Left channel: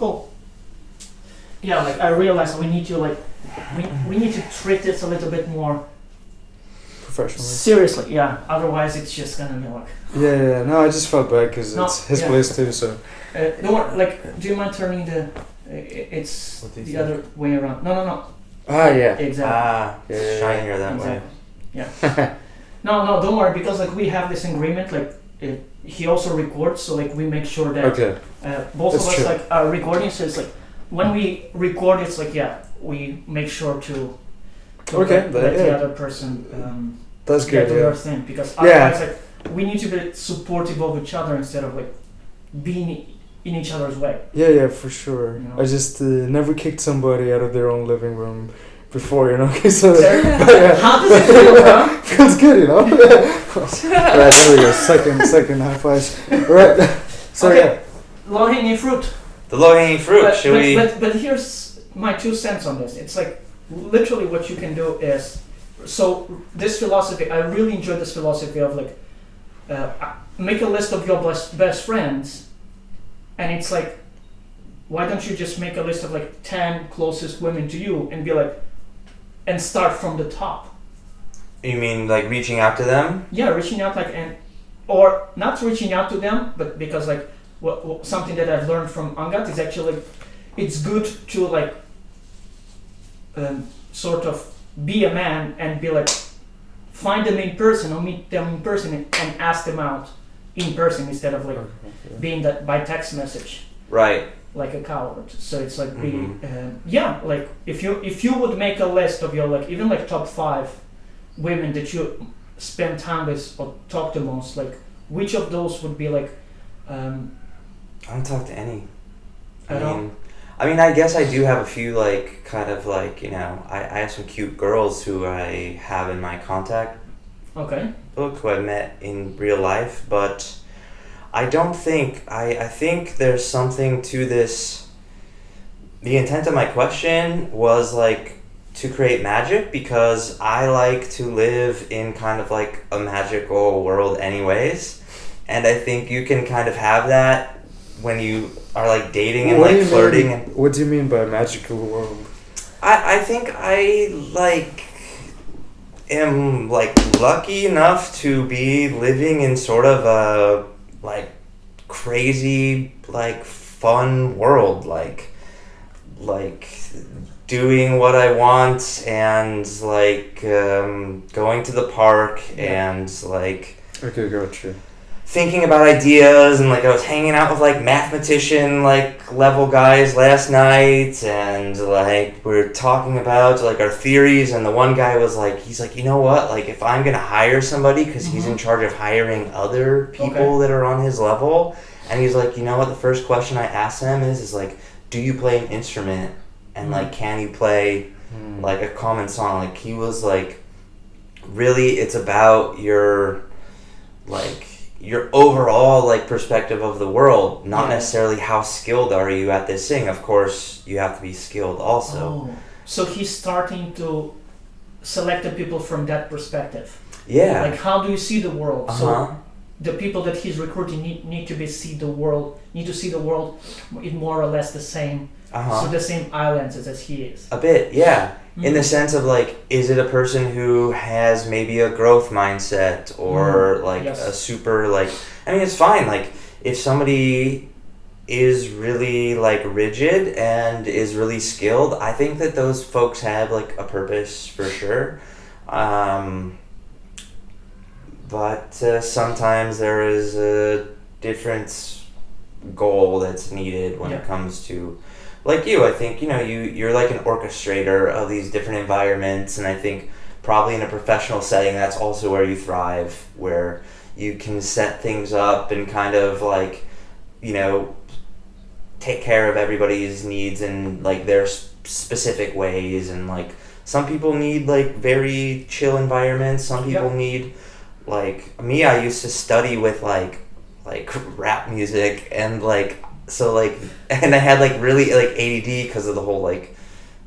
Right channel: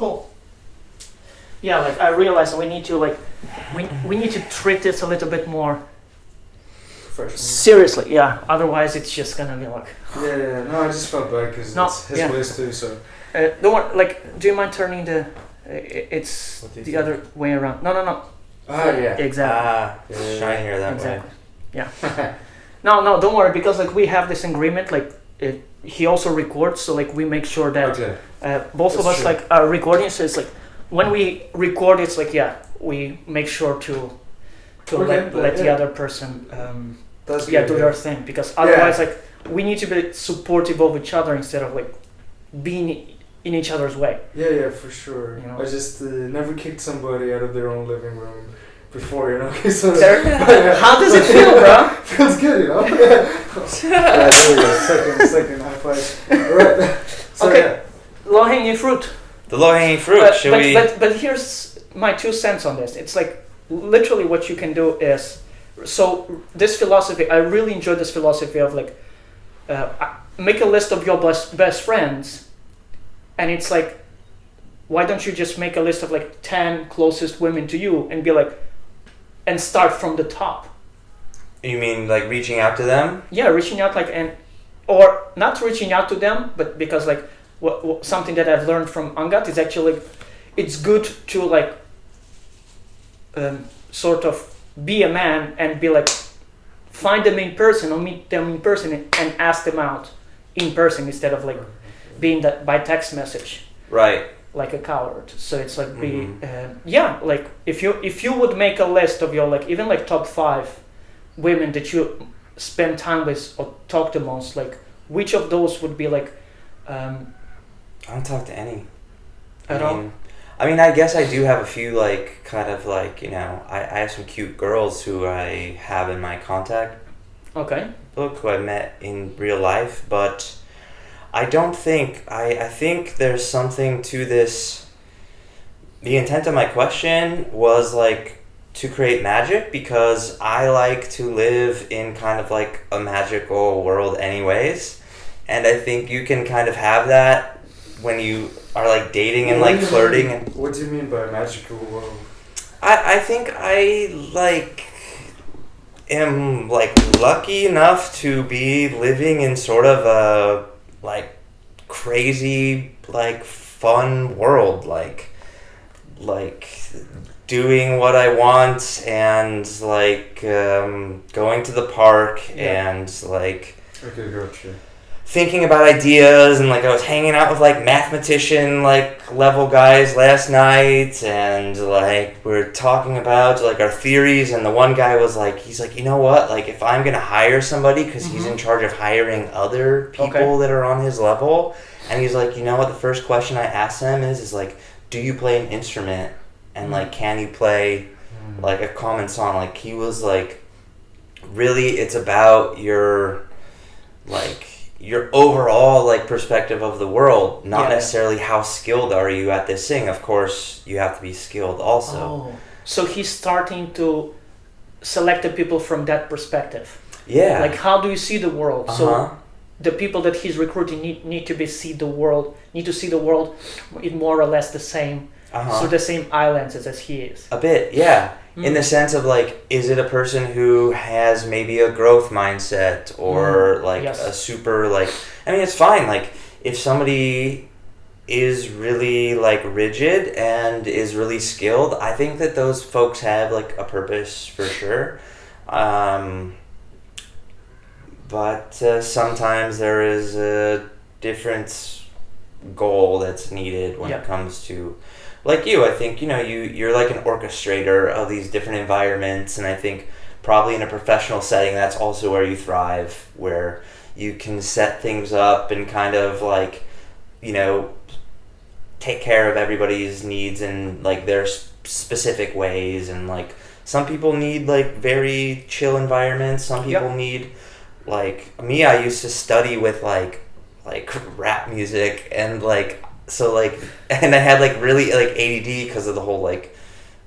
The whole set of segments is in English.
Cool. Yeah, like I realized we need to we need to treat this a little bit more Professional. seriously. Yeah, otherwise it's just gonna be like. Yeah. No, I just felt bad because No, it's his yeah. place too. So. Don't worry, like, do you mind turning the? It's What do you the think? other way around. No. Ah, yeah. Exactly. It's shinier that way. Exactly. Yeah. No, don't worry, because like we have this agreement. Like he also records, so like we make sure that Okay. both That's of us true. like are recording. So it's like when we record, it's like we make sure to Okay, let the yeah. other person That's do good. their thing, because otherwise like we need to be supportive of each other instead of like being in each other's way. Yeah, for sure. You know? I just never kicked somebody out of their own living room before, you know. So How does it feel, bro? feels good, you know. Right, there we go. Second high five. Right. So Okay. Low hanging fruit. The low-hanging fruit, should we... But here's my 2 cents on this. It's like literally what you can do is, so this philosophy, I really enjoy this philosophy of like, make a list of your best friends, and it's like, why don't you just make a list of like 10 closest women to you and be like, and start from the top. You mean like reaching out to them? Yeah, reaching out or not reaching out to them, but because like something that I've learned from Angat is actually it's good to like sort of be a man and be like find them in person or meet them in person and ask them out in person instead of like being that by text message Right. like a coward. So it's like like if you would make a list of your like even like top 5 women that you spend time with or talk to most, like which of those would be like I don't talk to any. at all? I mean, I guess I do have a few, like, kind of, like, you know, I have some cute girls who I have in my contact Okay. book who I met in real life, but I don't think, I think there's something to this. The intent of my question was, like, to create magic, because I like to live in kind of, like, a magical world anyways, and I think you can kind of have that when you are like dating and like flirting. And what do you mean by magical world? I think I like am like lucky enough to be living in sort of a like crazy like fun world, like doing what I want and like going to the park and like Okay, gotcha. thinking about ideas, and like I was hanging out with like mathematician like level guys last night, and like we're talking about like our theories, and the one guy was like, he's like, you know what, like if I'm gonna hire somebody, because he's in charge of hiring other people that are on his level, and he's like, you know what, the first question I asked him is like, do you play an instrument, and like can you play like a common song? Like he was like, really it's about your like your overall like perspective of the world, not necessarily how skilled are you at this thing. Of course you have to be skilled also. Oh, so he's starting to select the people from that perspective. Yeah, Like how do you see the world? So the people that he's recruiting need to see the world in more or less the same so the same islands as he is. a bit, yeah. In the sense of like, is it a person who has maybe a growth mindset or like a super like, I mean, it's fine. Like if somebody is really like rigid and is really skilled, I think that those folks have like a purpose for sure. But sometimes there is a different goal that's needed when it comes to, like you, I think, you know, you're like an orchestrator of these different environments, and I think probably in a professional setting that's also where you thrive, where you can set things up and kind of like, you know, take care of everybody's needs in like their specific ways, and like some people need like very chill environments, some people need like me, I used to study with like rap music and like so like, and I had like really like ADD because of the whole like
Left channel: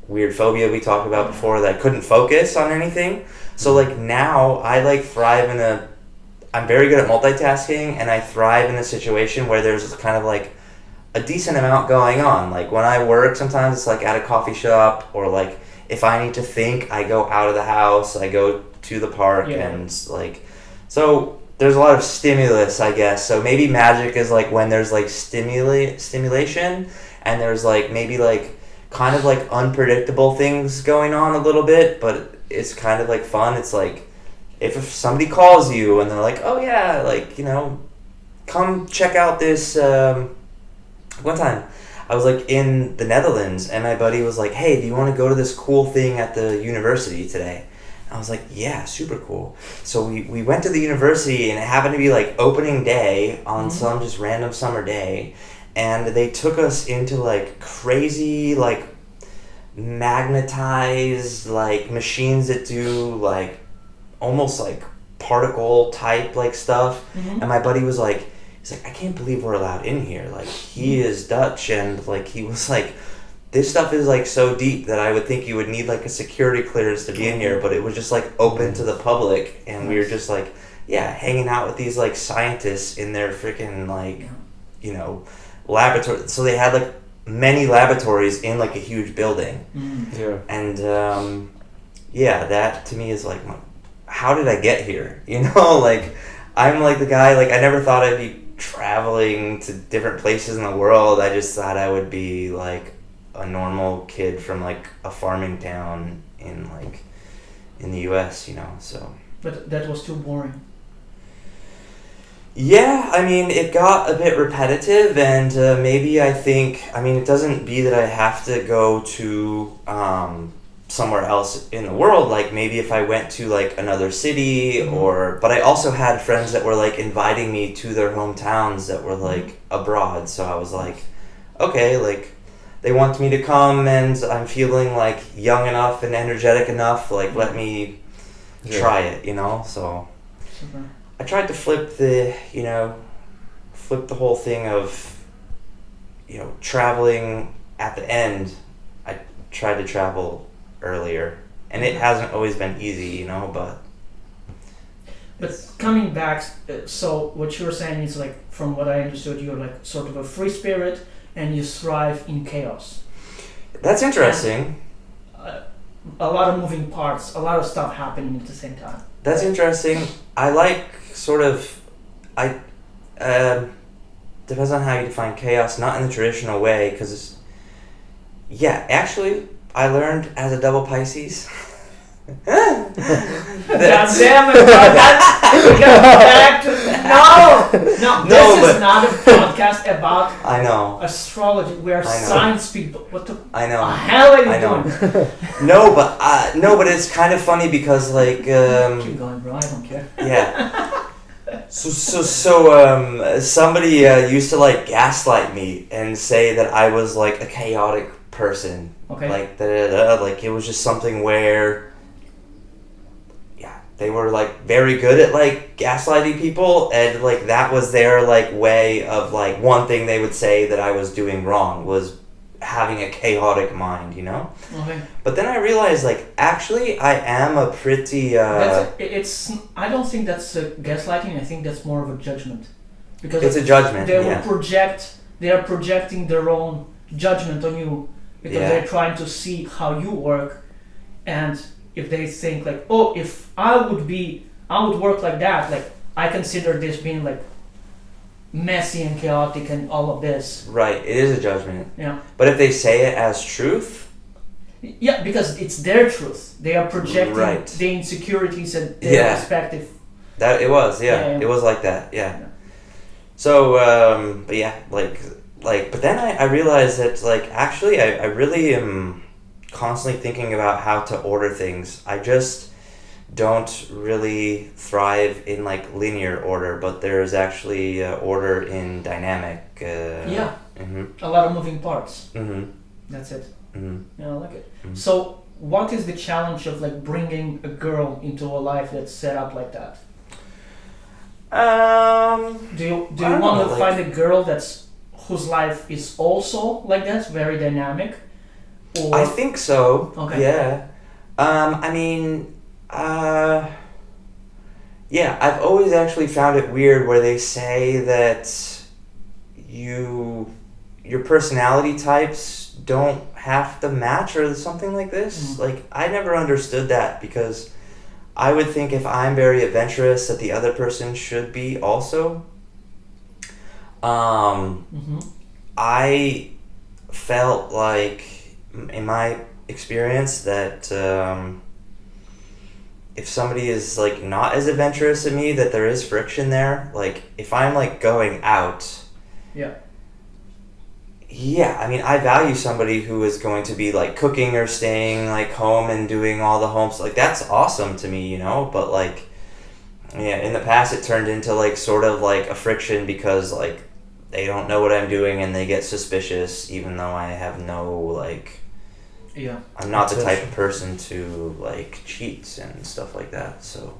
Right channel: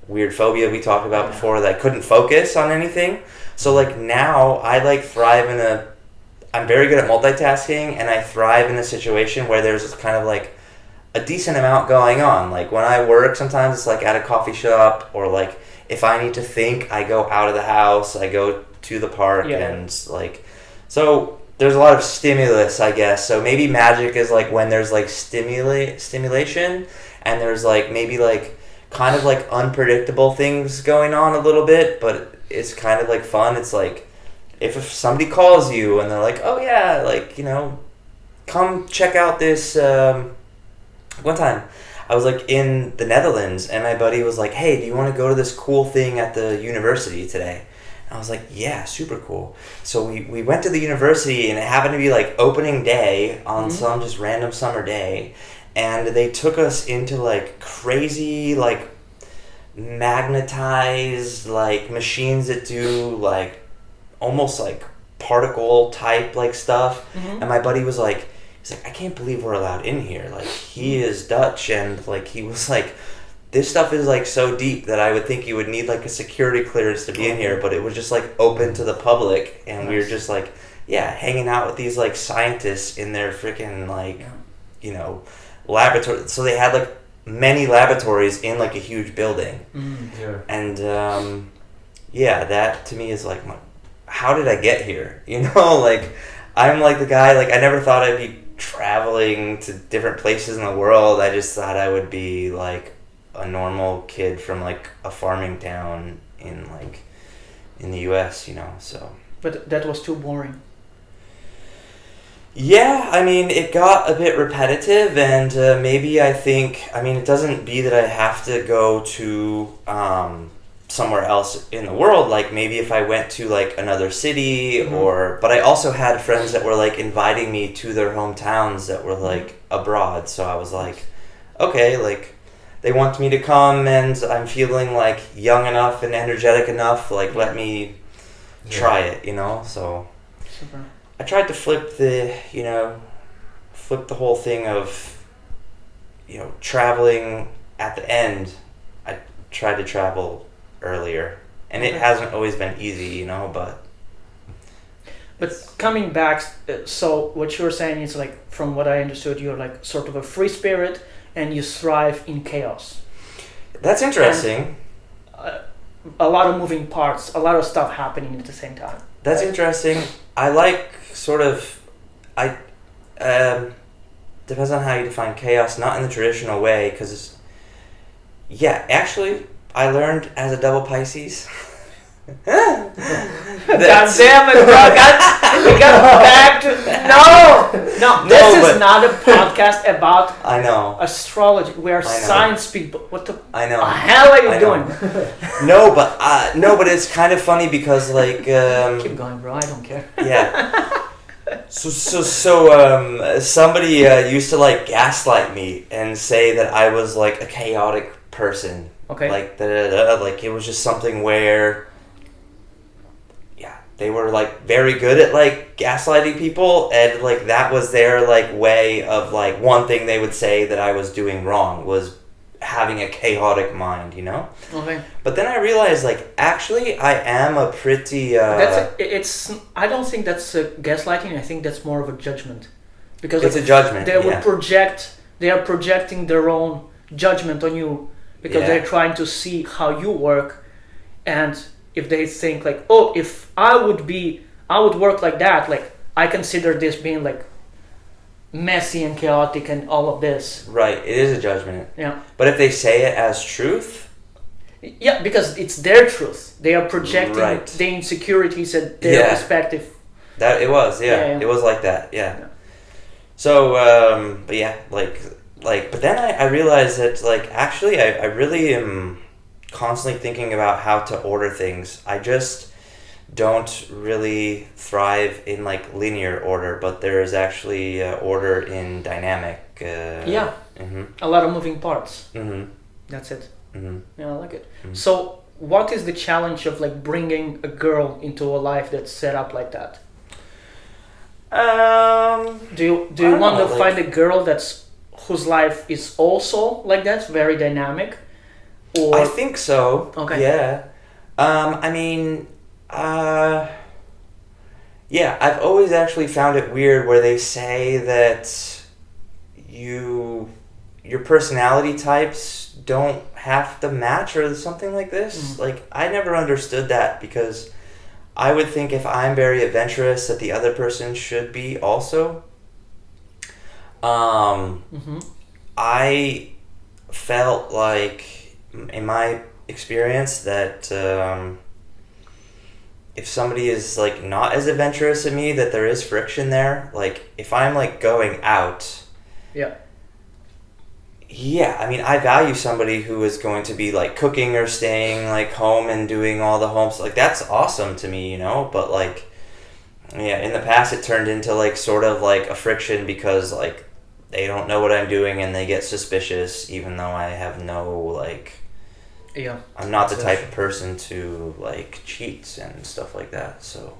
weird phobia we talked about before, that I couldn't focus on anything. So like now I like thrive I'm very good at multitasking, and I thrive in a situation where there's kind of like a decent amount going on. Like when I work, sometimes it's like at a coffee shop, or like if I need to think, I go out of the house, I go to the park, and like, so there's a lot of stimulus, I guess. So maybe magic is like when there's like stimulation, and there's like maybe like kind of like unpredictable things going on a little bit, but it's kind of like fun. It's like if somebody calls you and they're like, oh yeah, like, you know, come check out this. One time I was like in the Netherlands, and my buddy was like, hey, do you want to go to this cool thing at the university today? I was like, yeah, super cool. So we went to the university, and it happened to be like opening day on some just random summer day, and they took us into like crazy like magnetized like machines that do like almost like particle type like stuff. And my buddy was like, he's like, I can't believe we're allowed in here. Like, he is Dutch, and like he was like, this stuff is like so deep that I would think you would need like a security clearance to be in here, but it was just like open to the public, and we were just like, yeah, hanging out with these like scientists in their freaking like, you know, laboratory. So they had like many laboratories in like a huge building. And yeah, that to me is like, how did I get here? You know, like I'm like the guy, like I never thought I'd be traveling to different places in the world. I just thought I would be like a normal kid from like a farming town in like in the US, you know. So but that was too boring. Yeah, I mean, it got a bit repetitive, and maybe I think, I mean, it doesn't be that I have to go to somewhere else in the world. Like maybe if I went to like another city, or, but I also had friends that were like inviting me to their hometowns that were like abroad. So I was like, okay, like they want me to come, and I'm feeling like young enough and energetic enough, like let me try it, you know? So Super. I tried to flip the whole thing of, you know, traveling at the end. I tried to travel earlier, and it hasn't always been easy, you know, but coming back, so what you're saying is like, from what I understood, you're like sort of a free spirit, and you thrive in chaos. That's interesting. A lot of moving parts, a lot of stuff happening at the same time. That's interesting. I like sort of, depends on how you define chaos, not in the traditional way, because actually, I learned as a double Pisces. God damn it, bro. We got back to... No, this is not a podcast about I know astrology. We are science people. What the hell are you doing? No, but it's kind of funny because like... Keep going, bro. I don't care. Yeah. So somebody used to like gaslight me and say that I was like a chaotic person. Okay. Like like it was just something where, they were like very good at like gaslighting people, and like that was their like way of like, one thing they would say that I was doing wrong was having a chaotic mind, you know? Okay. But then I realized like, actually I am a pretty I don't think that's gaslighting. I think that's more of a judgment, because it's a judgment. They are projecting their own judgment on you, because they're trying to see how you work, and if they think like, oh, if I would work like that, like I consider this being like messy and chaotic and all of this. Right, it is a judgment. Yeah. But if they say it as truth, yeah, because it's their truth. They are projecting the insecurities and their perspective. That it was, it was like that, yeah. So, but yeah, like, but then I realized that like actually I really am constantly thinking about how to order things. I just don't really thrive in like linear order, but there is actually order in dynamic. A lot of moving parts. That's it. Yeah, I like it. So what is the challenge of like bringing a girl into a life that's set up like that? Do you want to find a girl whose life is also like that, very dynamic? Or? I think so. Okay. Yeah. I mean, I've always actually found it weird where they say that you your personality types don't have to match or something like this. Like, I never understood that, because I would think if I'm very adventurous that the other person should be also. I felt like, in my experience, that if somebody is like not as adventurous as me, that there is friction there. Like, if I'm like going out, I mean, I value somebody who is going to be like cooking or staying like home and doing all the homes. Like, that's awesome to me, you know. But like, in the past it turned into like sort of like a friction, because like they don't know what I'm doing and they get suspicious, even though I have no like. Yeah. I'm not the type of person to like cheat and stuff like that. So.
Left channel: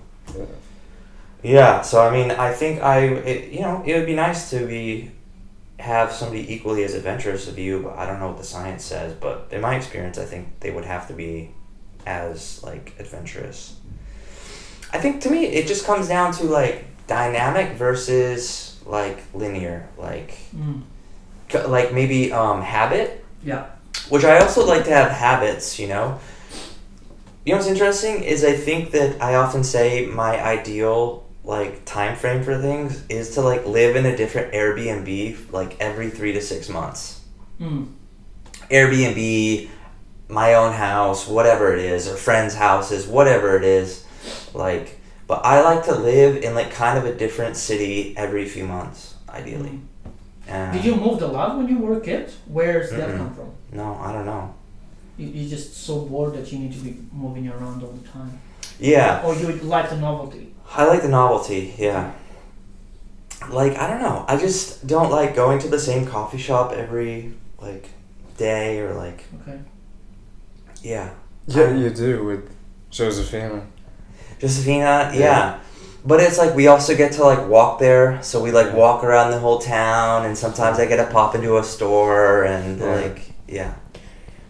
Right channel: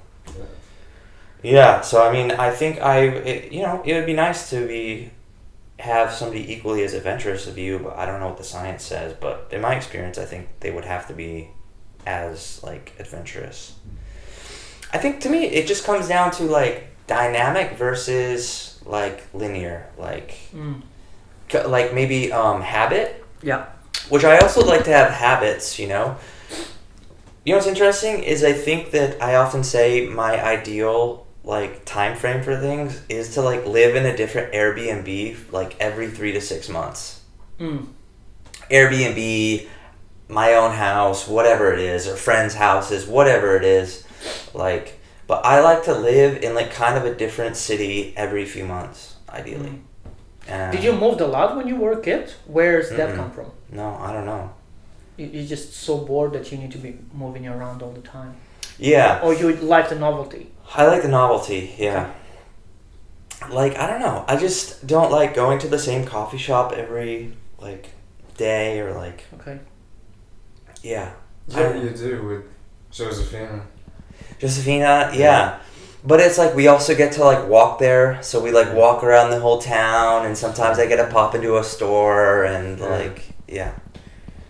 Yeah. So I mean, I think it would be nice to have somebody equally as adventurous as you, but I don't know what the science says. But in my experience, I think they would have to be as like adventurous. I think to me, it just comes down to like dynamic versus like linear, like maybe habit. Yeah. Which I also like to have habits, you know. You know what's interesting is I think that I often say my ideal like time frame for things is to like live in a different Airbnb like every 3 to 6 months. Airbnb, my own house, whatever it is, or friends' houses, whatever it is, like. But I like to live in like kind of a different city every few months, ideally. Did you move a lot when you were a kid? Where's that come from? No, I don't know. You're just so bored that you need to be moving around all the time. Yeah. Or you like the novelty? I like the novelty, yeah. Like, I don't know. I just don't like going to the same coffee shop every, like, day or, like... Okay. Yeah. Yeah, you do with Josefina. Josefina, yeah. But it's like we also get to, like, walk there. So we, like, walk around the whole town. And sometimes I get to pop into a store and, like,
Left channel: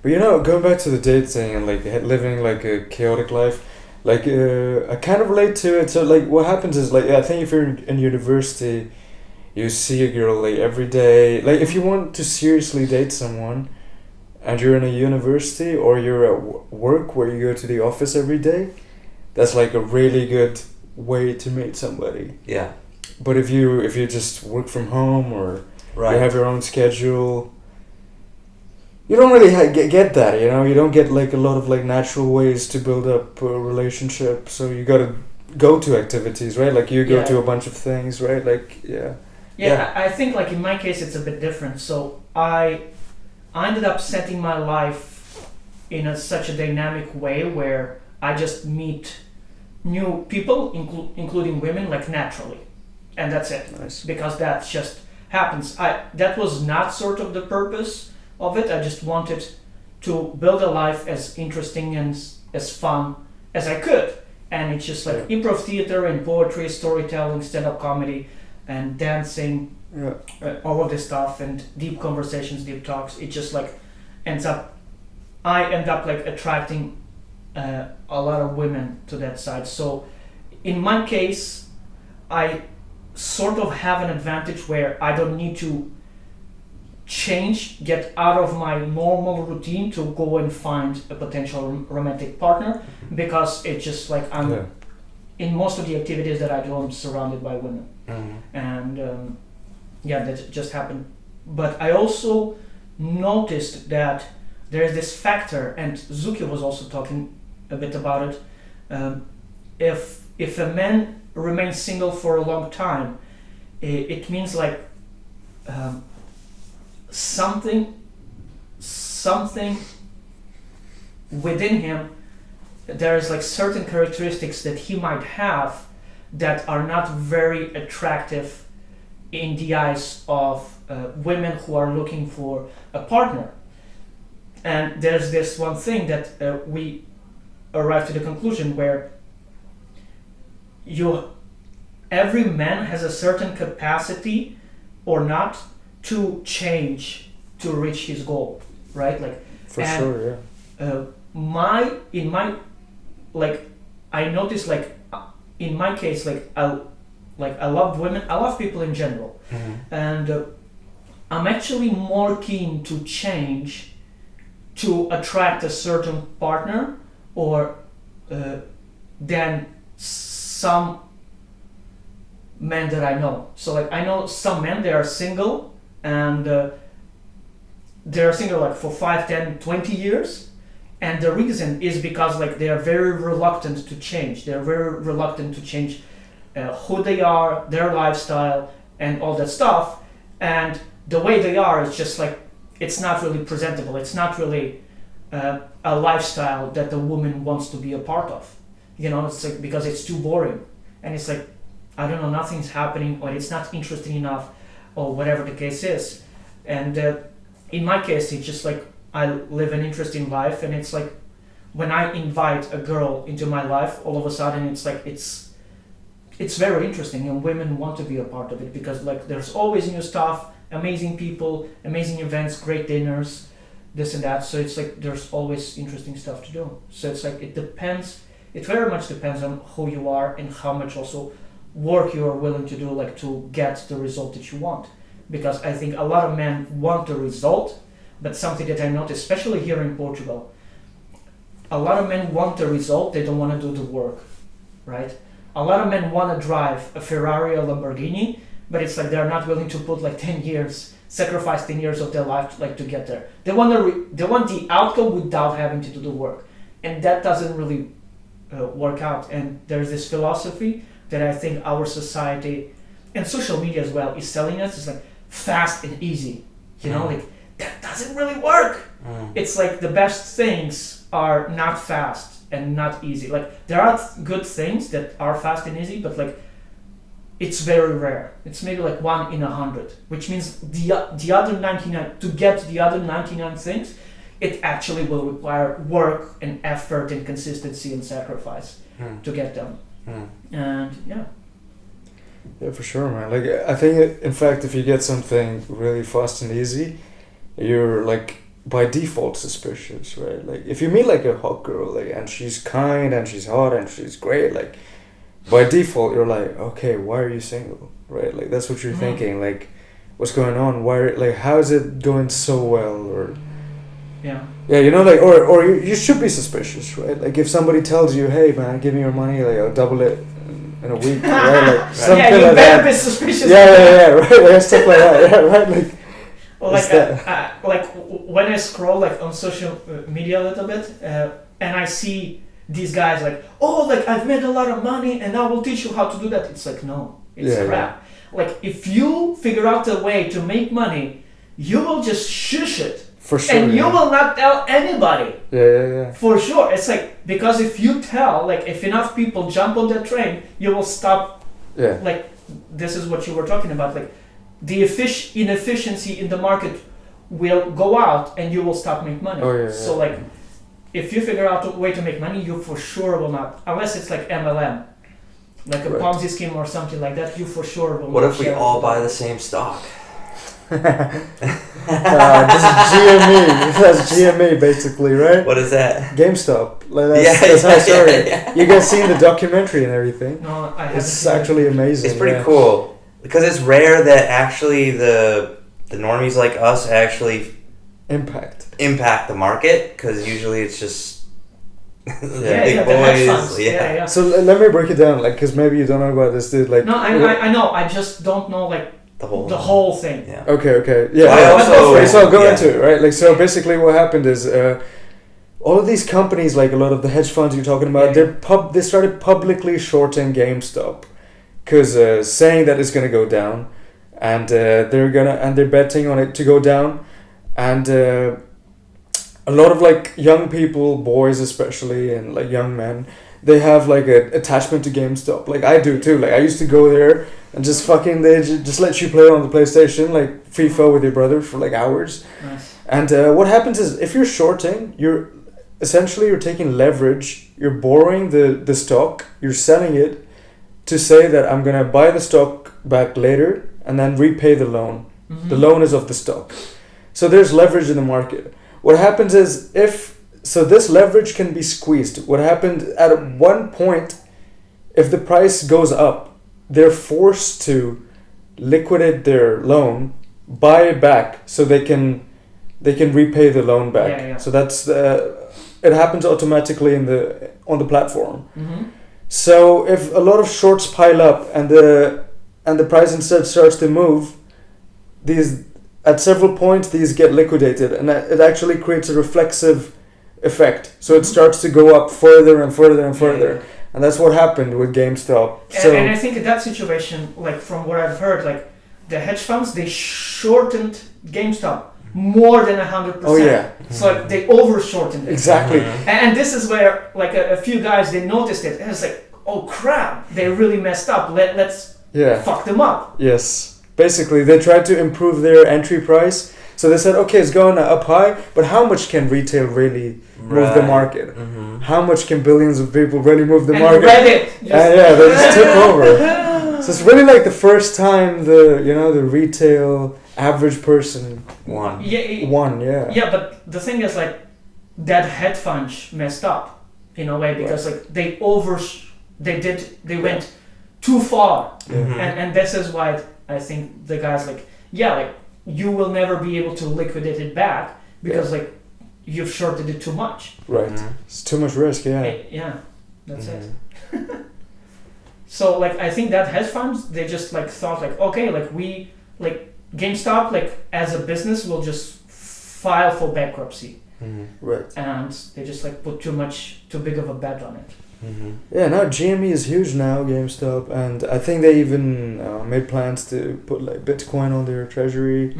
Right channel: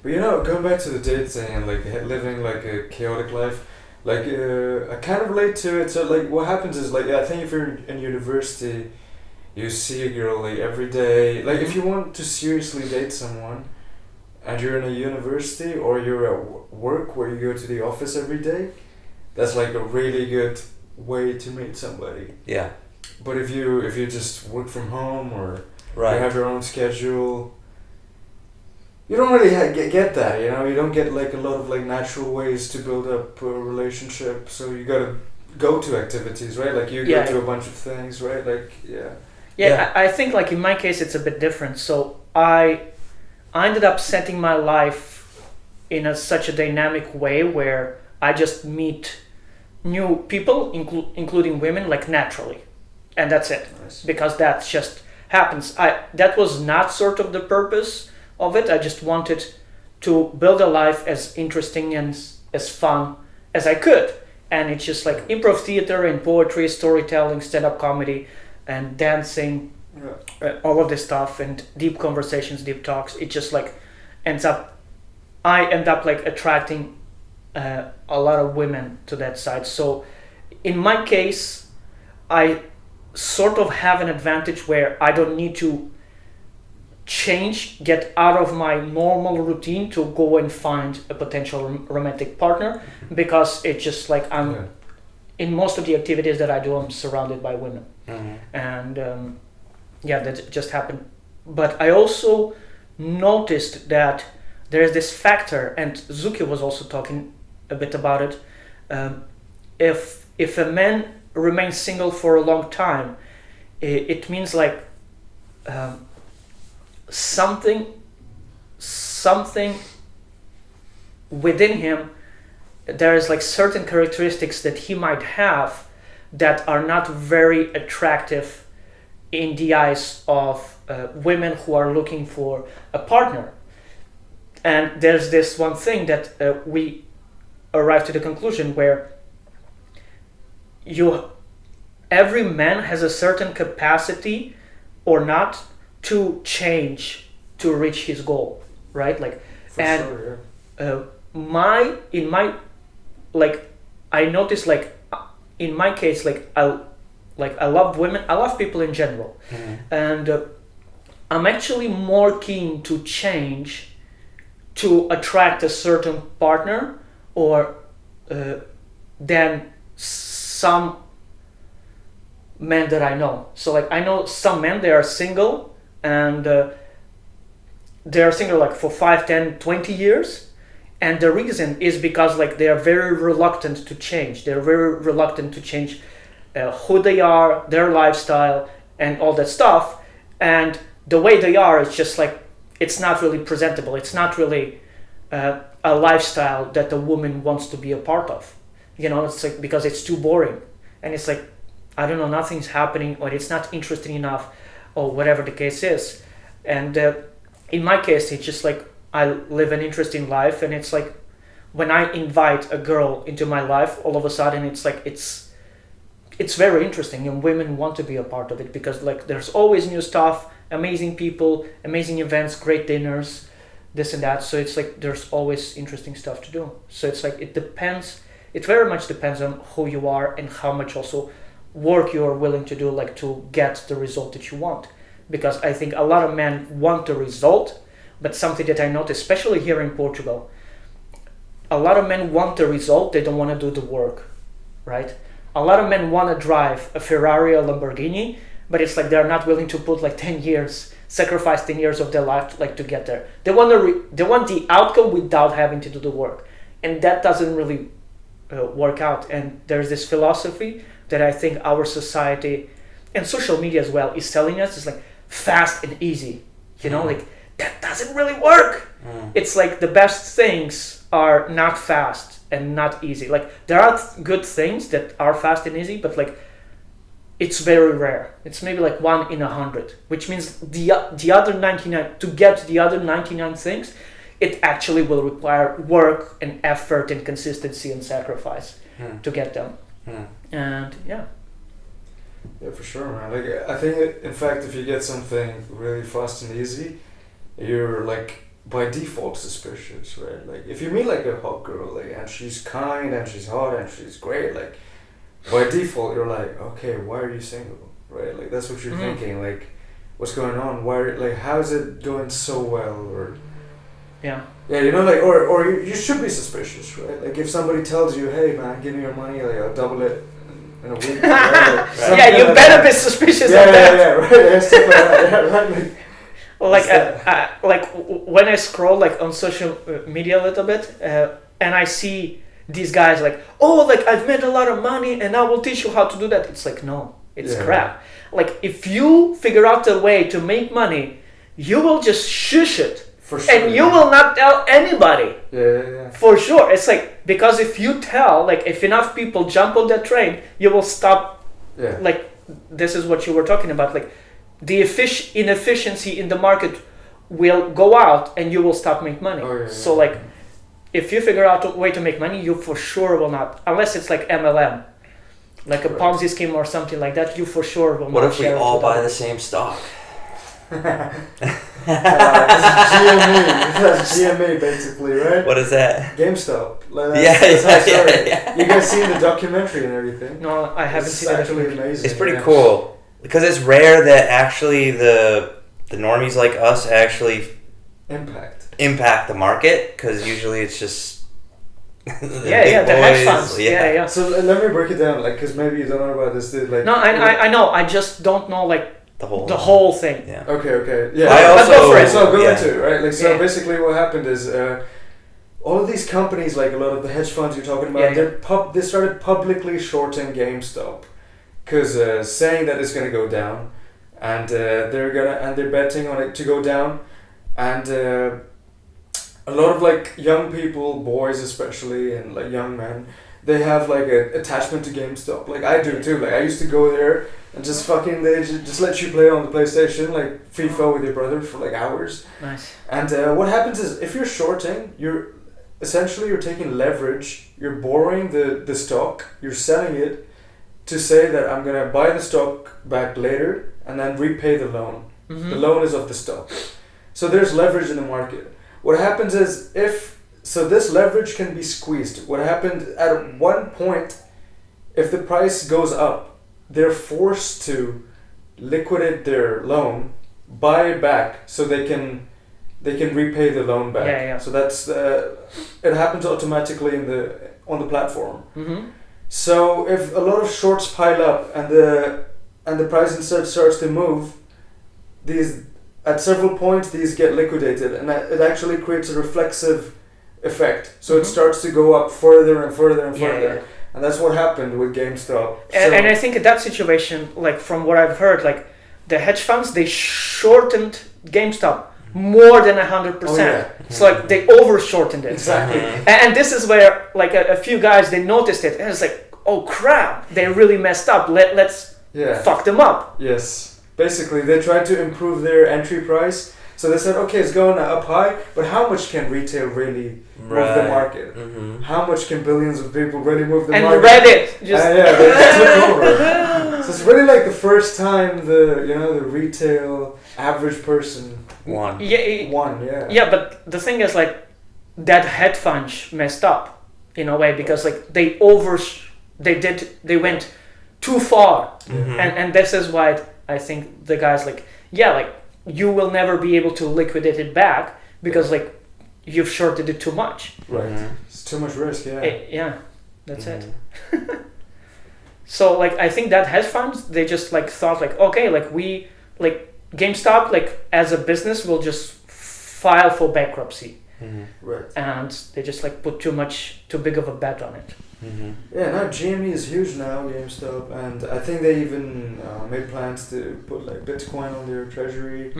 But, you know, going back to the date thing and, like, living, like, a chaotic life... Like, I kind of relate to it. So, like, what happens is, like, I think if you're in university, you see a girl, like, every day. Like, if you want to seriously date someone, and you're in a university, or you're at work where you go to the office every day, that's, like, a really good way to meet somebody. Yeah. But if you just work from home, or you have your own schedule... You don't really get that, you know. You don't get like a lot of like natural ways to build up a relationship. So you gotta go to activities, right? Like you go to a bunch of things, right? Like I think like in my case it's a bit different. So I ended up setting my life in such a dynamic way where I just meet new people, including women, like naturally, and that's it. Nice. Because that just happens. That was not sort of the purpose of it. I just wanted to build a life as interesting and as fun as I could, and it's just like improv theater and poetry, storytelling, stand-up comedy, and dancing, all of this stuff, and deep conversations, deep talks. It just like I end up like attracting a lot of women to that side. So in my case, I sort of have an advantage where I don't need to get out of my normal routine to go and find a potential romantic partner, because it's just like I'm in most of the activities that I do, I'm surrounded by women. And that just happened. But I also noticed that there's this factor, and Zuki was also talking a bit about it. If a man remains single for a long time, it means like something within him, there is like certain characteristics that he might have that are not very attractive in the eyes of women who are looking for a partner. And there's this one thing that we arrived to the conclusion where every man has a certain capacity or not to change to reach his goal, right? Like, I noticed like in my case, I love women, I love people in general, and I'm actually more keen to change to attract a certain partner or than some men that I know. So like I know some men, they are single and they're single like for 5, 10, 20 years. And the reason is because like they are very reluctant to change. They're very reluctant to change who they are, their lifestyle, and all that stuff. And the way they are is just like, it's not really presentable. It's not really a lifestyle that a woman wants to be a part of. You know, it's like because it's too boring. And it's like, I don't know, nothing's happening, or it's not interesting enough, or whatever the case is. And in my case, it's just like I live an interesting life, and it's like when I invite a girl into my life, all of a sudden it's like it's very interesting, and women want to be a part of it because like there's always new stuff, amazing people, amazing events, great dinners, this and that. So it's like there's always interesting stuff to do. So it's like it depends. It very much depends on who you are and how much also work you are willing to do, like to get the result that you want. Because I think a lot of men want the result, but something that I notice, especially here in Portugal, a lot of men want the result, they don't want to do the work, right? A lot of men want to drive a Ferrari or Lamborghini, but it's like they're not willing to put like 10 years, sacrifice 10 years of their life like to get there. They want the outcome without having to do the work. And that doesn't really work out. And there's this philosophy that I think our society and social media as well is telling us is like fast and easy. You know, like that doesn't really work. It's like the best things are not fast and not easy. Like there are good things that are fast and easy, but like it's very rare. It's maybe like 1 in 100, which means the other 99, to get the other 99 things, it actually will require work and effort and consistency and sacrifice to get them. And yeah, for sure, man. Like I think in fact if you get something really fast and easy, you're like by default suspicious, right? Like if you meet like a hot girl, like and she's kind and she's hot and she's great, like by default you're like, okay, why are you single, right? Like that's what you're thinking, like what's going on, why, like how is it going so well, or yeah, you know, like or you should be suspicious, right? Like if somebody tells you, hey man, give me your money, like I'll double it in a week, right? Like yeah, you like better that. be suspicious. Yeah, right, like stuff like that, yeah, right? Like like when I scroll like on social media a little bit, and I see these guys like, oh, like I've made a lot of money and I will teach you how to do that. It's like, no, it's crap. Yeah. Like if you figure out a way to make money, you will just shush it. For sure. And you will not tell anybody. Yeah. For sure. It's like, because if you tell, like if enough people jump on that train, you will stop. Yeah. Like this is what you were talking about. Like the inefficiency in the market will go out and you will stop making money. So like if you figure out a way to make money, you for sure will not, unless it's like MLM, like a Ponzi scheme or something like that, you for sure will not. What if we all buy the same stock? This is GME. That's GME basically, right? What is that? GameStop. Like that's how I started. Yeah. You guys seen the documentary and everything? No, I haven't. It's actually amazing. It's pretty cool because it's rare that actually the normies like us actually impact the market, because usually it's just the big boys. Yeah. So let me break it down, like, because maybe you don't know about this, dude. Like, no, I know. I just don't know like the whole thing. Yeah. Okay. Yeah. So I'll go into it, right? Like, so basically, what happened is all of these companies, like a lot of the hedge funds you're talking about, they started publicly shorting GameStop because saying that it's gonna go down, and they're betting on it to go down, and a lot of like young people, boys especially, and like young men, they have like an attachment to GameStop. Like I do too. Like I used to go there and just fucking they just let you play on the PlayStation, like FIFA with your brother for like hours. Nice. And what happens is if you're shorting, you're taking leverage. You're borrowing the stock. You're selling it to say that I'm gonna buy the stock back later and then repay the loan. Mm-hmm. The loan is of the stock. So there's leverage in the market. What happens is this leverage can be squeezed. What happened at one point, if the price goes up, they're forced to liquidate their loan buy it back so they can repay the loan back. Yeah. So that's it happens automatically on the platform. Mm-hmm. So if a lot of shorts pile up and the price instead starts to move, these at several points these get liquidated, and it actually creates a reflexive effect. So it starts to go up further and further and further. Yeah. And that's what happened with GameStop. And I think in that situation, like from what I've heard, like the hedge funds, they shortened GameStop more than 100%. Oh yeah. So like they over shortened it. Exactly. And this is where like a few guys, they noticed it and it's like, oh crap, they really messed up. Let's fuck them up. Yes. Basically, they tried to improve their entry price. So they said, okay, it's going up high, but how much can retail really move the market? Mm-hmm. How much can billions of people really move the and market? Reddit just They just took over. So it's really like the first time the retail average person won. Yeah. Yeah, but the thing is like that hedge fund messed up in a way because like they went too far, Mm-hmm. and this is why I think the guys like you will never be able to liquidate it back because like you've shorted it too much. Right. Mm-hmm. It's too much risk. Yeah. That's it. So like I think that hedge funds, they just like thought like, okay, like we like GameStop like as a business will just file for bankruptcy. Mm-hmm. Right. And they just like put too big of a bet on it. Mm-hmm. Yeah, now GME is huge now, GameStop, and I think they even made plans to put like Bitcoin on their treasury.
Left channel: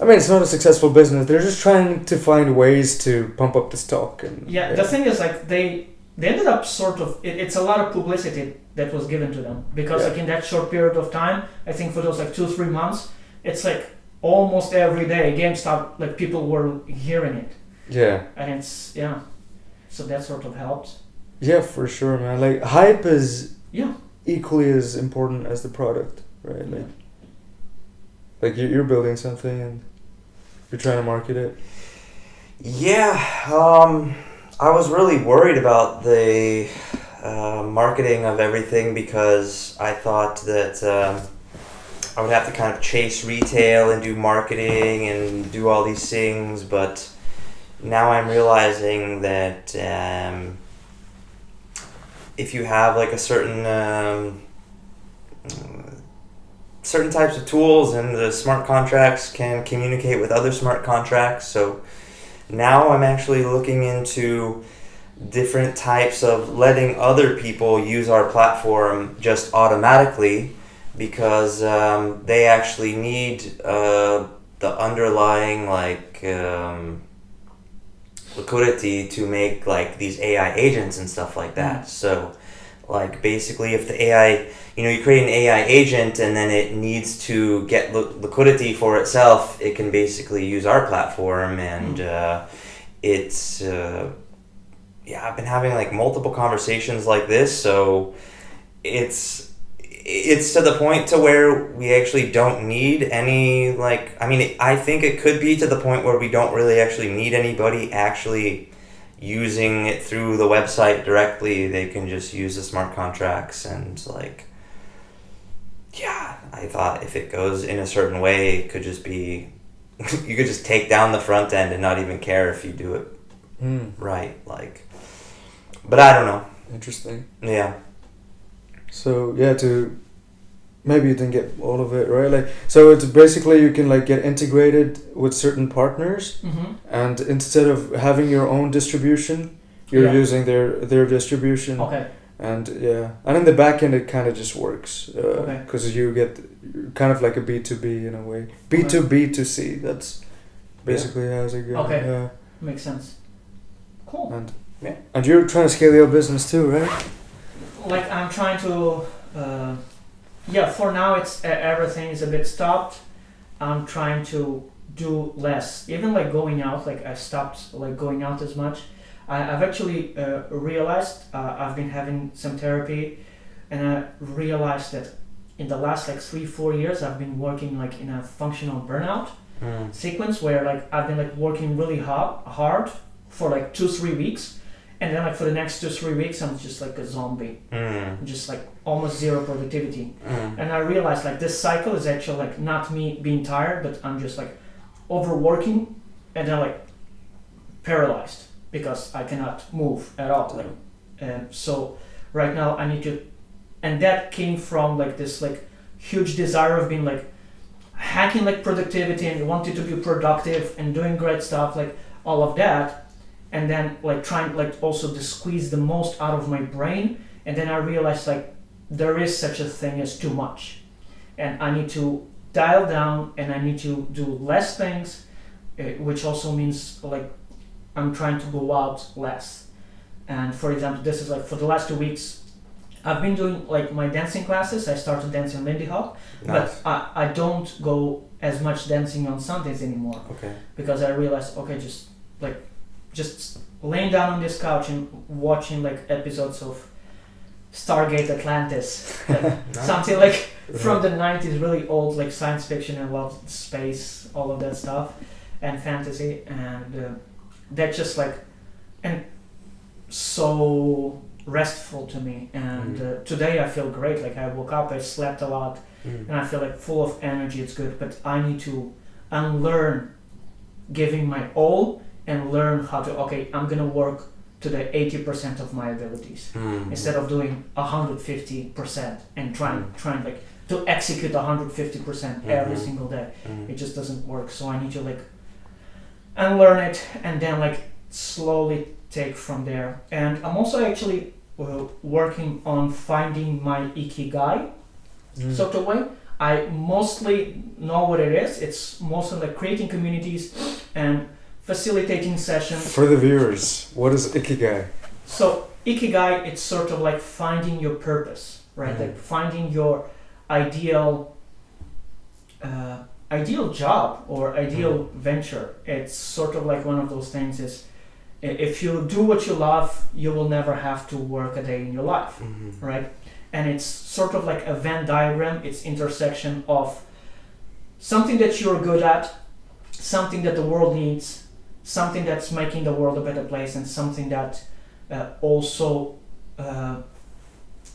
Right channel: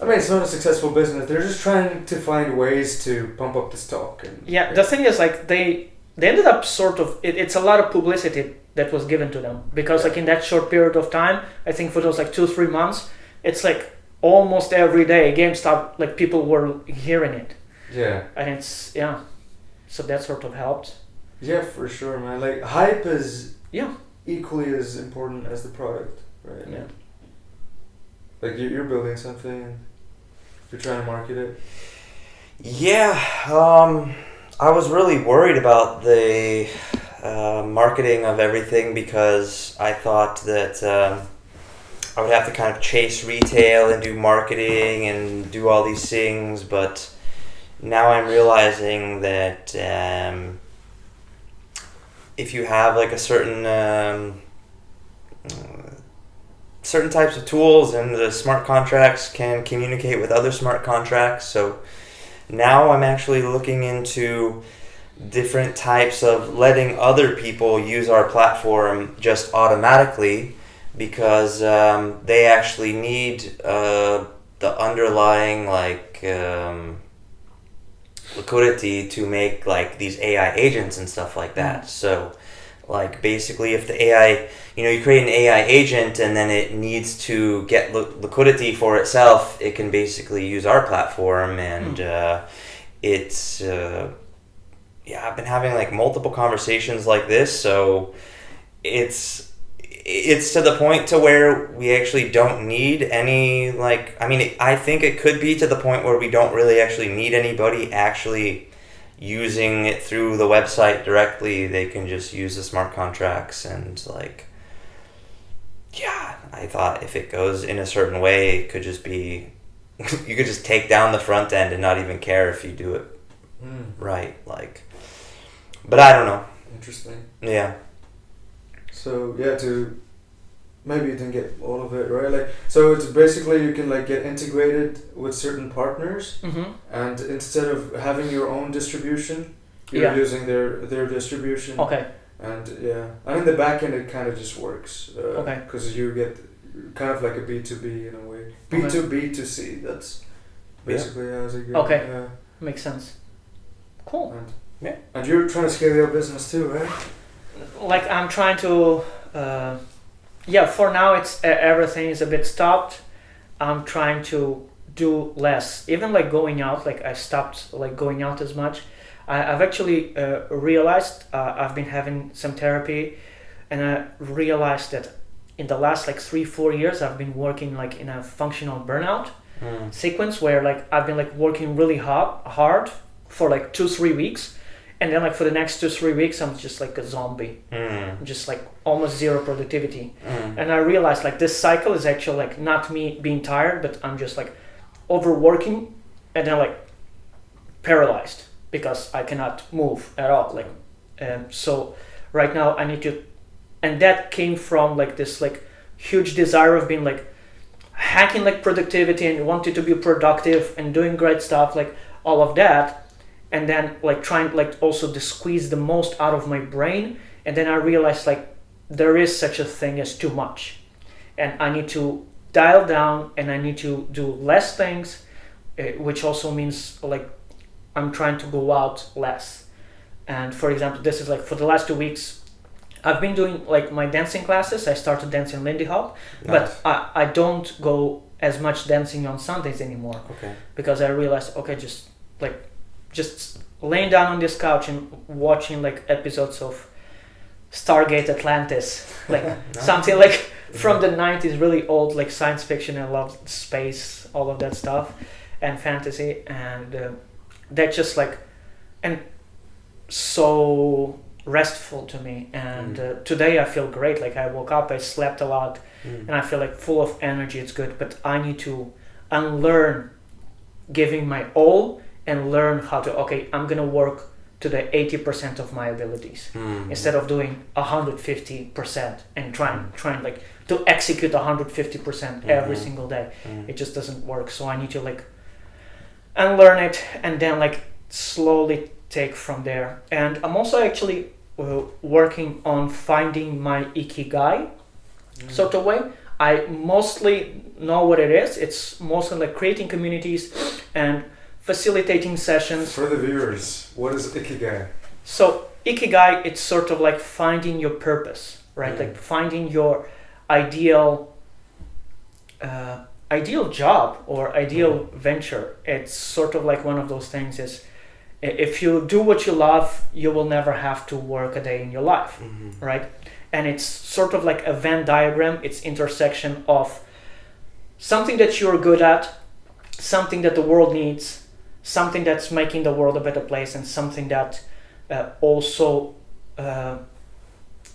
I mean, it's not a successful business. They're just trying to find ways to pump up the stock. And the thing is like they ended up sort of it's a lot of publicity that was given to them because like in that short period of time, I think for those like 2-3 months, it's like almost every day GameStop like people were hearing it. Yeah. And it's so that sort of helped. Yeah, for sure, man. Like hype is Yeah. equally as important as the product, right? Yeah. Like you're building something and you're trying to market it. Yeah, I was really worried about the marketing of everything because I thought that I would have to kind of chase retail and do marketing and do all these things, but now I'm realizing that if you have like a certain types of tools and the smart contracts can communicate with other smart contracts. So now I'm actually looking into different types of letting other people use our platform just automatically because they actually need the underlying liquidity to make like these AI agents and stuff like that. So like basically if the AI, you create an AI agent and then it needs to get liquidity for itself, it can basically use our platform and I've been having like multiple conversations like this, so it's to the point to where we actually don't need any I think it could be to the point where we don't really actually need anybody actually using it through the website directly. They can just use the smart contracts and I thought if it goes in a certain way, it could just be you could just take down the front end and not even care if you do it right, but I don't know. Interesting. Yeah. So maybe you didn't get all of it right. So it's basically you can get integrated with certain partners, and instead of having your own distribution, you're using their distribution. Okay. And in the back end it kind of just works because you get kind of like a B2B in a way, B2B to C. That's basically how it goes. Okay. Yeah. Makes sense. Cool. And you're trying to scale your business too, right? Like I'm trying to, for now it's everything is a bit stopped. I'm trying to do less. Even going out, I stopped going out as much. I've actually realized I've been having some therapy, and I realized that in the last 3-4 years I've been working in a functional burnout sequence where I've been working really hard for 2-3 weeks. and then like for the next 2-3 weeks I'm just like a zombie, just like almost zero productivity. And I realized like this cycle is actually like not me being tired, but I'm just like overworking and then like paralyzed because I cannot move at all. Like, and so right now I need to, and that came from like this like huge desire of being like hacking like productivity and wanting to be productive and doing great stuff, like all of that, and then like trying like also to squeeze the most out of my brain. And then I realized like there is such a thing as too much, and I need to dial down and I need to do less things, which also means like I'm trying to go out less. And for example, this is like for the last 2 weeks I've been doing like my dancing classes. I started dancing Lindy Hop, but I don't go as much dancing on Sundays anymore. Okay. Because I realized, okay, just laying down on this couch and watching like episodes of Stargate Atlantis, like something like from the 90s, really old, like science fiction. I love space, all of that stuff, and fantasy, and that just like, and so restful to me. And today I feel great. Like I woke up, I slept a lot, and I feel like full of energy. It's good, but I need to unlearn giving my all and learn how to, okay, I'm gonna work to the 80% of my abilities instead of doing 150% and trying like to execute 150% every single day. It just doesn't work. So I need to like unlearn it and then like slowly take from there. And I'm also actually working on finding my ikigai sort of way. I mostly know what it is. It's mostly like creating communities and facilitating sessions. For the viewers, what is Ikigai? So Ikigai, it's sort of like finding your purpose, right? Like finding your ideal job or ideal venture. It's sort of like one of those things is, if you do what you love, you will never have to work a day in your life, right? And it's sort of like a Venn diagram. It's intersection of something that you're good at, something that the world needs, something that's making the world a better place, and something that also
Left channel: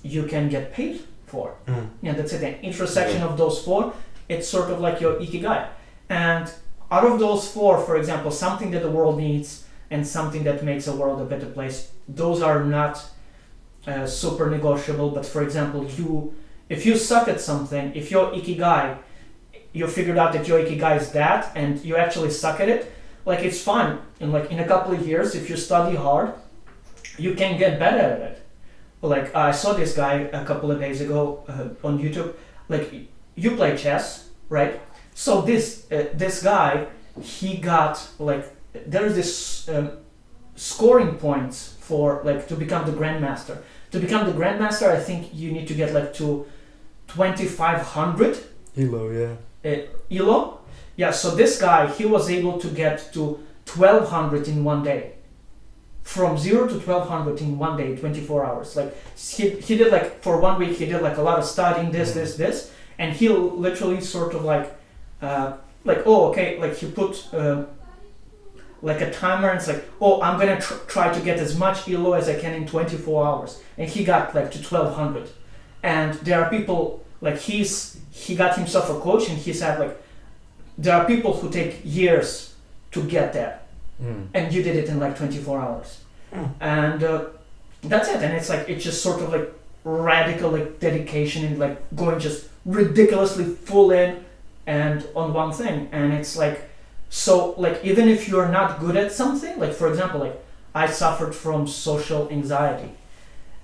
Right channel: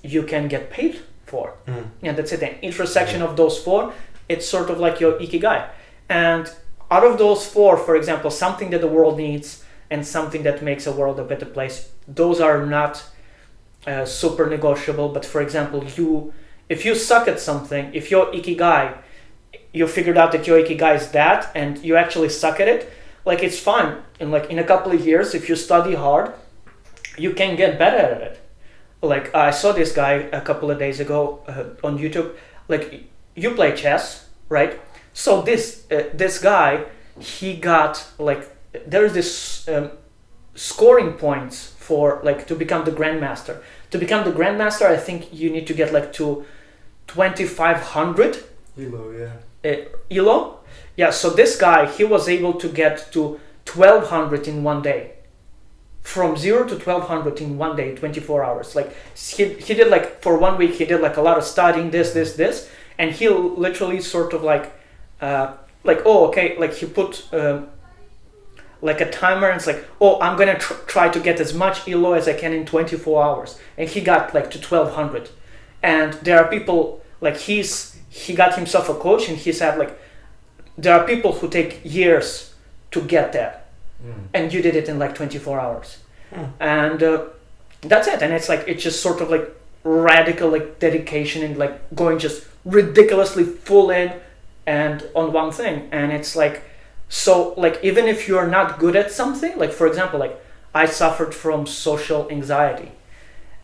you can get paid for. And that's it. The intersection of those four, it's sort of like your ikigai. And out of those four, for example, something that the world needs and something that makes the world a better place, those are not super negotiable. But for example, if you suck at something, if your ikigai, you figured out that your ikigai is that and you actually suck at it, like it's fun. And like in a couple of years, if you study hard, you can get better at it. Like I saw this guy a couple of days ago on YouTube. Like you play chess, right? So this guy, he got like, there's this scoring points for like to become the grandmaster. To become the grandmaster, I think you need to get like to 2,500 Elo, yeah. Elo. Yeah, so this guy, he was able to get to 1,200 in one day. From 0 to 1,200 in one day, 24 hours. Like he did like, for 1 week, he did like a lot of studying, this, and he literally sort of like he put like a timer, and it's like, I'm gonna try to get as much Elo as I can in 24 hours. And he got like to 1,200. And there are people, like he got himself a coach, and he said like, there are people who take years to get there, and you did it in like 24 hours. And that's it. And it's like, it's just sort of like radical like dedication and like going just ridiculously full in and on one thing. And it's like, so like even if you're not good at something, like for example, like I suffered from social anxiety,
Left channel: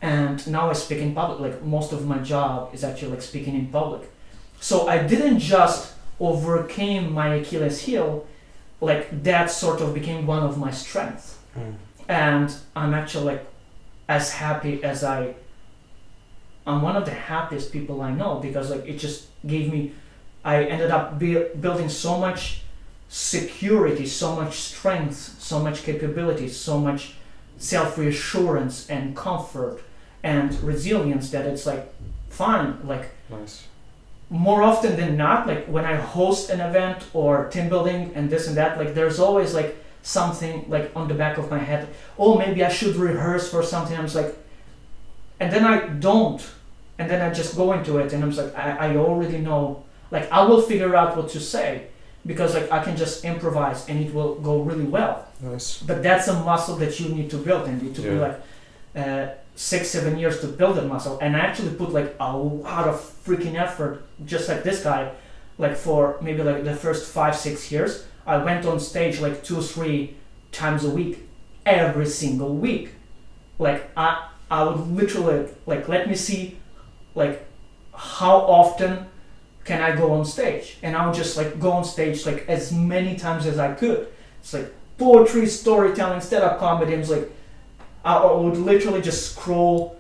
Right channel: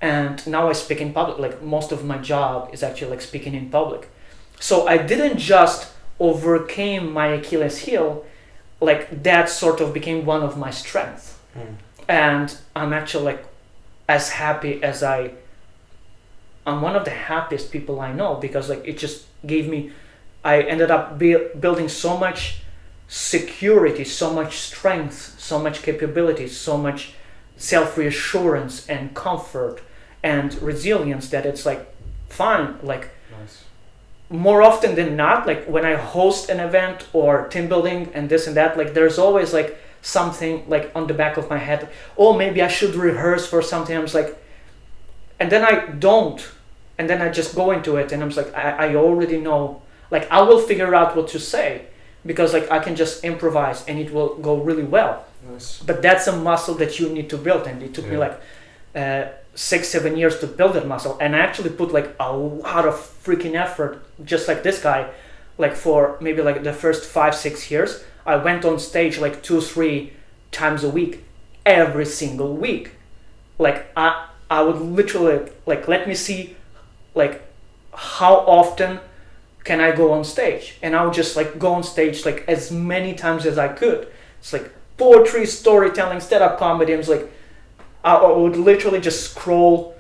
and now I speak in public. Like most of my job is actually like speaking in public. So I didn't just overcame my Achilles heel, like that sort of became one of my strengths. And I'm actually like as happy as I'm one of the happiest people I know, because like it just gave me, I ended up building so much security, so much strength, so much capability, so much self-reassurance and comfort and resilience that it's like fine. Like Nice. More often than not, like when I host an event or team building and this and that, like there's always like something like on the back of my head. Oh, maybe I should rehearse for something. I'm just like, and then I don't, and then I just go into it, and I'm just like, I already know. Like I will figure out what to say, because like I can just improvise and it will go really well. Nice. But that's a muscle that you need to build, and it took me like 6-7 years to build that muscle. And I actually put like a lot of freaking effort, just like this guy. Like for maybe like the first 5-6 years, I went on stage like 2-3 times a week, every single week. Like I would literally like, let me see like how often can I go on stage, and I would just like go on stage like as many times as I could. It's like poetry, storytelling, stand-up comedy. It's like I would literally just scroll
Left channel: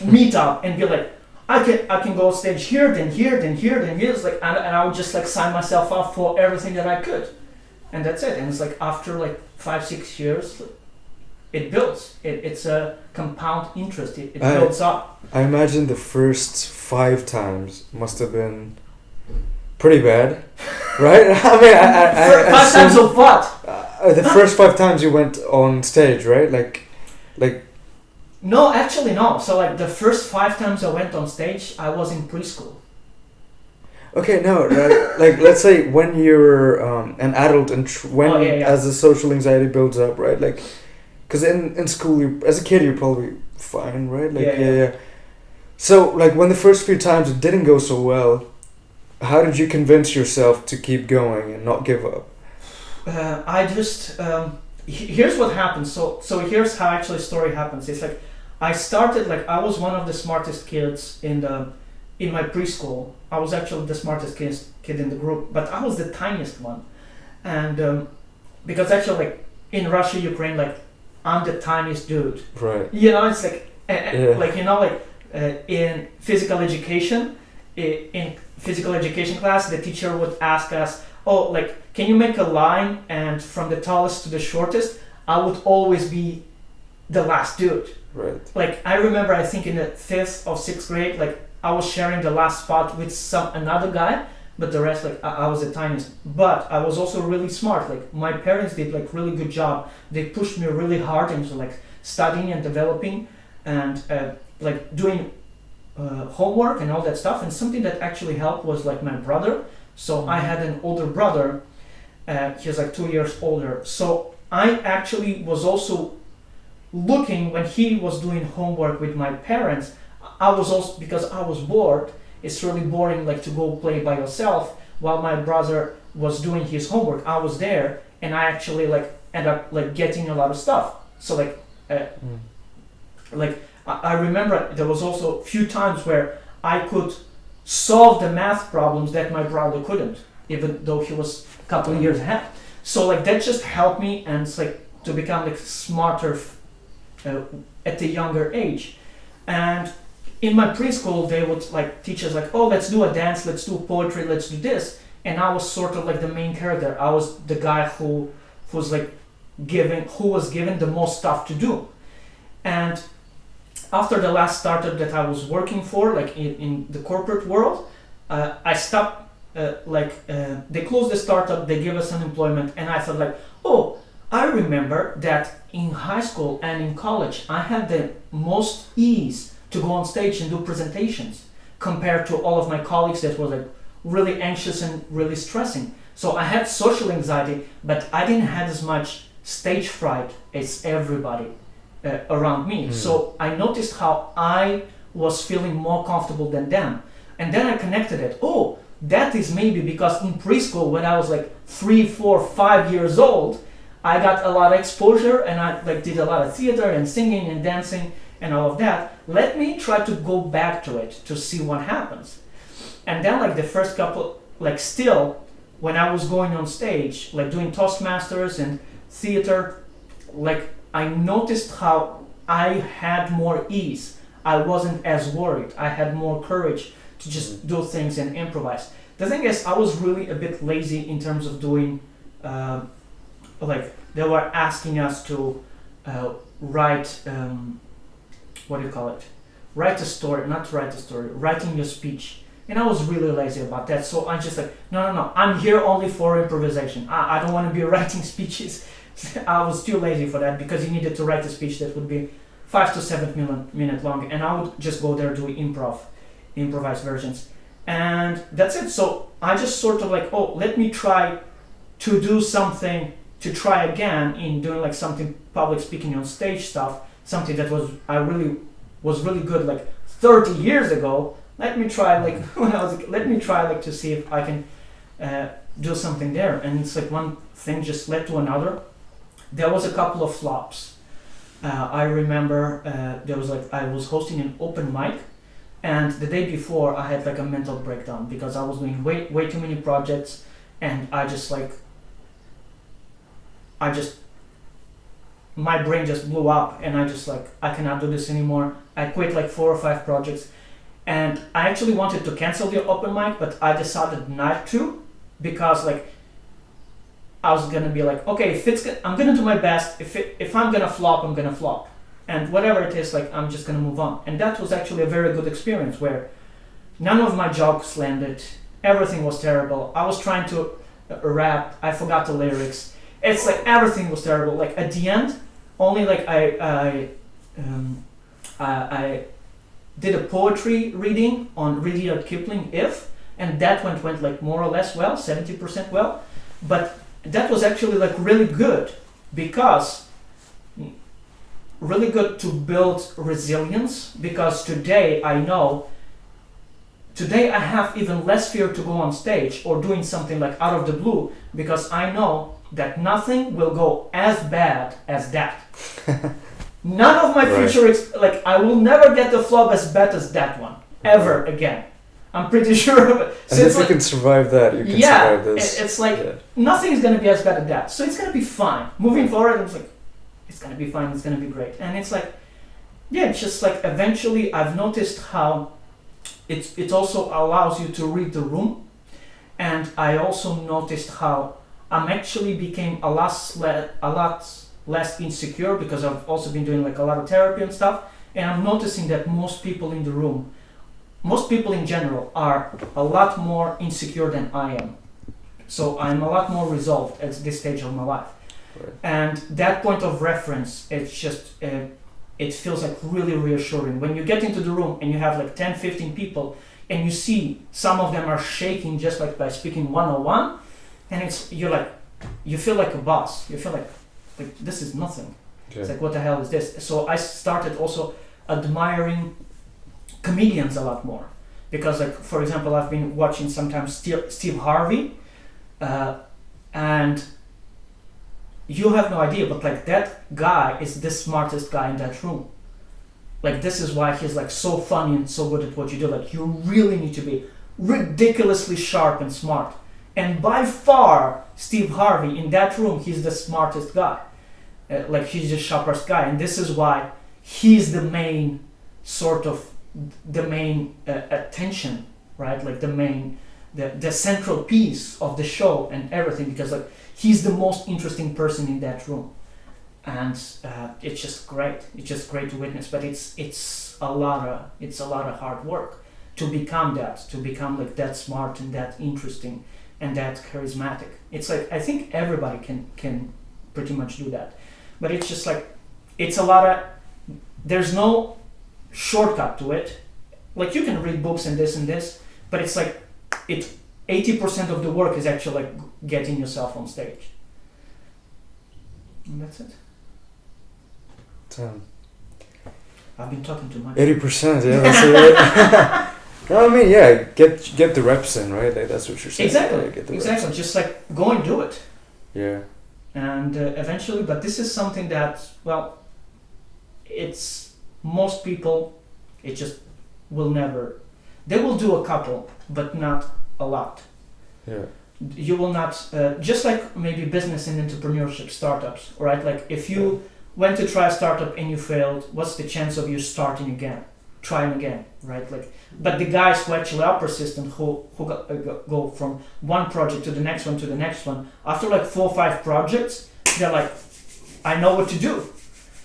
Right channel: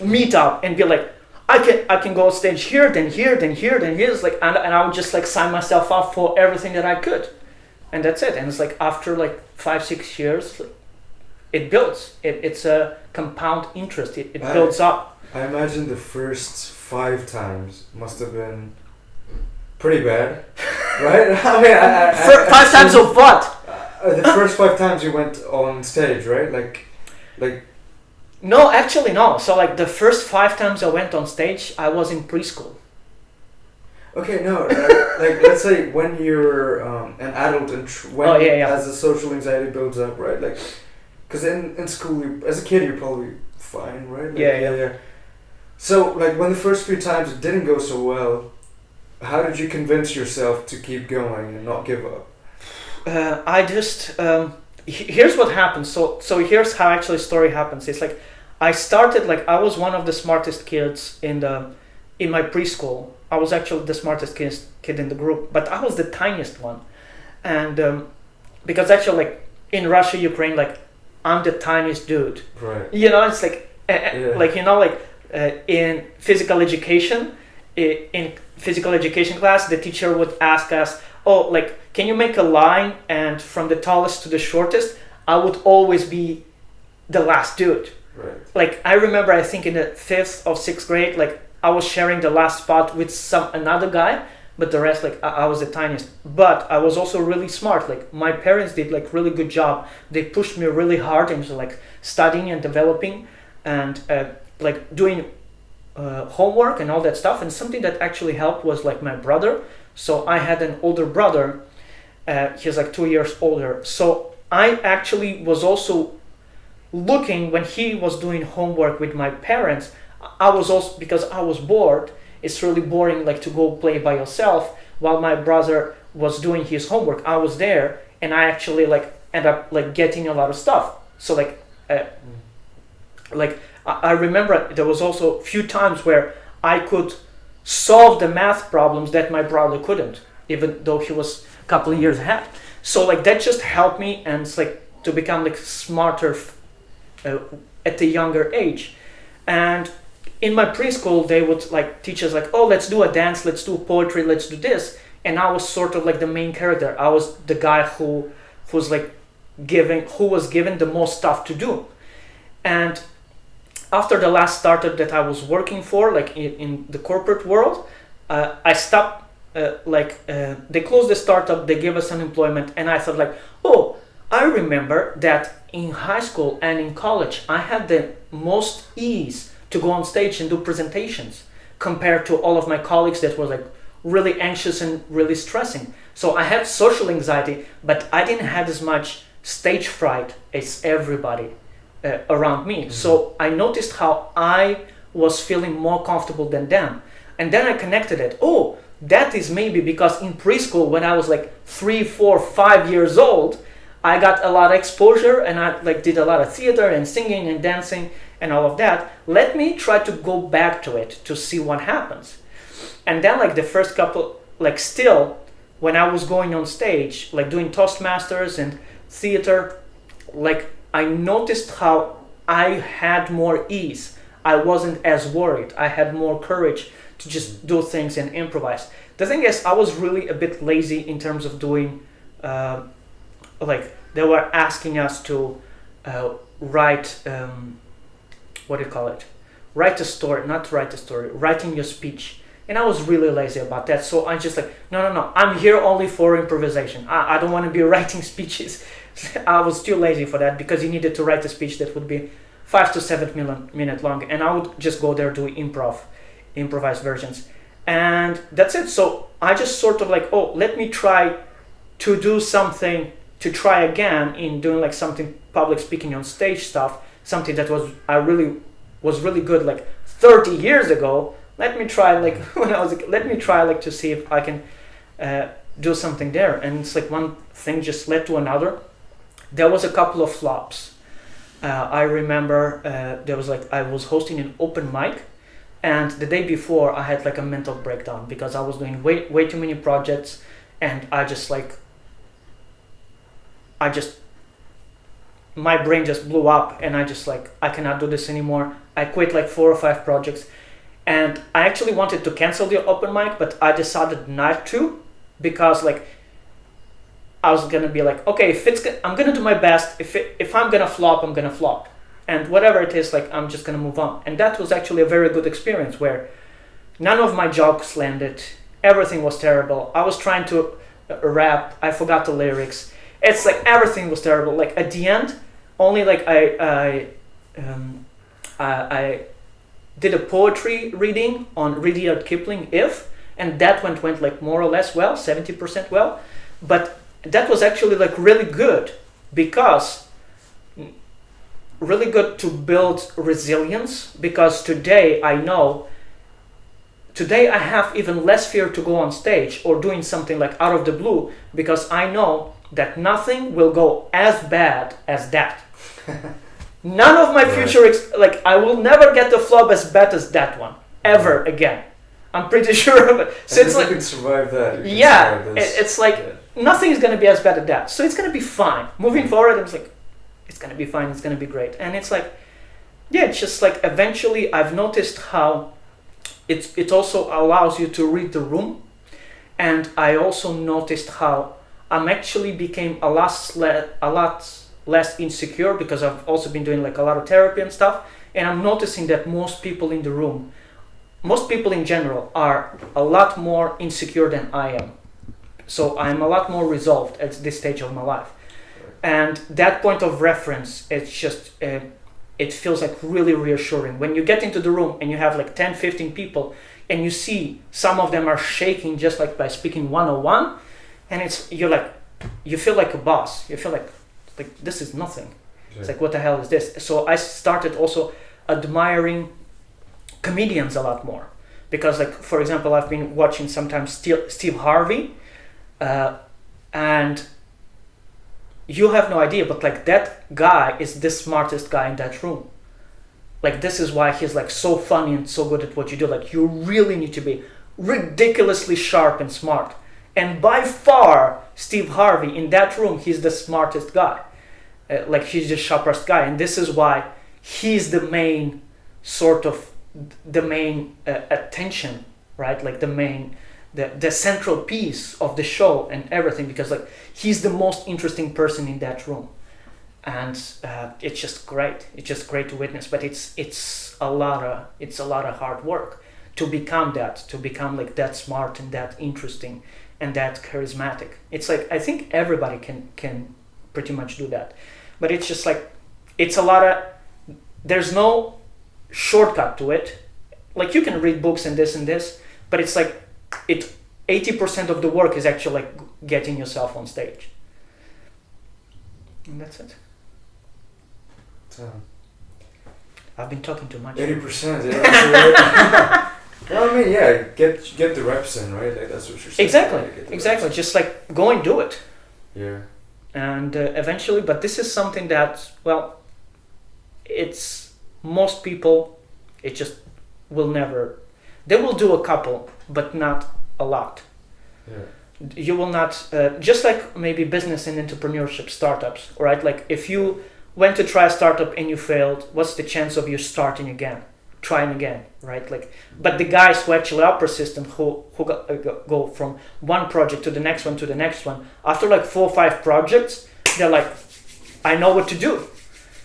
Meetup and be like, I can go on stage here, then here, then here, then here. It's like, and I would just like sign myself up for everything that I could, and that's it. And it's like after like 5-6 years, it builds. It's a compound interest. It builds up. I imagine the first 5 times must have been pretty bad, right? I mean, I 5 times of what? The first 5 times you went on stage, right? Like. No, actually no. So like the first 5 times I went on stage, I was in preschool. Okay, no, like let's say when you're an adult and as the social anxiety builds up, right? Like, because in school, as a kid, you're probably fine, right? Like, yeah. So like when the first few times it didn't go so well, how did you convince yourself to keep going and not give up? I just here's what happened. So here's how actually story happens. It's like I started like I was one of the smartest kids in my preschool. I was actually the smartest kid in the group, but I was the tiniest one, and because actually like in Russia, Ukraine, like I'm the tiniest dude. Right. You know, it's like like you know like in physical education, in physical education class, the teacher would ask us, oh, like, can you make a line, and from the tallest to the shortest, I would always be the last dude. Right. Like, I remember, I think in the 5th or 6th grade, like, I was sharing the last spot with another guy, but the rest, like, I was the tiniest. But I was also really smart. Like, my parents did, like, really good job. They pushed me really hard into, like, studying and developing and, like, doing homework and all that stuff. And something that actually helped was, like, my brother. So I had an older brother, he's like 2 years older. So I actually was also looking when he was doing homework with my parents. I was also, because I was bored, it's really boring like to go play by yourself while my brother was doing his homework. I was there, and I actually like end up like getting a lot of stuff. So like I remember there was also a few times where I could solve the math problems that my brother couldn't, even though he was a couple of years ahead. So like that just helped me, and it's like to become like smarter at the younger age. And in my preschool, they would like teach us like, oh, let's do a dance, let's do poetry, let's do this. And I was sort of like the main character. I was the guy who was given the most stuff to do. And after the last startup that I was working for, like in the corporate world, I stopped, they closed the startup, they gave us unemployment, and I thought like, oh, I remember that in high school and in college, I had the most ease to go on stage and do presentations compared to all of my colleagues that were like really anxious and really stressing. So I had social anxiety, but I didn't have as much stage fright as everybody around me. So I noticed how I was feeling more comfortable than them. And then I connected it. Oh, that is maybe because in preschool, when I was like 3, 4, 5 years old, I got a lot of exposure, and I like did a lot of theater and singing and dancing and all of that. Let me try to go back to it to see what happens. And then like the first couple, like still, when I was going on stage, like doing Toastmasters and theater, like I noticed how I had more ease. I wasn't as worried. I had more courage to just do things and improvise. The thing is, I was really a bit lazy in terms of doing, like they were asking us to write, writing your speech. And I was really lazy about that. So I just like, no, I'm here only for improvisation. I don't want to be writing speeches. I was too lazy for that because you needed to write a speech that would be 5 to 7 minute long. And I would just go there, do improvised versions. And that's it. So I just sort of like, let me try to do something, to try again in doing like something public speaking on stage stuff, something that was really good like 30 years ago. Let me try like when I was like, let me try like to see if I can do something there. And it's like one thing just led to another. There was a couple of flops. I remember there was like I was hosting an open mic, and the day before I had like a mental breakdown because I was doing way too many projects, and my brain just blew up, and I cannot do this anymore. I quit like 4 or 5 projects, and I actually wanted to cancel the open mic, but I decided not to because like I was gonna be like, okay, I'm gonna do my best. If I'm gonna flop, I'm gonna flop, and whatever it is, like I'm just gonna move on. And that was actually a very good experience where none of my jokes landed. Everything was terrible. I was trying to rap. I forgot the lyrics. It's like everything was terrible. Like at the end, only like I did a poetry reading on Rudyard Kipling, If, and that went like more or less well, 70% well, but that was actually like really good because really good to build resilience, because today I have even less fear to go on stage or doing something like out of the blue, because I know that nothing will go as bad as that. None of my future, I will never get the flop as bad as that one, ever again. I'm pretty sure of it. So if you can survive that, you can survive this. It's like nothing is going to be as bad as that. So it's going to be fine. Moving forward, it's like, it's going to be fine, it's going to be great. And it's like, it's just like eventually I've noticed how it also allows you to read the room. And I also noticed how I'm actually became a lot less insecure because I've also been doing like a lot of therapy and stuff. And I'm noticing that most people in the room, most people in general, are a lot more insecure than I am. So I'm a lot more resolved at this stage of my life. Right. And that point of reference, it's just, it feels like really reassuring. When you get into the room and you have like 10, 15 people and you see some of them are shaking just like by speaking 101, and you feel like a boss. You feel like this is nothing. Okay. It's like, what the hell is this? So I started also admiring comedians a lot more, because like, for example, I've been watching sometimes Steve Harvey, and you have no idea, but like that guy is the smartest guy in that room. Like this is why he's like so funny and so good at what you do. Like you really need to be ridiculously sharp and smart. And by far, Steve Harvey in that room, he's the smartest guy. Like he's the sharpest guy, and this is why he's the main attention, right? Like the central piece of the show and everything, because like he's the most interesting person in that room, and it's just great. It's just great to witness. But it's a lot of hard work to become like that smart and that interesting and that charismatic. It's like I think everybody can pretty much do that, but it's just like it's a lot of, there's no shortcut to it. Like you can read books and this, but it's like 80% of the work is actually like getting yourself on stage, and that's it. I've been talking too much. 80%, yeah. That's right. Well, I mean, yeah, get the reps in, right? Like, that's what you're saying. Exactly. Just like go and do it. Yeah. And eventually, but this is something that, well, it's most people, it just will never. They will do a couple, but not a lot. Yeah. You will not, just like maybe business and entrepreneurship startups, right? Like if you went to try a startup and you failed, what's the chance of you starting again? Trying again, right? Like, but the guys who actually are persistent, who go from one project to the next one to the next one, after like 4 or 5 projects, they're like, I know what to do.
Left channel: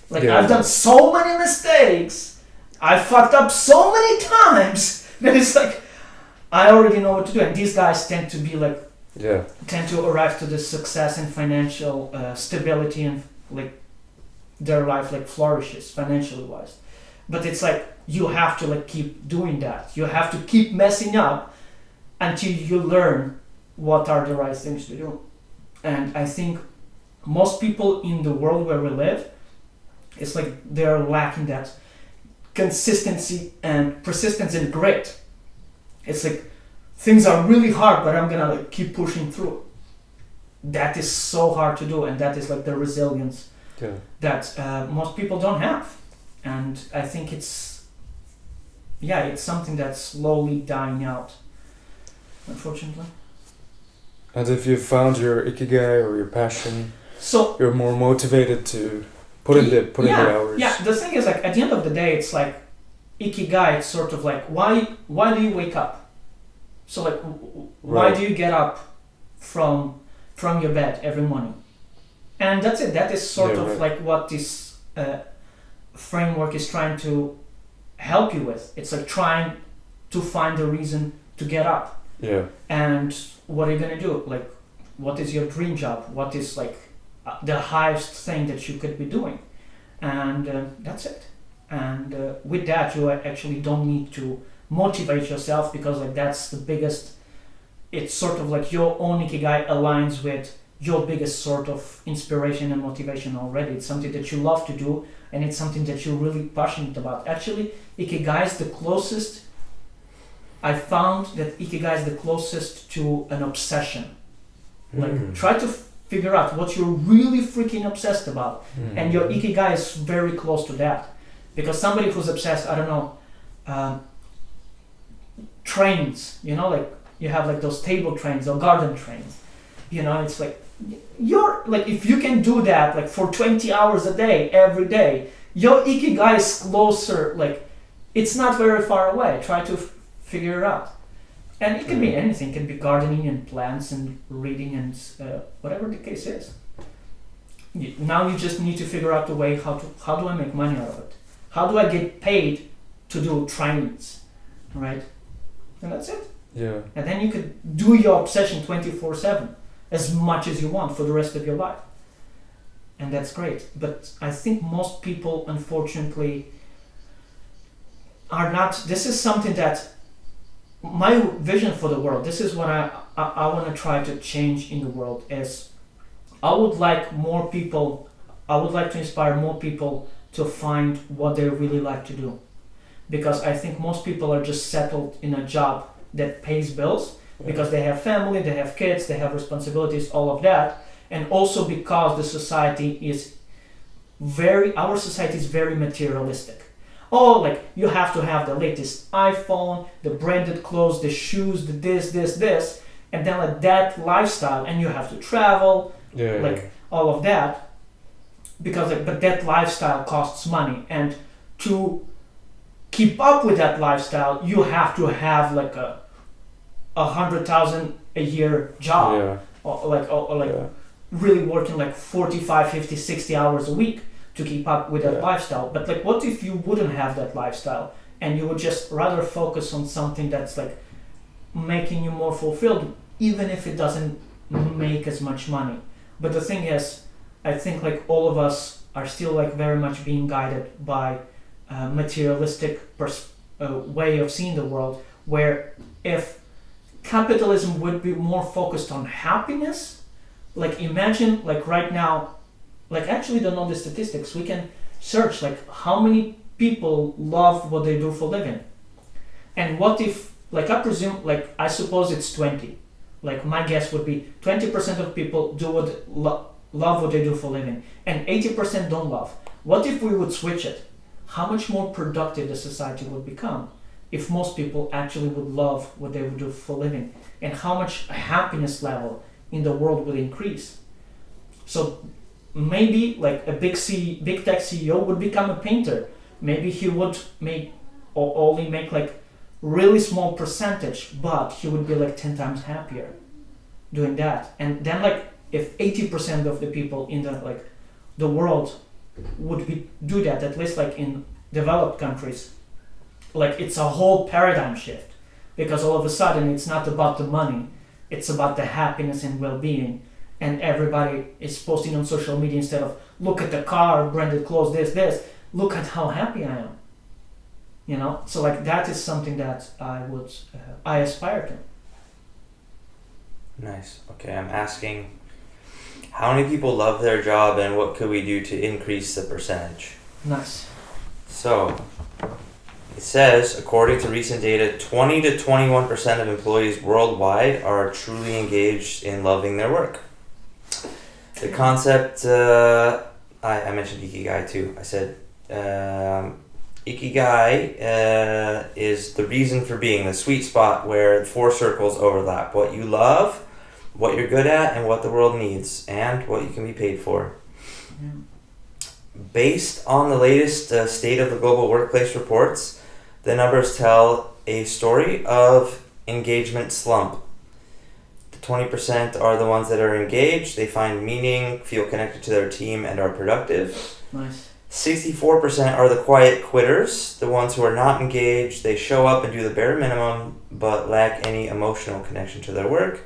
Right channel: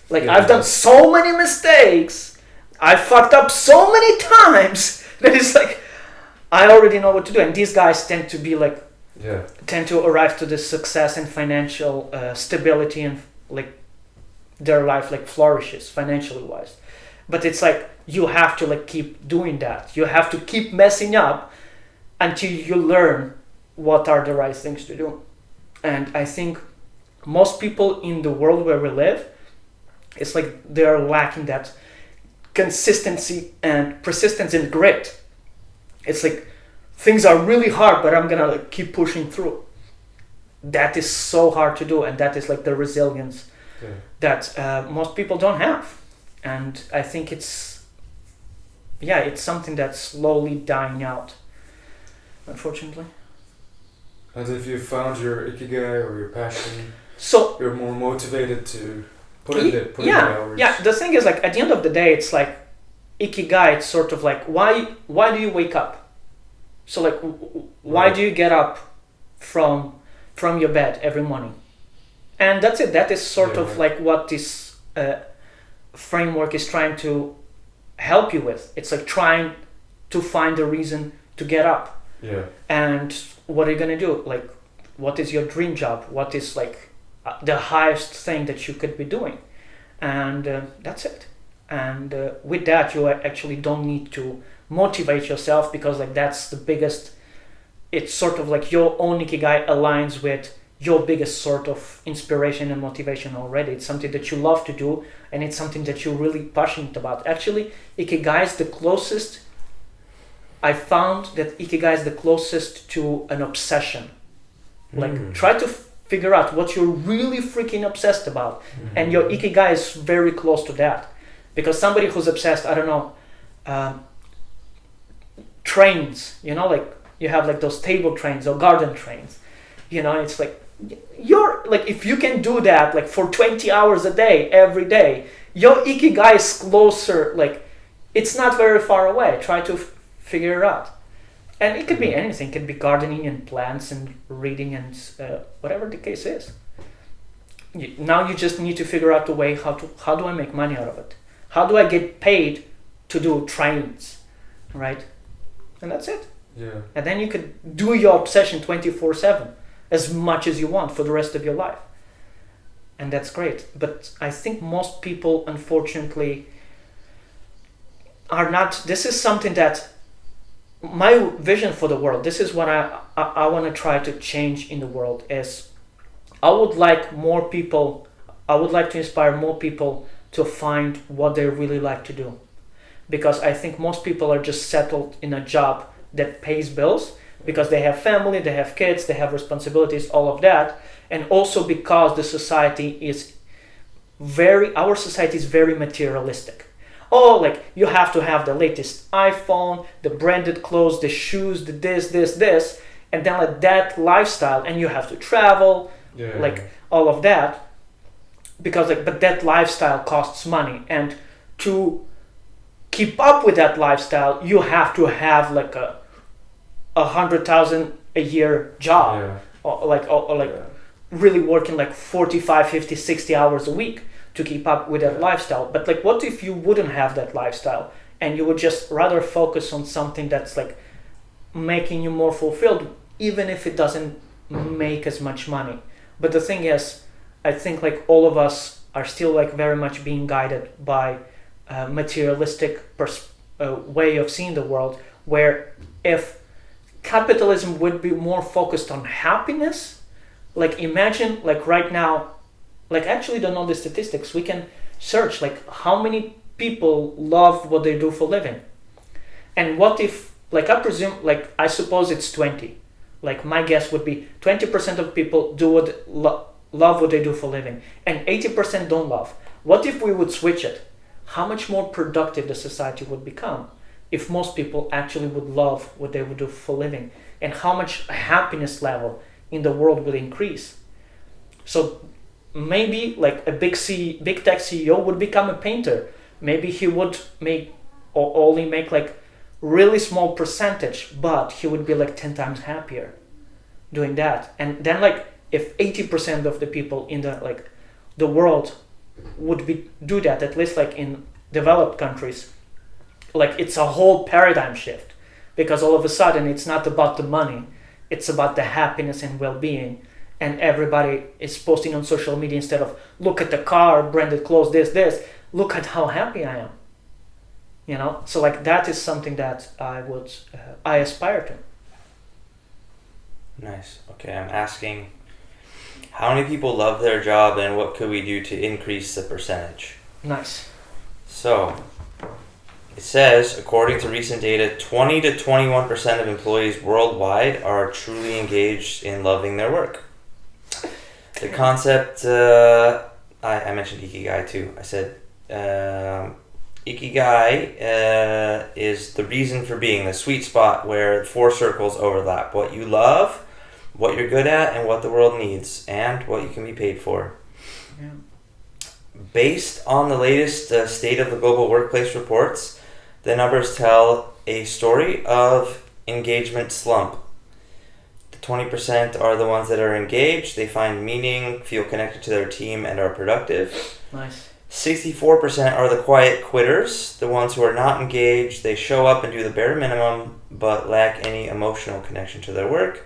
Like I've done so many mistakes, I fucked up so many times that it's like, I already know what to do. And these guys tend to be like, Yeah. tend to arrive to this success and financial stability, and like their life like flourishes financially wise. But it's like you have to like keep doing that. You have to keep messing up until you learn what are the right things to do. And I think most people in the world where we live, it's like they're lacking that consistency and persistence and grit. It's like things are really hard, but I'm gonna like keep pushing through. That is so hard to do, and that is like the resilience Yeah. that most people don't have. And I think it's something that's slowly dying out, unfortunately. And if you found your ikigai or your passion, So you're more motivated to put in the hours. yeah, the thing is like at the end of the day, it's like ikigai. It's sort of like why do you wake up? So like why Right. do you get up from your bed every morning? And that's it. That is sort Yeah, of right. like what this framework is trying to help you with. It's like trying to find a reason to get up. Yeah. And what are you gonna do? Like, what is your dream job? What is like the highest thing that you could be doing? And that's it. And with that, you actually don't need to motivate yourself, because like that's the biggest. It's sort of like your own ikigai aligns with your biggest sort of inspiration and motivation already. It's something that you love to do, and it's something that you're really passionate about. Actually, ikigai is the closest. I found that ikigai is the closest to an obsession. Like, try to figure out what you're really freaking obsessed about, and your ikigai is very close to that. Because somebody who's obsessed, I don't know, trains, you know, like you have like those table trains or garden trains, you know, it's like you're like, if you can do that like for 20 hours a day every day, your ikigai is closer. Like, it's not very far away. Try to figure it out. And it could be anything. It could be gardening and plants and reading and whatever the case is. Now you just need to figure out a way how do I make money out of it? How do I get paid to do trains, right? And that's it. Yeah. And then you could do your obsession 24/7 as much as you want for the rest of your life. And that's great. But I think most people, unfortunately, are not. This is something that my vision for the world, this is what I want to try to change in the world, is I would like to inspire more people to find what they really like to do. Because I think most people are just settled in a job that pays bills, because they have family, they have kids, they have responsibilities, all of that. And also because our society is very materialistic. Oh, like you have to have the latest iPhone, the branded clothes, the shoes, the this, and then like that lifestyle, and you have to travel, like all of that, because like, but that lifestyle costs money, and to keep up with that lifestyle, you have to have like a 100,000 a year job, or really working like 45, 50, 60 hours a week to keep up with that lifestyle. But like, what if you wouldn't have that lifestyle, and you would just rather focus on something that's like making you more fulfilled, even if it doesn't make as much money? But the thing is, I think like all of us are still like very much being guided by a materialistic way of seeing the world, where if capitalism would be more focused on happiness, like imagine like right now, like actually don't know the statistics, we can search like how many people love what they do for a living. And what if, like I presume, like I suppose it's 20. Like my guess would be 20% of people do love what they do for a living, and 80% don't love. What if we would switch it? How much more productive the society would become if most people actually would love what they would do for a living, and how much happiness level in the world would increase. So maybe like a big tech CEO would become a painter. Maybe he would only make like really small percentage, but he would be like 10 times happier doing that. And then like if 80% of the people in the world would do that, at least like in developed countries, like it's a whole paradigm shift, because all of a sudden it's not about the money, it's about the happiness and well-being, and everybody is posting on social media instead of look at the car, branded clothes, this, look at how happy I am. So like that is something that I aspire to. Nice. Okay, I'm asking, how many people love their job and what could we do to increase the percentage? Nice. So, it says, according to recent data, 20 to 21% of employees worldwide are truly engaged in loving their work. The concept, I mentioned Ikigai too. I said, Ikigai is the reason for being, the sweet spot where 4 circles overlap. What you love, what you're good at, and what the world needs, and what you can be paid for. Yeah. Based on the latest State of the Global Workplace reports, the numbers tell a story of engagement slump. The 20% are the ones that are engaged, they find meaning, feel connected to their team, and are productive. Nice. 64% are the quiet quitters, the ones who are not engaged, they show up and do the bare minimum, but lack any emotional connection to their work.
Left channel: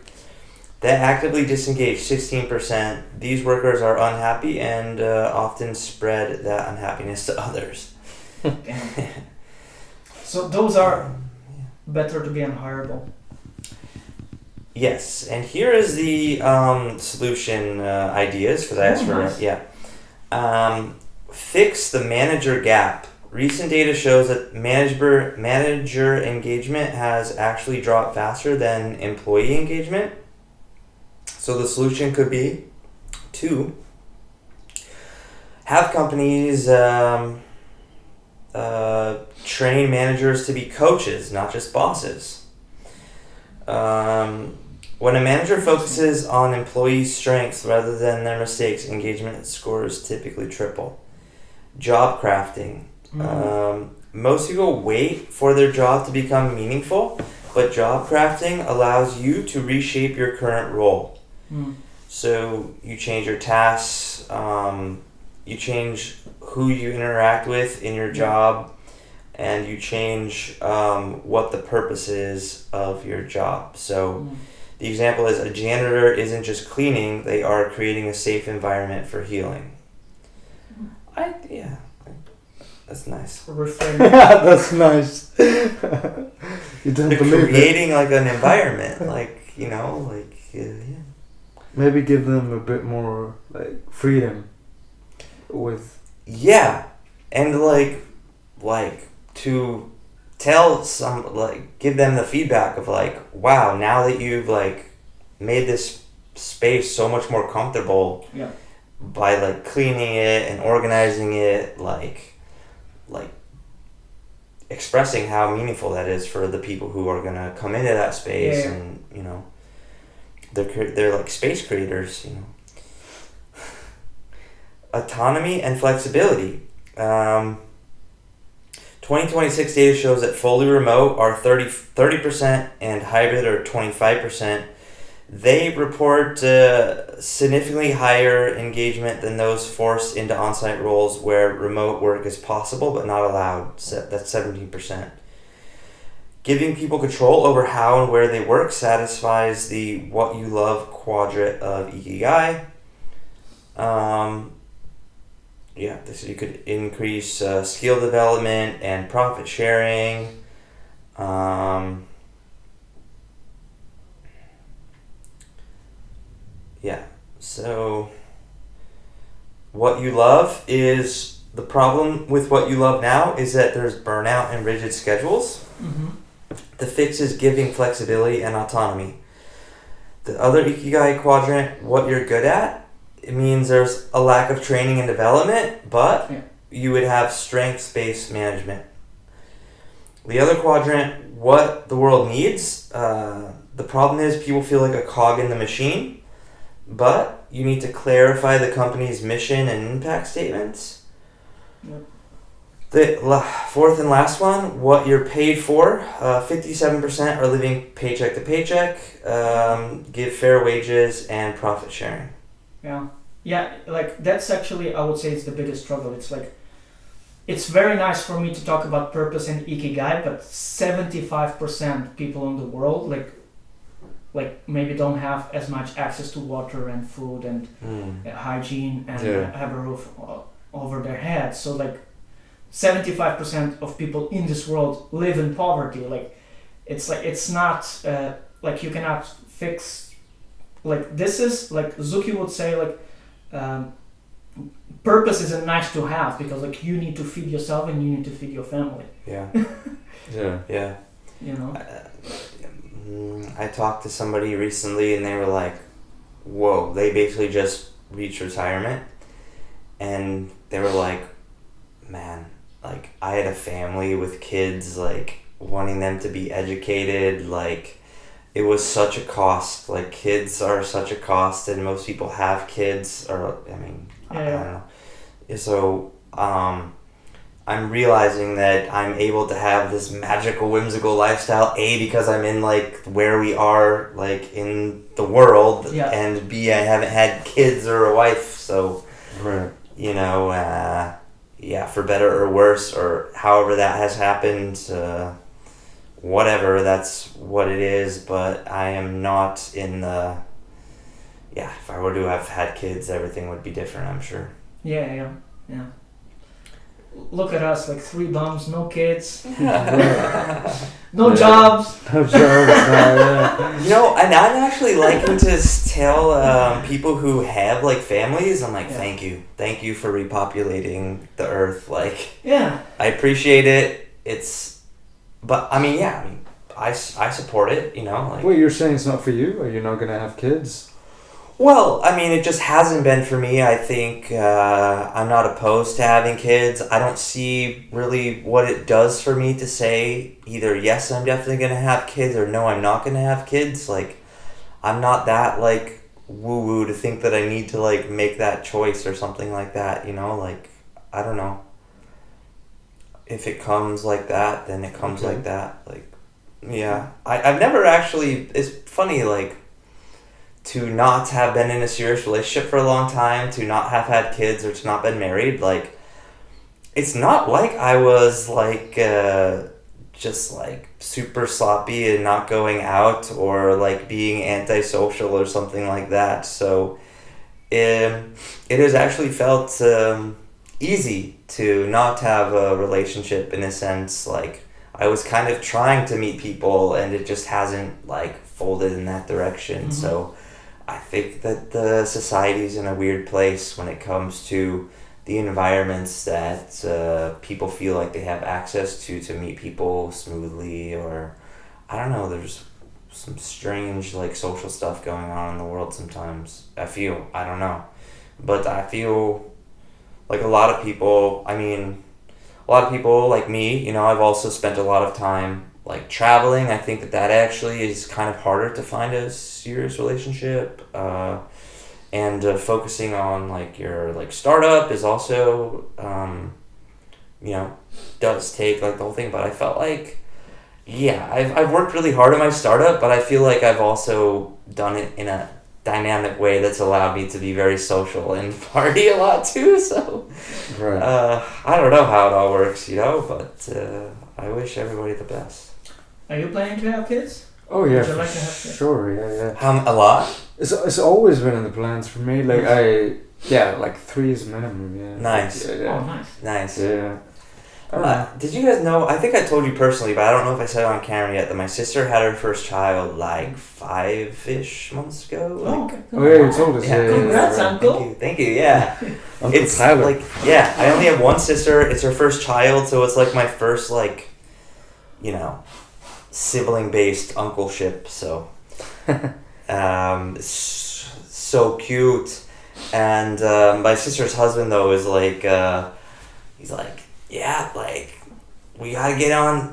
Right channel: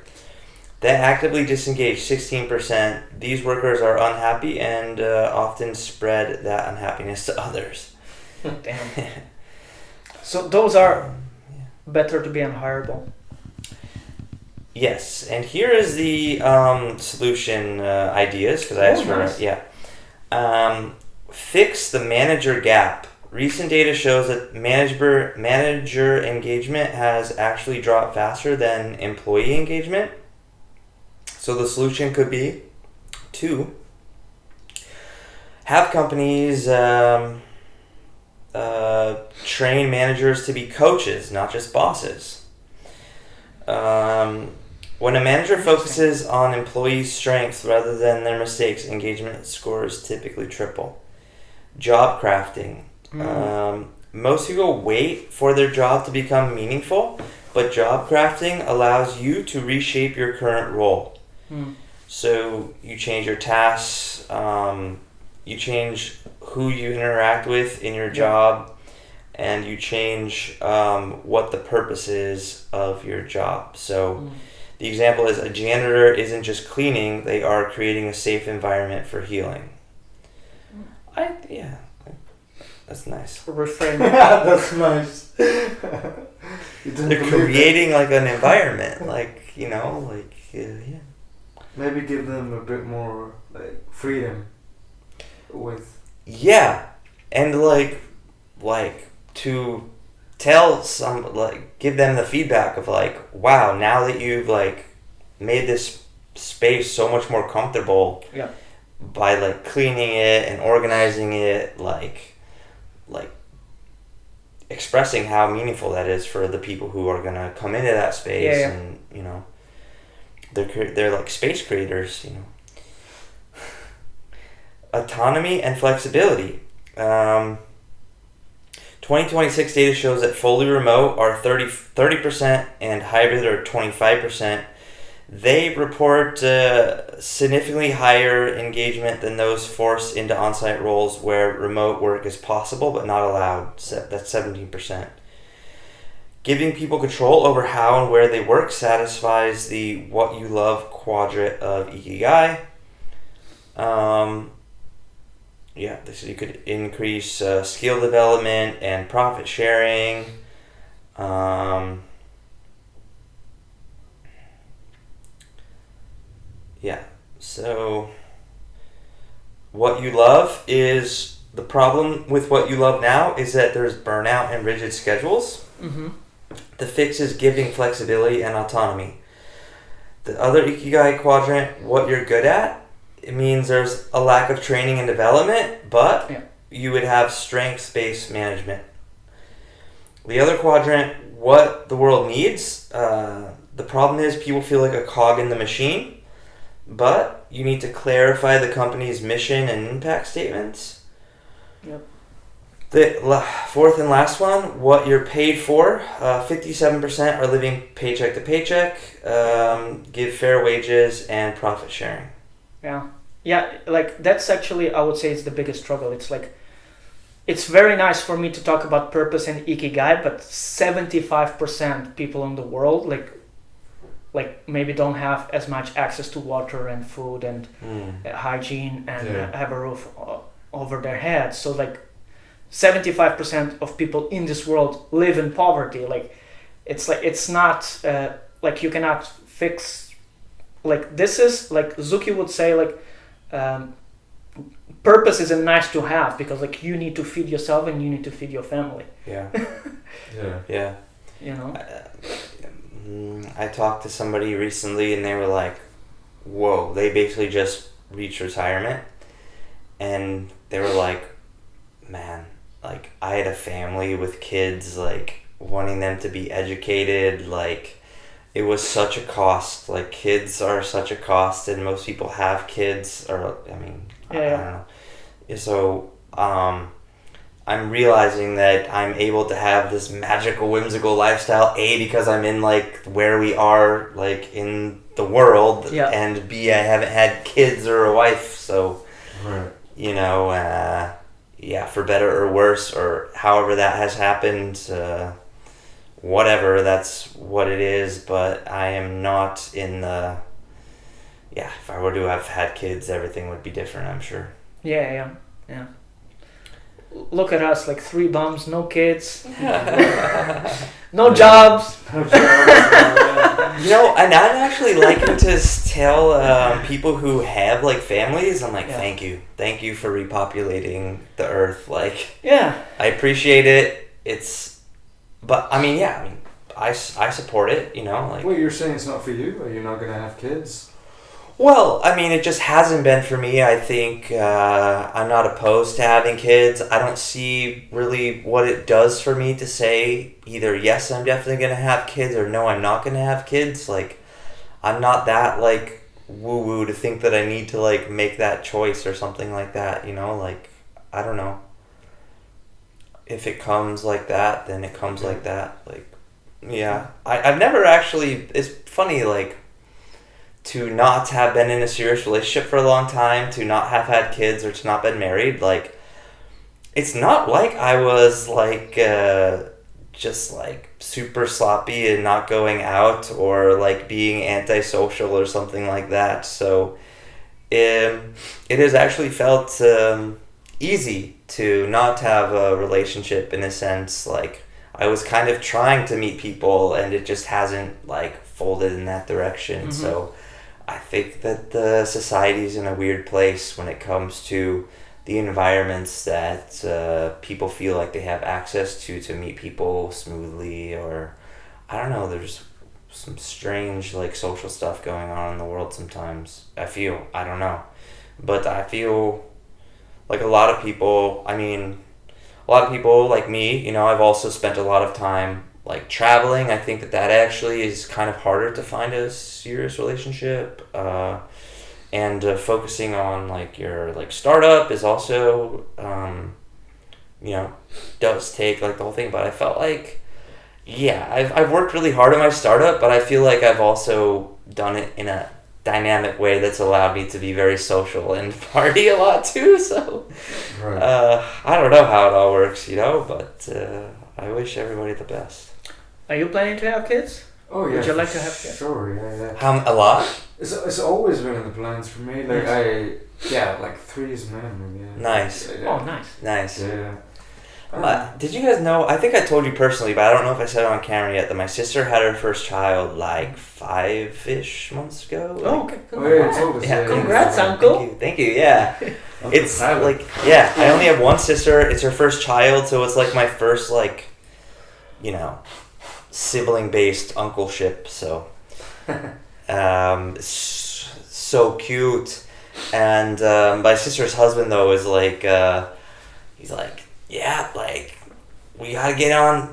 The actively disengaged, 16%, these workers are unhappy and often spread that unhappiness to others. Damn. So those are better to be unhireable. Yes, and here is the solution ideas, because I asked for nice. Fix the manager gap. Recent data shows that manager engagement has actually dropped faster than employee engagement. So the solution could be to have companies train managers to be coaches, not just bosses. When a manager focuses on employees' strengths rather than their mistakes, engagement scores typically triple. Job crafting. Most people wait for their job to become meaningful, but job crafting allows you to reshape your current role. So you change your tasks, you change who you interact with in your job, and you change what the purpose is of your job. So the example is a janitor isn't just cleaning, they are creating a safe environment for healing. That's nice. Reframe. That's nice. You didn't They're believe creating like an environment, Maybe give them a bit more like freedom with. Yeah, and to tell give them the feedback of wow, now that you've made this space so much more comfortable. Yeah. By cleaning it and organizing it, expressing how meaningful that is for the people who are gonna come into that space, and they're like space creators, Autonomy and flexibility. 2026 data shows that fully remote are 30% and hybrid are 25%. They report significantly higher engagement than those forced into on-site roles where remote work is possible but not allowed. That's 17%. Giving people control over how and where they work satisfies the what you love quadrant of Ikigai. So you could increase skill development and profit sharing. So what you love is, the problem with what you love now is that there's burnout and rigid schedules. The fix is giving flexibility and autonomy. The other Ikigai quadrant, what you're good at, it means there's a lack of training and development, but you would have strengths-based management. The other quadrant, what the world needs, the problem is people feel like a cog in the machine, but you need to clarify the company's mission and impact statements. The fourth and last one, what you're paid for. 57% are living paycheck to paycheck, give fair wages and profit sharing. Yeah, that's actually, I would say, it's the biggest struggle. It's it's very nice for me to talk about purpose and ikigai, but 75% people in the world like maybe don't have as much access to water and food and hygiene and have a roof over their heads. So like 75% of people in this world live in poverty. Like it's not like you cannot fix, like this is like Zuki would say, like purpose is a nice to have, because like you need to feed yourself and you need to feed your family. Yeah. Yeah. You know. I talked to somebody recently and they were like, whoa, they basically just reached retirement and they were like, man, like I had a family with kids, like wanting them to be educated, like it was such a cost, like kids are such a cost and most people have kids, or I mean, I don't know. So I'm realizing that I'm able to have this magical, whimsical lifestyle, A, because I'm in like where we are like in the world, and B, I haven't had kids or a wife, so you know, for better or worse, or however that has happened, whatever, that's what it is. But I am not in the, if I were to have had kids, everything would be different, I'm sure. Yeah. Look at us, like 3 bums, no kids, no jobs. You know, and I'm actually liking to tell people who have like families, I'm like, thank you for repopulating the earth. Like, I appreciate it. But I mean, I support it. You know, like. Well, you're saying it's not for you. Are you not gonna have kids? Well, I mean, it just hasn't been for me. I think I'm not opposed to having kids. I don't see really what it does for me to say either yes, I'm definitely going to have kids, or no, I'm not going to have kids. Like, I'm not that, like, woo-woo to think that I need to, like, make that choice or something like that, you know? Like, I don't know. If it comes like that, then it comes like that. Like, I've never actually... It's funny, like... to not have been in a serious relationship for a long time, to not have had kids, or to not been married, like, it's not like I was, like, just, like, super sloppy and not going out, or, like, being antisocial or something like that. So, it has actually felt easy to not have a relationship, in a sense. Like, I was kind of trying to meet people, and it just hasn't, like, folded in that direction. So I think that the society's in a weird place when it comes to the environments that people feel like they have access to meet people smoothly, or I don't know, there's some strange like social stuff going on in the world sometimes. I don't know, but I feel like a lot of people like me, you know, I've also spent a lot of time like traveling. I think that actually is kind of harder to find a serious relationship, and focusing on like your like startup is also you know, does take like the whole thing. But I felt like I've worked really hard on my startup, but I feel like I've also done it in a dynamic way that's allowed me to be very social and party a lot too. So I don't know how it all works, you know, but I wish everybody the best. Are you planning to have kids? Oh yeah, would you like to have kids? Sure, yeah. A lot? It's always been in the plans for me. Like like 3 is minimum. Yeah. Nice. Oh, nice. Yeah. Did you guys know? I think I told you personally, but I don't know if I said it on camera yet, that my sister had her first child like 5-ish months ago. Okay. Oh yeah, you told us. Yeah, congrats, uncle. Thank you. Yeah. It's Tyler. like I only have one sister. It's her first child, so it's like my first like, you know, sibling-based uncleship. So, so cute. And my sister's husband though is like, he's like, yeah, like we gotta get on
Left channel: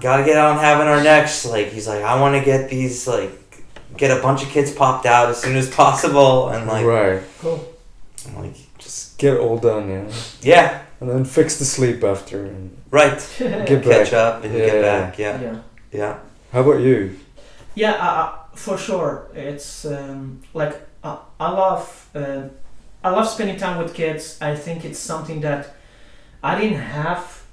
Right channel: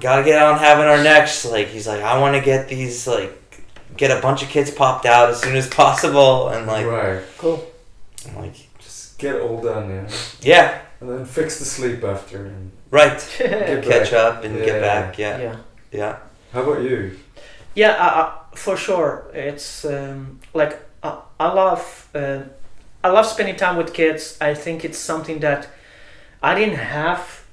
having our next. Like he's like, I want to get these get a bunch of kids popped out as soon as possible, and like cool. I'm like, just get it all done, yeah, and then fix the sleep after, and get catch up and get back. Yeah. How about you? Yeah, for sure. It's like I love spending time with kids. I think it's something that I didn't have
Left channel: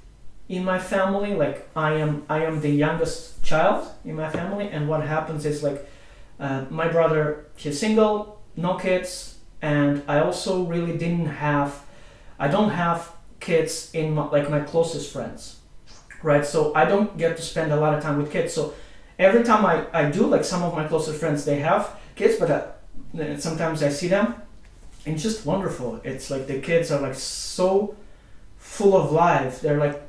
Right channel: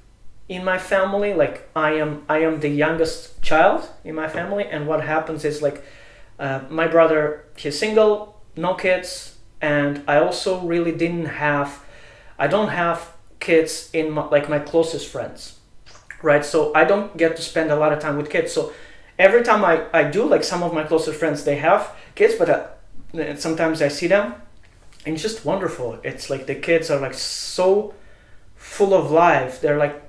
in my family, like I am the youngest child in my family, and what happens is like my brother, he's single, no kids, and I also really I don't have kids in my closest friends, right? So I don't get to spend a lot of time with kids. So every time I do, like some of my closest friends, they have kids, but sometimes I see them, and it's just wonderful. It's like the kids are like so full of life. They're like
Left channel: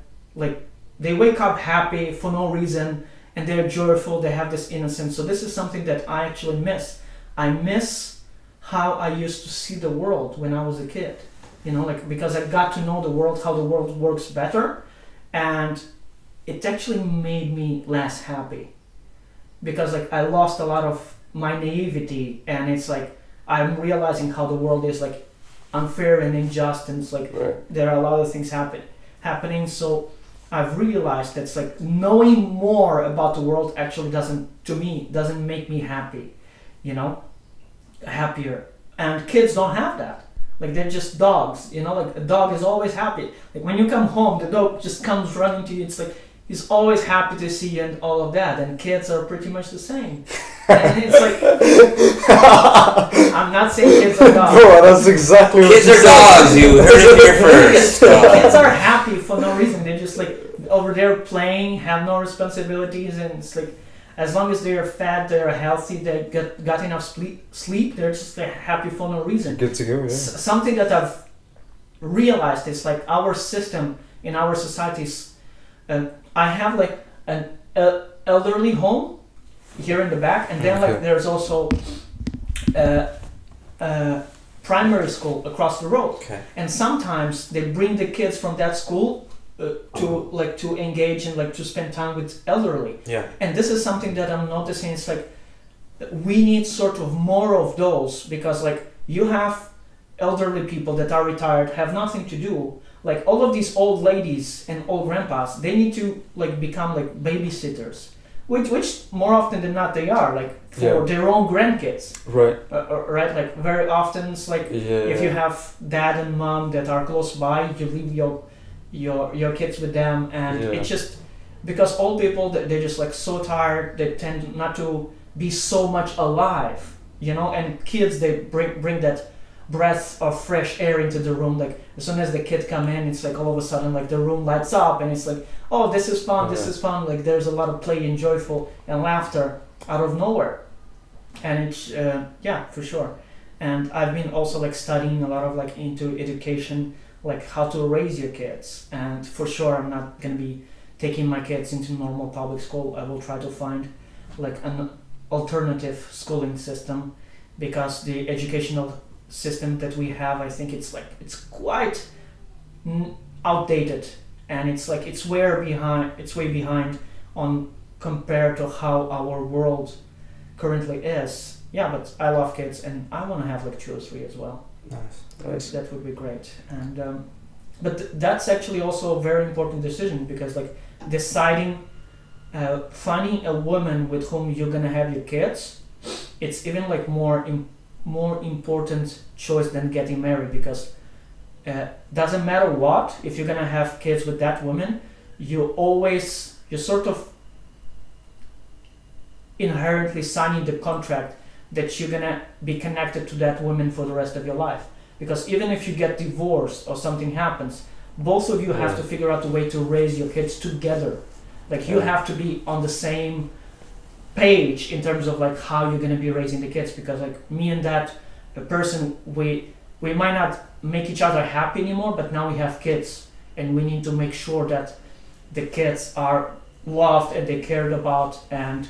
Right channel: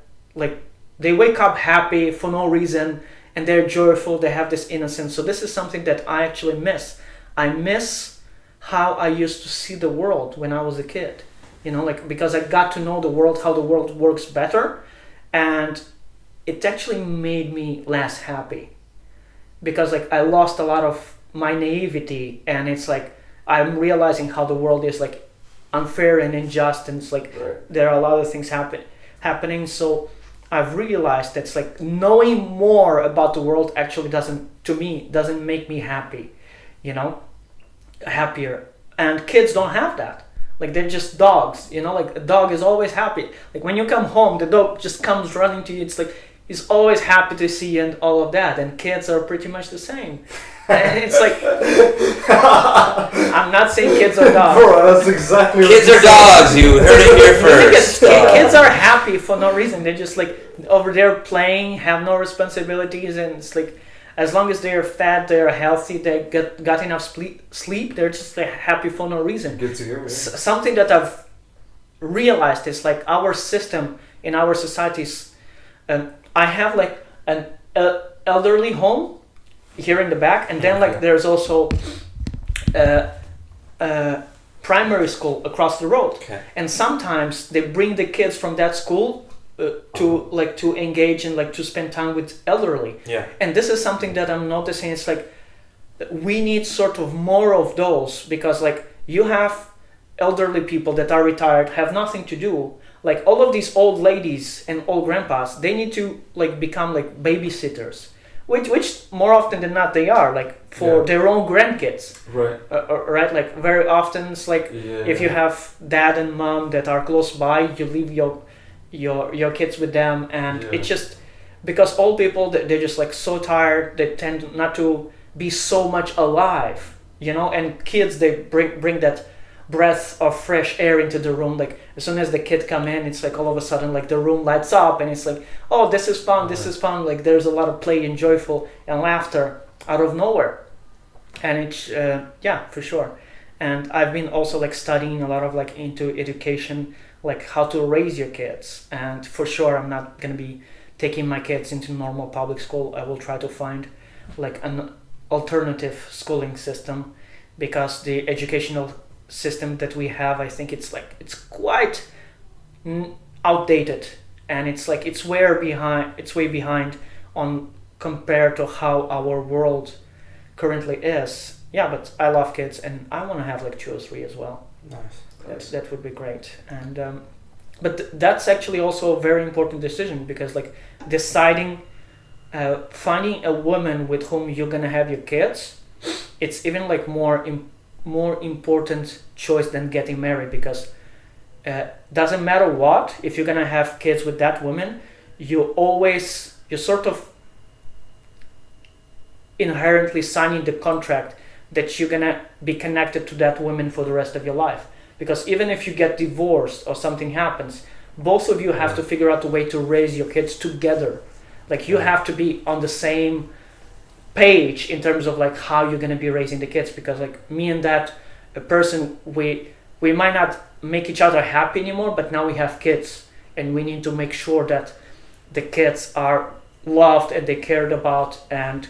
they wake up happy for no reason, and they're joyful. They have this innocence. So this is something that I actually miss. I miss how I used to see the world when I was a kid. You know, like because I got to know the world, how the world works better, and it actually made me less happy because like I lost a lot of my naivety, and it's like I'm realizing how the world is like unfair and unjust, and it's like there are a lot of things happening. So I've realized that's like knowing more about the world actually doesn't make me happy, you know, happier. And kids don't have that. Like they're just dogs, you know, like a dog is always happy. Like when you come home, the dog just comes running to you. It's like he's always happy to see you and all of that. And kids are pretty much the same. And it's like, I'm not saying kids are dogs. Bro, that's exactly what kids are dogs. You heard it here first. Kids are happy for no reason. They're just like over there playing, have no responsibilities, and it's like as long as they're fed, they're healthy, they got enough sleep, they're just like happy for no reason. Good to go, yeah. Something that I've realized is like our system in our societies. I have like an elderly home here in the back, and then like there's also primary school across the road. Okay. And sometimes they bring the kids from that school to engage and like to spend time with elderly. Yeah. And this is something that I'm noticing. It's like we need sort of more of those, because like you have elderly people that are retired, have nothing to do. Like all of these old ladies and old grandpas, they need to like become like babysitters, which more often than not they are, like for their own grandkids. Right. Right. Like very often it's like if you have dad and mom that are close by, you leave your kids with them, and it's just because old people they're just like so tired, they tend not to be so much alive, you know. And kids, they bring that breath of fresh air into the room. Like as soon as the kid come in, it's like all of a sudden like the room lights up, and it's like, oh, this is fun, this is fun. Like there's a lot of play and joyful and laughter out of nowhere, and it's for sure. And I've been also like studying a lot of like into education, like how to raise your kids. And for sure I'm not going to be taking my kids into normal public school. I will try to find like an alternative schooling system, because the educational system that we have, I think it's quite outdated, and it's way behind on compared to how our world currently is. But I love kids, and I want to have like 2 or 3 as well. Nice. That would be great. And but that's actually also a very important decision, because like deciding finding a woman with whom you're gonna have your kids, it's even like more important choice than getting married, because doesn't matter what, if you're gonna have kids with that woman, you're sort of inherently signing the contract that you're gonna be connected to that woman for the rest of your life. Because even if you get divorced or something happens, both of you have to figure out a way to raise your kids together. Like you have to be on the same page in terms of like how you're gonna be raising the kids, because like me and that person, we might not make each other happy anymore, but now we have kids, and we need to make sure that the kids are loved and they cared about, and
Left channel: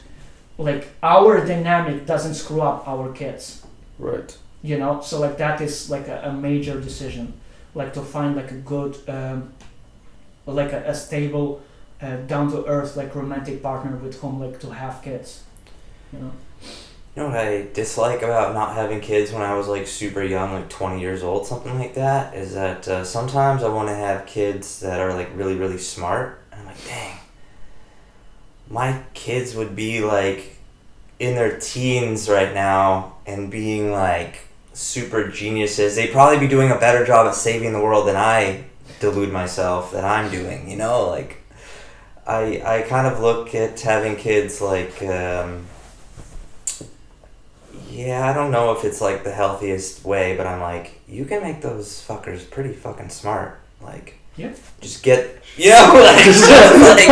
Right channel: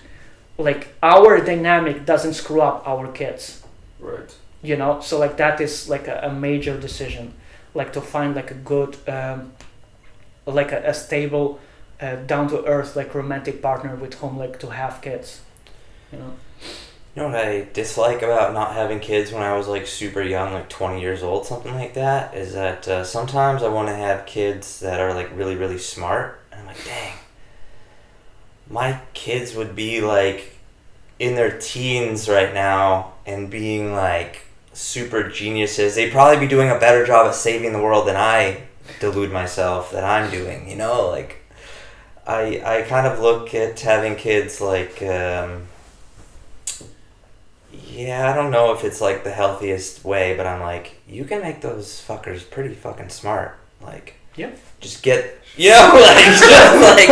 like our dynamic doesn't screw up our kids. Right. You know, so like that is like a major decision, like to find like a good like a stable down to earth like romantic partner with whom like to have kids, you know. You know what I dislike about not having kids when I was like super young, like 20 years old, something like that, is that sometimes I want to have kids that are like really, really smart. And I'm like, dang, my kids would be like in their teens right now and being like super geniuses. They'd probably be doing a better job at saving the world than I delude myself that I'm doing, you know, like I kind of look at having kids like yeah, I don't know if it's like the healthiest way, but I'm like, you can make those fuckers pretty fucking smart. Like, Yeah. just get, like, just like,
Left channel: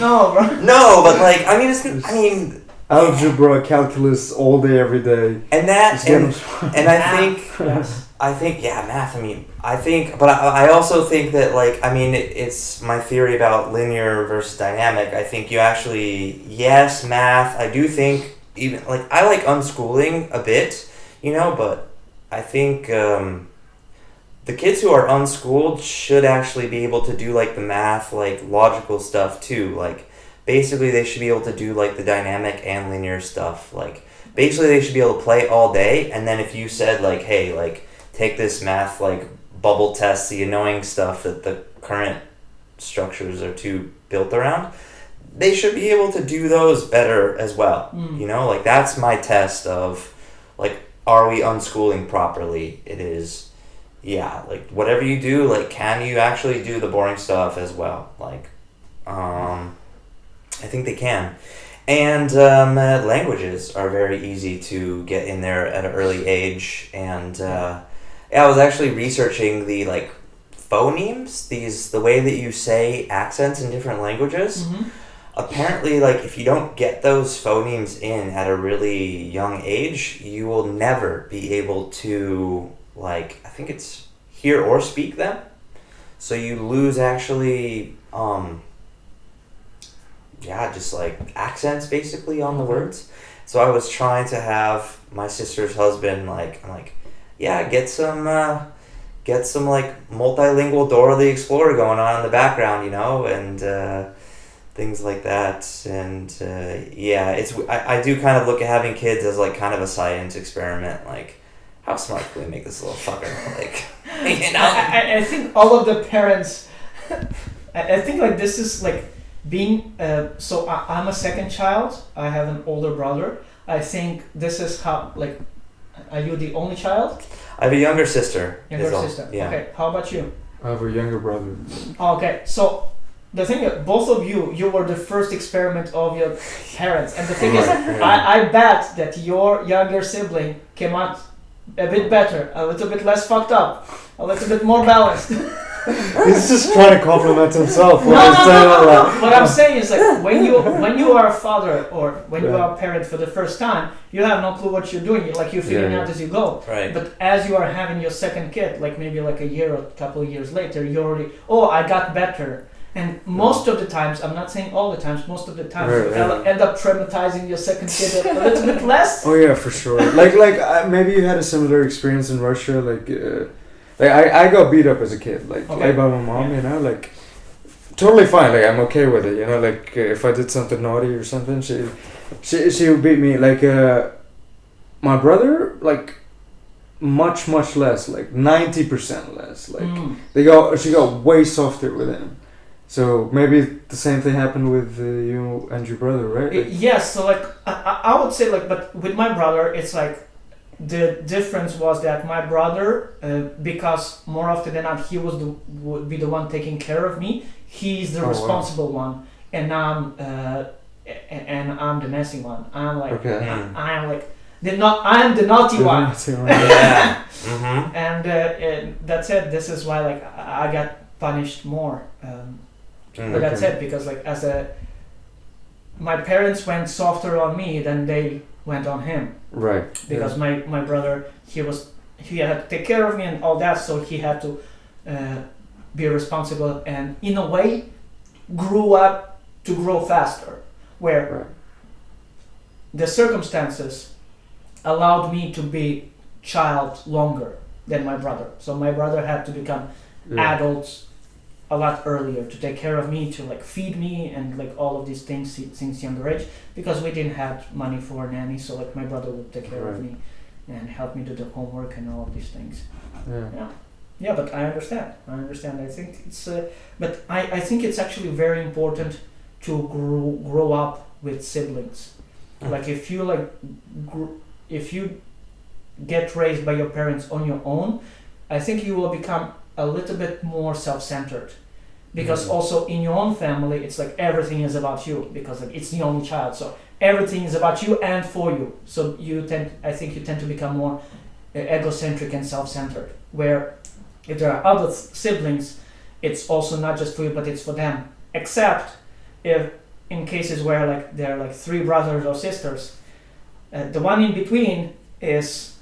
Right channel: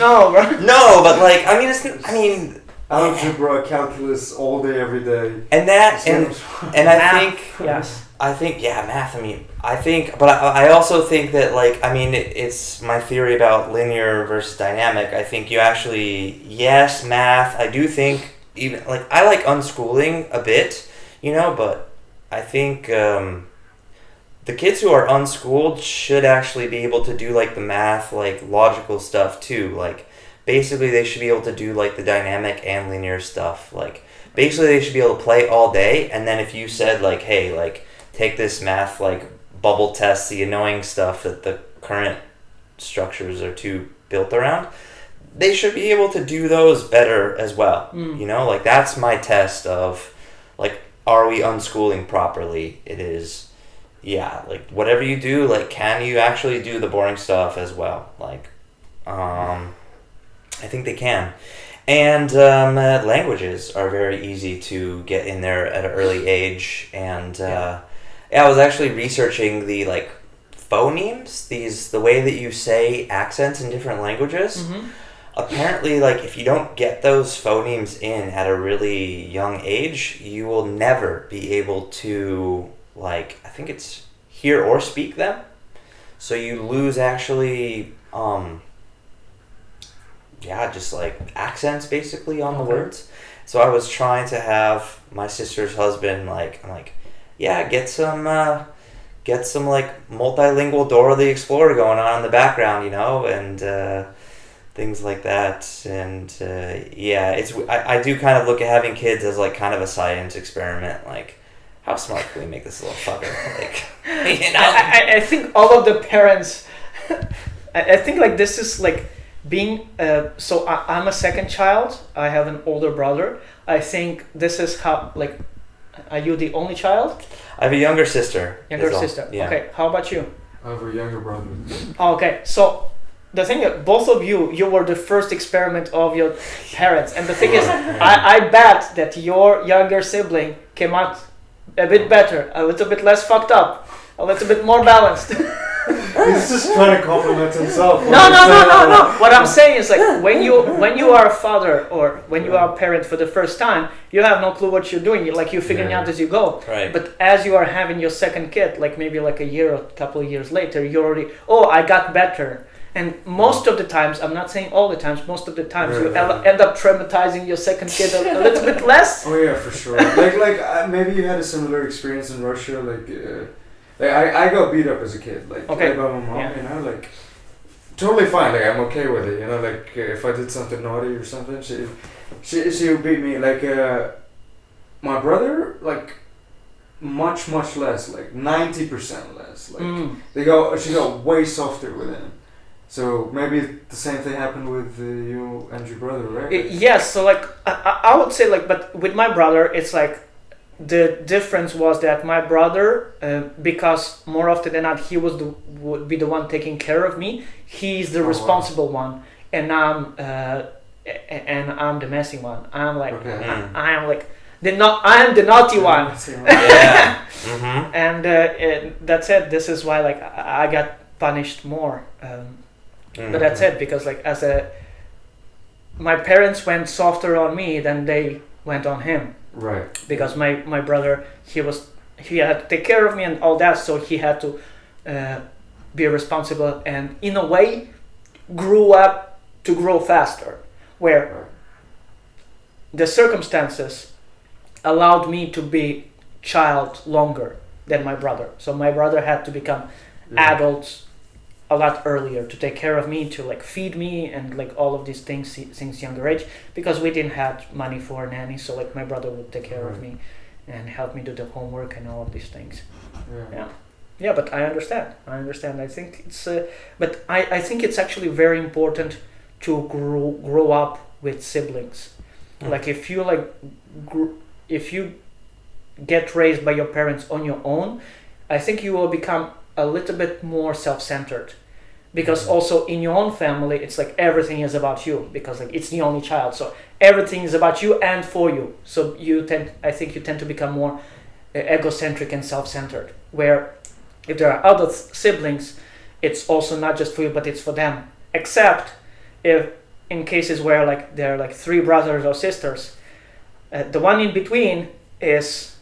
No, bro. no, but like, I mean, I mean, Algebra, calculus, all day, every day. and that, Just get and, them- and Yes. I think, yeah, math, I mean, I think, but I also think that, like, I mean, it's my theory about linear versus dynamic. I think you actually, yes, math, I do think, even, like, I like unschooling a bit, you know, but I think the kids who are unschooled should actually be able to do, like, the math, like, logical stuff, too. Like, basically, they should be able to do, like, the dynamic and linear stuff. Like, basically, they should be able to play all day, and then if you said, like, hey, like, take this math, like, bubble test, the annoying stuff that the current structures are too built around, they should be able to do those better as well. You know, like, that's my test of, like, are we unschooling properly? It is, yeah, like, whatever you do, like, can you actually do the boring stuff as well? Like, I think they can. And languages are very easy to get in there at an early age. And yeah, I was actually researching the, like, phonemes, the way that you say accents in different languages. Mm-hmm. Apparently, like, if you don't get those phonemes in at a really young age, you will never be able to, like, I think it's hear or speak them. So you lose actually, yeah, just like accents basically on the words. So I was trying to have my sister's husband, like, I'm like, yeah, get some like multilingual Dora the Explorer going on in the background, you know, and things like that. And yeah, I do kind of look at having kids as like kind of a science experiment. Like, how smart can we make this little fucker? Like, you know? I think all of the parents, I think like this is like being, so I'm a second child. I have an older brother. I think this is how, like, are you the only child? I have a younger sister. Younger sister. Yeah. Okay, how about you? I have a younger brother. Okay, so the thing is, both of you were the first experiment of your parents. And the thing is, I bet that your younger sibling came out a bit better, a little bit less fucked up, a little bit more balanced. He's just trying to compliment himself. No. What I'm saying is, like, when you are a father or when you are a parent for the first time, you have no clue what you're doing. You're figuring out as you go. Right. But as you are having your second kid, like maybe like a year or a couple of years later, you're already, I got better. And most of the times, I'm not saying all the times, most of the times you end up traumatizing your second kid a little bit less. Oh yeah, for sure. Like maybe you had a similar experience in Russia. Like I got beat up as a kid, like by my mom. You know, like totally fine. Like I'm okay with it. You know, like if I did something naughty or something, she would beat me. Like my brother, like much less, like 90% less. Like she got way softer with him. So maybe the same thing happened with you and your brother, right? Yes. So like I would say, like, but with my brother, it's like the difference was that my brother, because more often than not he would be the one taking care of me. He's the responsible one, and I'm the messy one. I'm like I'm like I'm the naughty one. Yeah. Mm-hmm. And that's it. This is why like I got punished more. But that's it, because like my parents went softer on me than they went on him. Right. Because my brother, he had to take care of me and all that, so he had to be responsible and in a way grew up to grow faster, where the circumstances allowed me to be child longer than my brother. So my brother had to become adults a lot earlier to take care of me, to like feed me and like all of these things since younger age, because we didn't have money for a nanny. So like my brother would take care of me and help me do the homework and all of these things. Yeah, but I understand. I think it's but I think it's actually very important to grow up with siblings. Like if you if you get raised by your parents on your own, I think you will become a little bit more self-centered, because also in your own family it's like everything is about you, because like it's the only child, so everything is about you and for you. So you tend to become more egocentric and self-centered, where if there are other siblings, it's also not just for you but it's for them, except if in cases where like there are like 3 brothers or sisters, the one in between is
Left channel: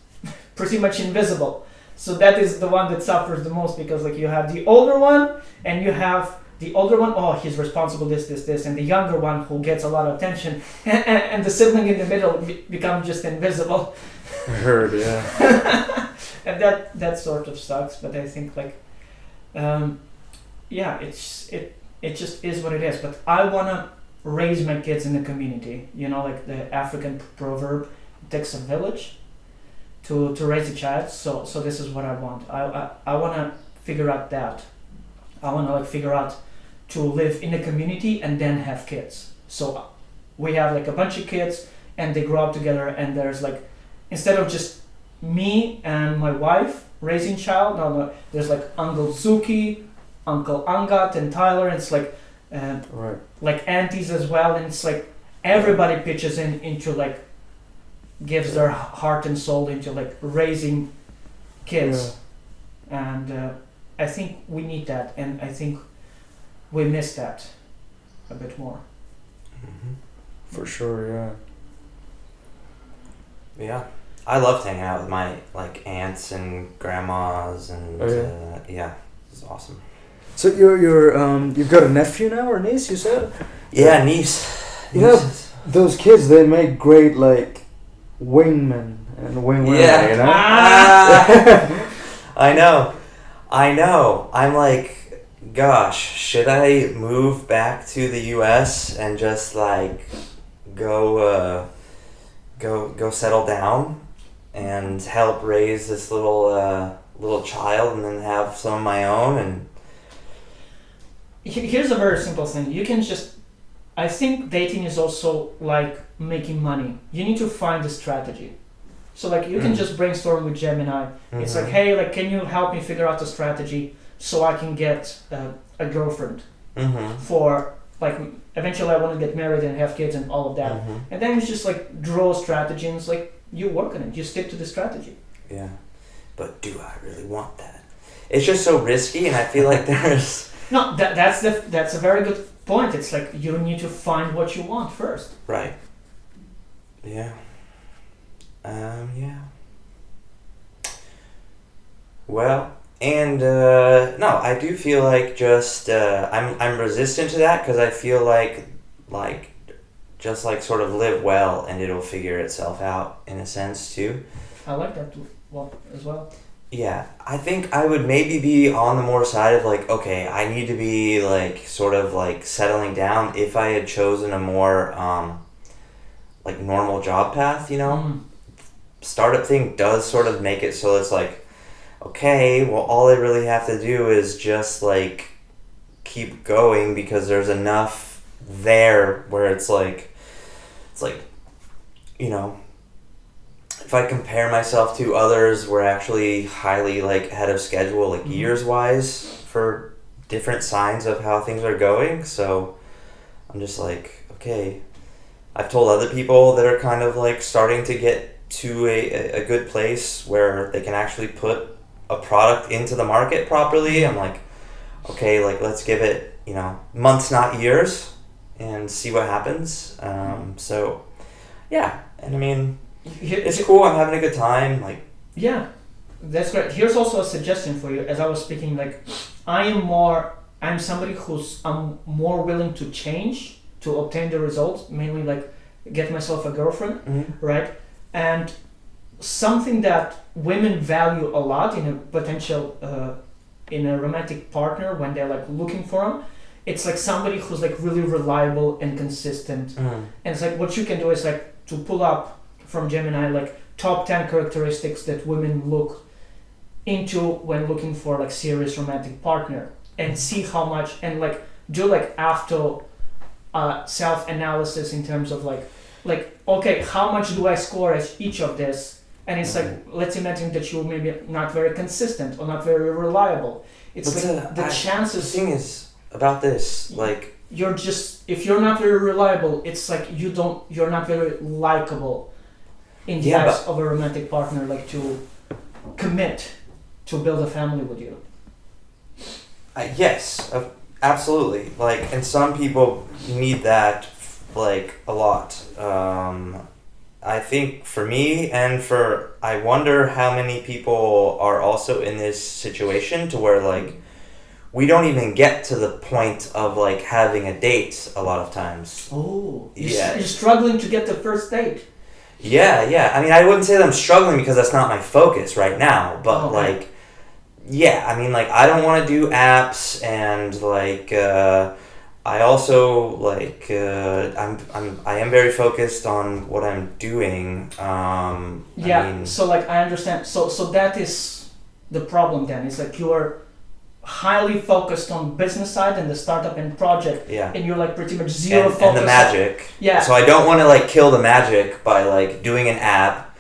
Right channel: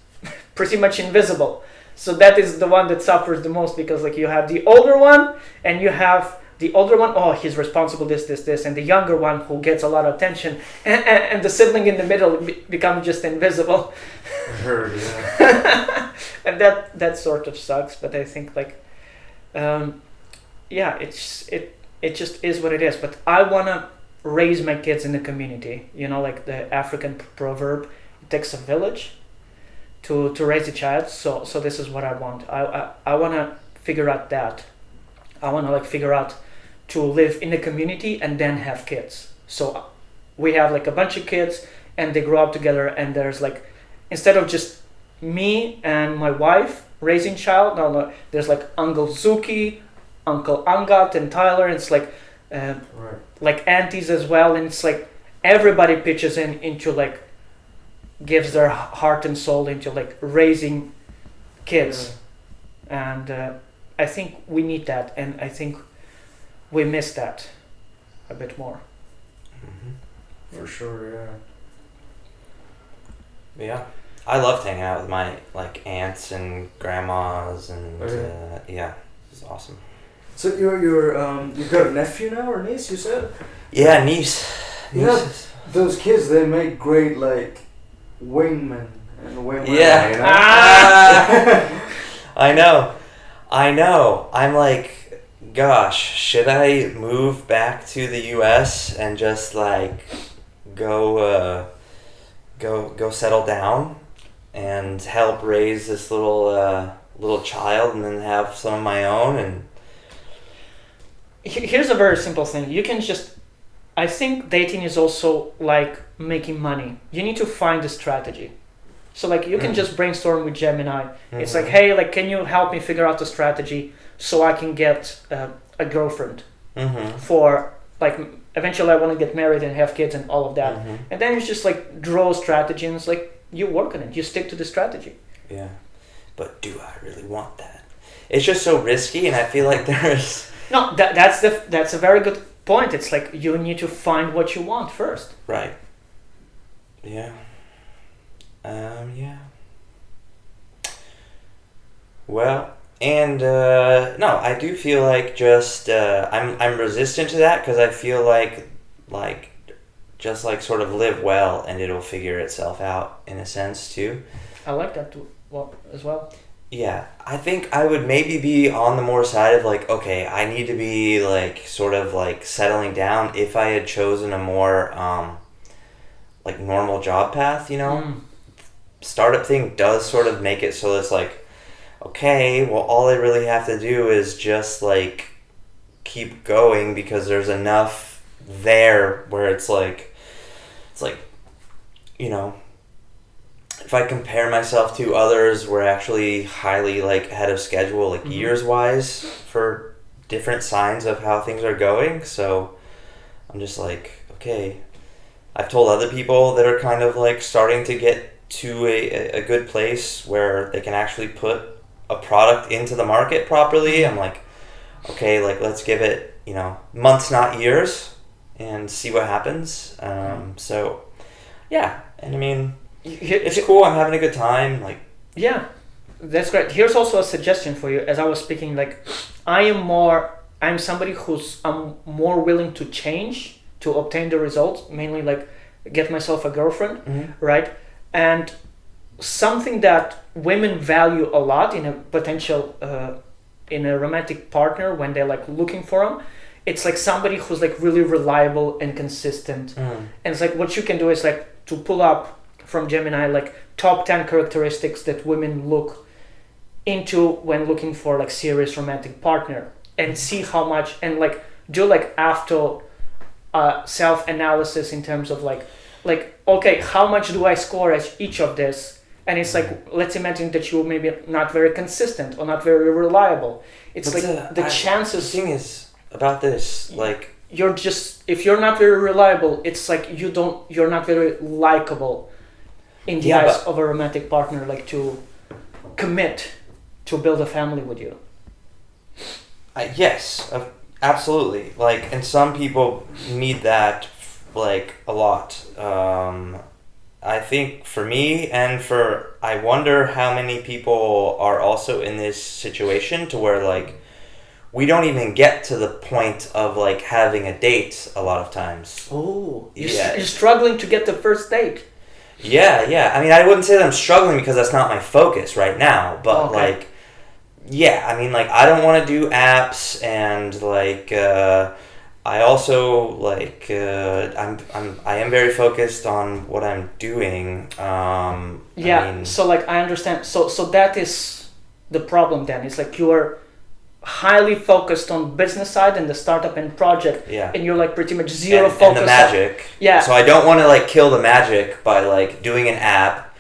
pretty much invisible. So that is the one that suffers the most, because like you have the older one and you have the older one, oh, he's responsible, this, and the younger one who gets a lot of attention, and the sibling in the middle becomes just invisible. I heard, yeah. And that sort of sucks, but I think like, yeah, it just is what it is. But I wanna raise my kids in the community. You know, like the African proverb, it takes a village to raise a child. So this is what I want. I wanna figure out that. I wanna like figure out to live in a community and then have kids. So we have like a bunch of kids and they grow up together, and there's like, instead of just me and my wife raising child, no, there's like Uncle Zuki, Uncle Angat and Tyler, and it's like Right. like aunties as well, and it's like everybody pitches in into like gives their heart and soul into like raising kids. And I think we need that, and I think we miss that a bit more. For sure, yeah. Yeah, I loved hanging out with my like aunts and grandmas, and yeah, it's awesome. So you've got a nephew now or niece, you said? Yeah, niece. You know, those kids, they make great like wingmen and wingwomen. Yeah. You know? I know. I'm like, gosh, should I move back to the U.S. and just like go settle down and help raise this little child, and then have some of my own? And Here's a very simple thing. You can just, I think dating is also like making money. You need to find a strategy. So like you can just brainstorm with Gemini. It's like, hey, like, can you help me figure out a strategy so I can get a girlfriend for like, eventually I want to get married and have kids and all of that. And then you just like draw a strategy, and it's like you work on it. You stick to the strategy. Yeah, but do I really want that? It's just so risky, and I feel like there's No, that's a very good point. It's like you need to find what you want first. right. Yeah. Yeah. Well, and no, I do feel like just I'm resistant to that, because I feel like just like sort of live well and it'll figure itself out in a sense too. I like that too, as well. Yeah, I think I would maybe be on the more side of like, okay, I need to be like sort of like settling down if I had chosen a more like normal job path, you know? Startup thing does sort of make it so it's like, okay, well, all I really have to do is just like keep going, because there's enough there where it's like, you know, if I compare myself to others, we're actually highly like ahead of schedule, like years wise, for different signs of how things are going. So I'm just like, okay, I've told other people that are kind of like starting to get to a good place where they can actually put a product into the market properly. I'm like, okay, like let's give it, you know, months, not years, and see what happens. So yeah, and I mean, it's cool. I'm having a good time. Like, yeah, that's great. Here's also a suggestion for you. As I was speaking, like I'm somebody I'm more willing to change to obtain the results, mainly like get myself a girlfriend, right? And something that women value a lot in a potential in a romantic partner when they're like looking for them, it's like somebody who's like really reliable and consistent. And it's like what you can do is like to pull up from Gemini like top 10 characteristics that women look into when looking for like serious romantic partner, and see how much, and like do like after self-analysis in terms of like okay, how much do I score as each of this, And it's like, let's imagine that you're maybe not very consistent or not very reliable. It's But like the the chances thing is about this, like, you're just, if you're not very reliable, it's like you're not very likable in the Yeah, eyes of a romantic partner, like to commit to build a family with you. yes, absolutely. Like, and some people need that, like, a lot. I think for me and I wonder how many people are also in this situation to where, like, we don't even get to the point of, like, having a date a lot of times. Oh, Yeah. you're struggling to get the first date. Yeah. I mean, I wouldn't say that I'm struggling because that's not my focus right now, but, Okay. like, yeah, I mean, like, I don't want to do apps, and, like, I also, like, I am very focused on what I'm doing. Yeah, I mean, so like I understand. So that is the problem then. It's like you are highly focused on business side and the startup and project, yeah. and you're like pretty much zero And focus the on- magic. Yeah. So I don't want to, like, kill the magic by, like, doing an app,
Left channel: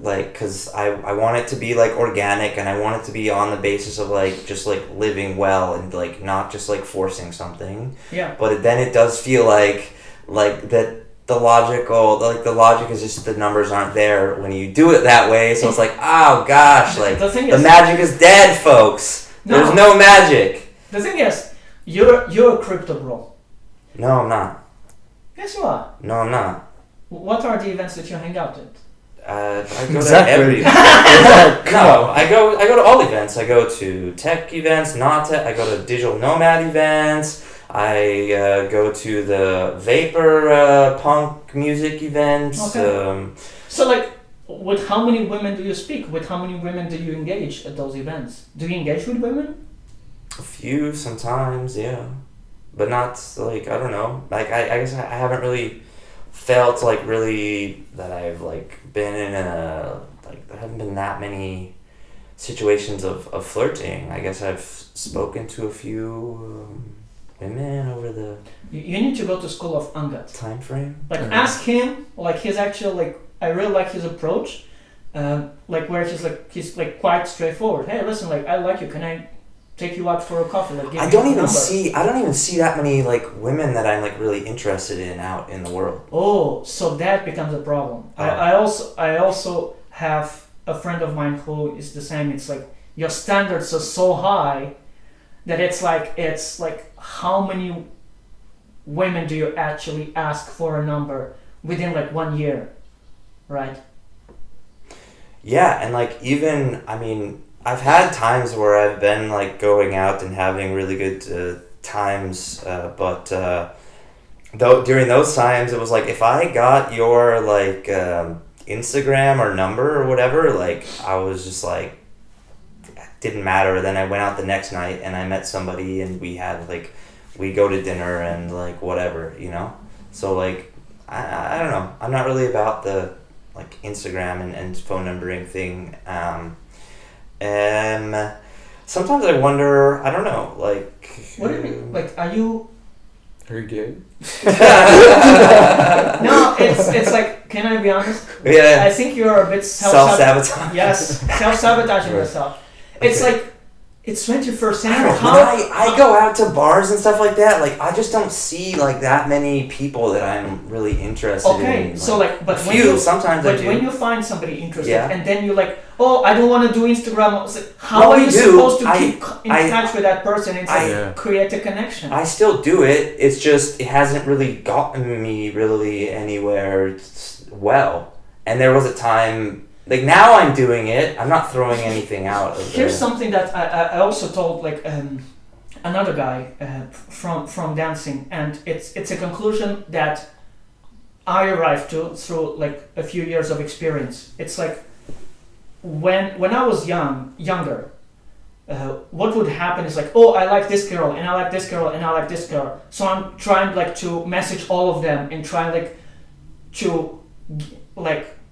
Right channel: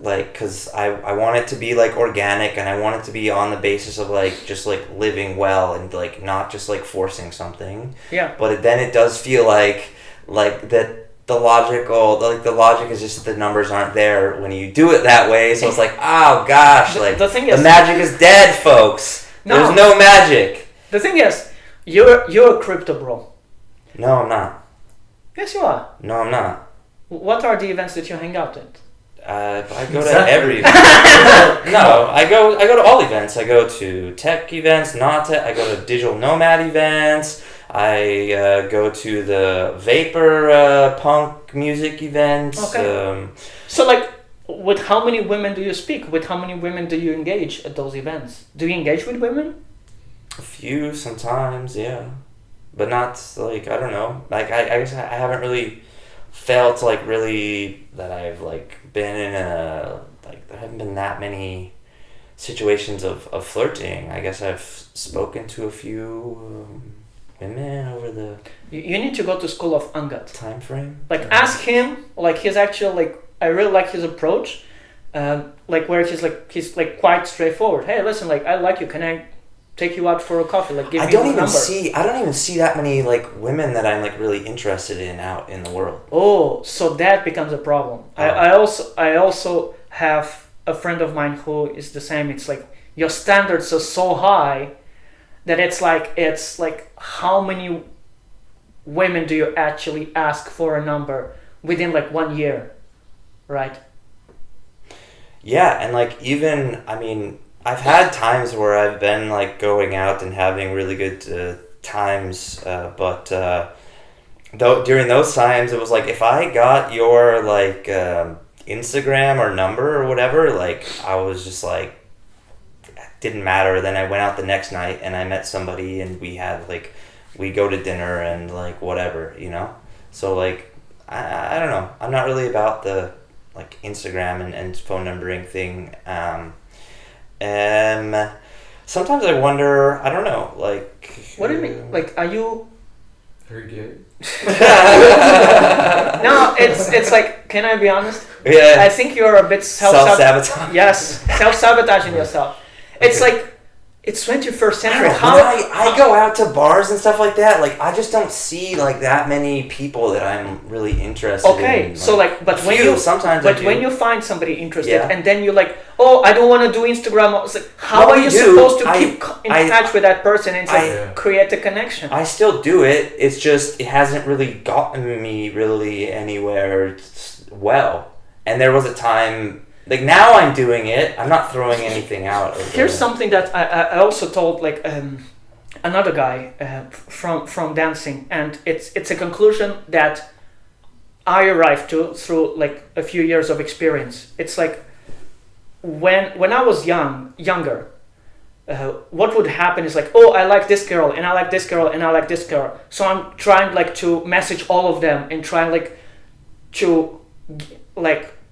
like, because I want it to be, like, organic, and I want it to be on the basis of, like, just, like, living well and, like, not just, like, forcing something. Yeah. But then it does feel like that the logic is just the numbers aren't there when you do it that way. So it's like, oh gosh, like The thing the is- magic is dead, folks. No. There's no magic. The thing is, you're a crypto bro. No, I'm not. Yes, you are. No, I'm not. What are the events that you hang out at? I go Exactly. to every no, I go to all events. I go to tech events, not tech. I go to digital nomad events. I go to the vapor punk music events. Okay. So like, with how many women do you speak? With how many women do you engage at those events? Do you engage with women? A few sometimes, yeah, but not like, I don't know. Like, I guess I haven't really felt like really that I've, like, been in a, like, there haven't been that many situations of flirting. I guess I've spoken to a few women over the You need to go to School of Angat. time frame. Like, Okay. ask him, like, his actual, like, I really like his approach, like, where he's like quite straightforward. Hey, listen, like, I like you, can I take you out for a coffee? Like, give I me don't your even number. I don't even see that many, like, women that I'm, like, really interested in out in the world. Oh, so that becomes a problem. Oh. I also have a friend of mine who is the same. It's like your standards are so high that it's like how many women do you actually ask for a number within like 1 year, right? Yeah, and, like, even, I mean, I've had times where I've been, like, going out and having really good times, but though during those times it was like, if I got your, like, Instagram or number or whatever, like, I was just like, it didn't matter. Then I went out the next night and I met somebody and we had, like, we go to dinner and, like, whatever, you know? So, like, I don't know. I'm not really about the, like, Instagram and phone numbering thing. Sometimes I wonder, I don't know, like... What do you mean? Like, are you? Are you gay? No, it's like. Can I be honest? Yeah, I think you're a bit self-sabotage. Yes, self-sabotaging Right. yourself. It's Okay. like, it's 21st I century. don't know, when I go out to bars and stuff like that, like, I just don't see, like, that many people that I'm really interested in. Okay, so like, but a when few, you sometimes I but do. when you find somebody interested Yeah. and then you're like, oh, I don't want to do Instagram. It's like, how Well, are we you do. supposed to I- keep in touch with that person and Yeah. create a connection? I still do it, it's just, it hasn't really gotten me really anywhere well. And there was a time, like, now I'm doing it, I'm not throwing anything out. Here's something that I also told like another guy from dancing, and it's a conclusion that I arrived to through like a few years of experience. It's like when I was younger, what would happen is like, oh, I like this girl and I like this girl and I like this girl, so I'm trying like to message all of them and trying like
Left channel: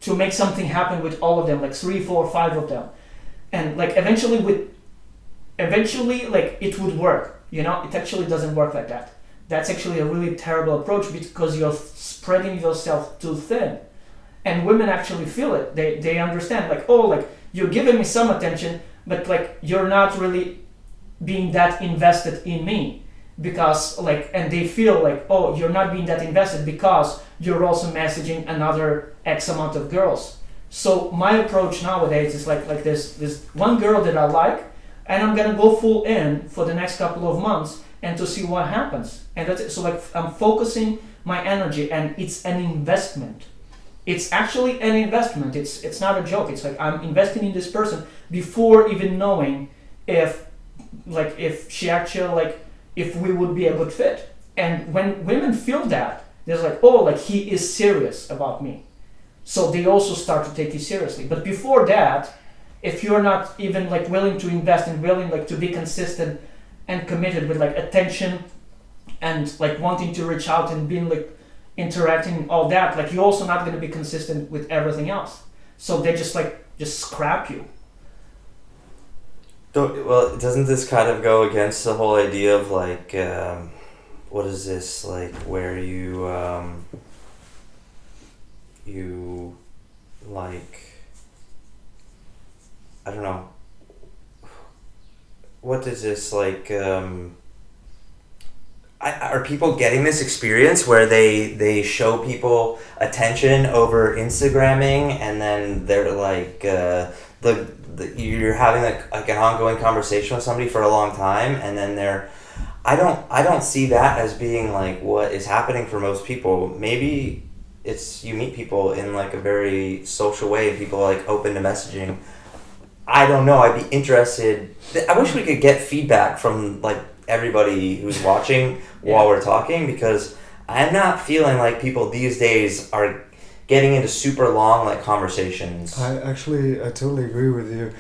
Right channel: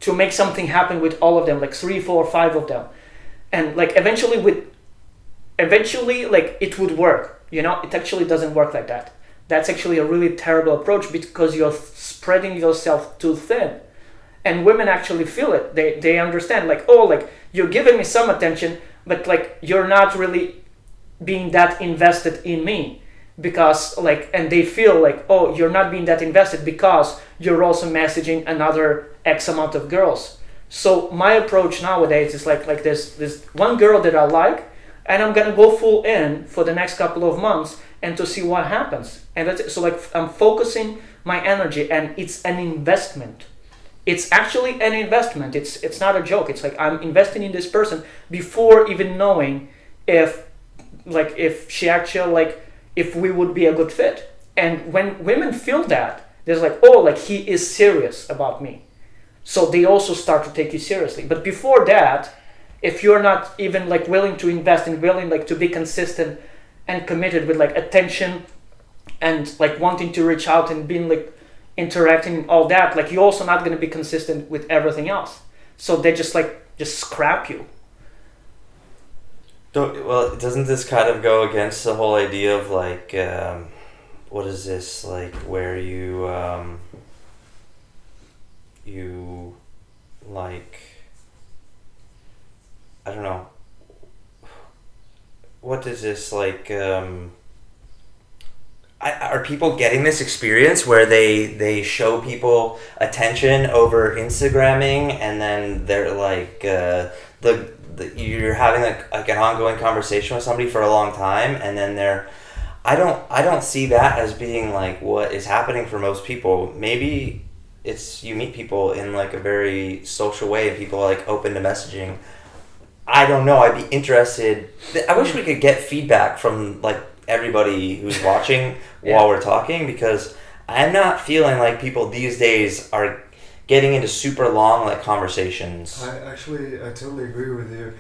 to make something happen with all of them, like 3, 4, 5 of them, and like eventually like it would work. You know, it actually doesn't work like that. That's actually a really terrible approach because you're spreading yourself too thin, and women actually feel it. They understand, like, oh, like, you're giving me some attention, but like you're not really being that invested in me, because like, and they feel like, oh, you're not being that invested because you're also messaging another X amount of girls. So my approach nowadays is like this one girl that I like, and I'm gonna go full in for the next couple of months and to see what happens. And that's it. So like, I'm focusing my energy, and it's an investment. It's actually an investment. It's not a joke. It's like, I'm investing in this person before even knowing if she actually, like, if we would be a good fit. And when women feel that, there's like, oh, like, he is serious about me, so they also start to take you seriously. But before that, if you're not even like willing to invest and willing like to be consistent and committed with like attention and like wanting to reach out and being like interacting and all that, like, you're also not going to be consistent with everything else. So they just scrap you. Well, doesn't this kind of go against the whole idea of like, what is this, like, where you like, I don't know, what is this, like, are people getting this experience where they show people attention over Instagramming, and then they're like, you're having like an ongoing conversation with somebody for a long time, and then I don't see that as being like what is happening for most people. Maybe it's, you meet people in like a very social way and people are like open to messaging. I don't know. I'd be interested. I wish we could get feedback from like everybody who's watching while we're talking, because I'm not feeling like people these days are getting into super long like conversations. I totally agree with you.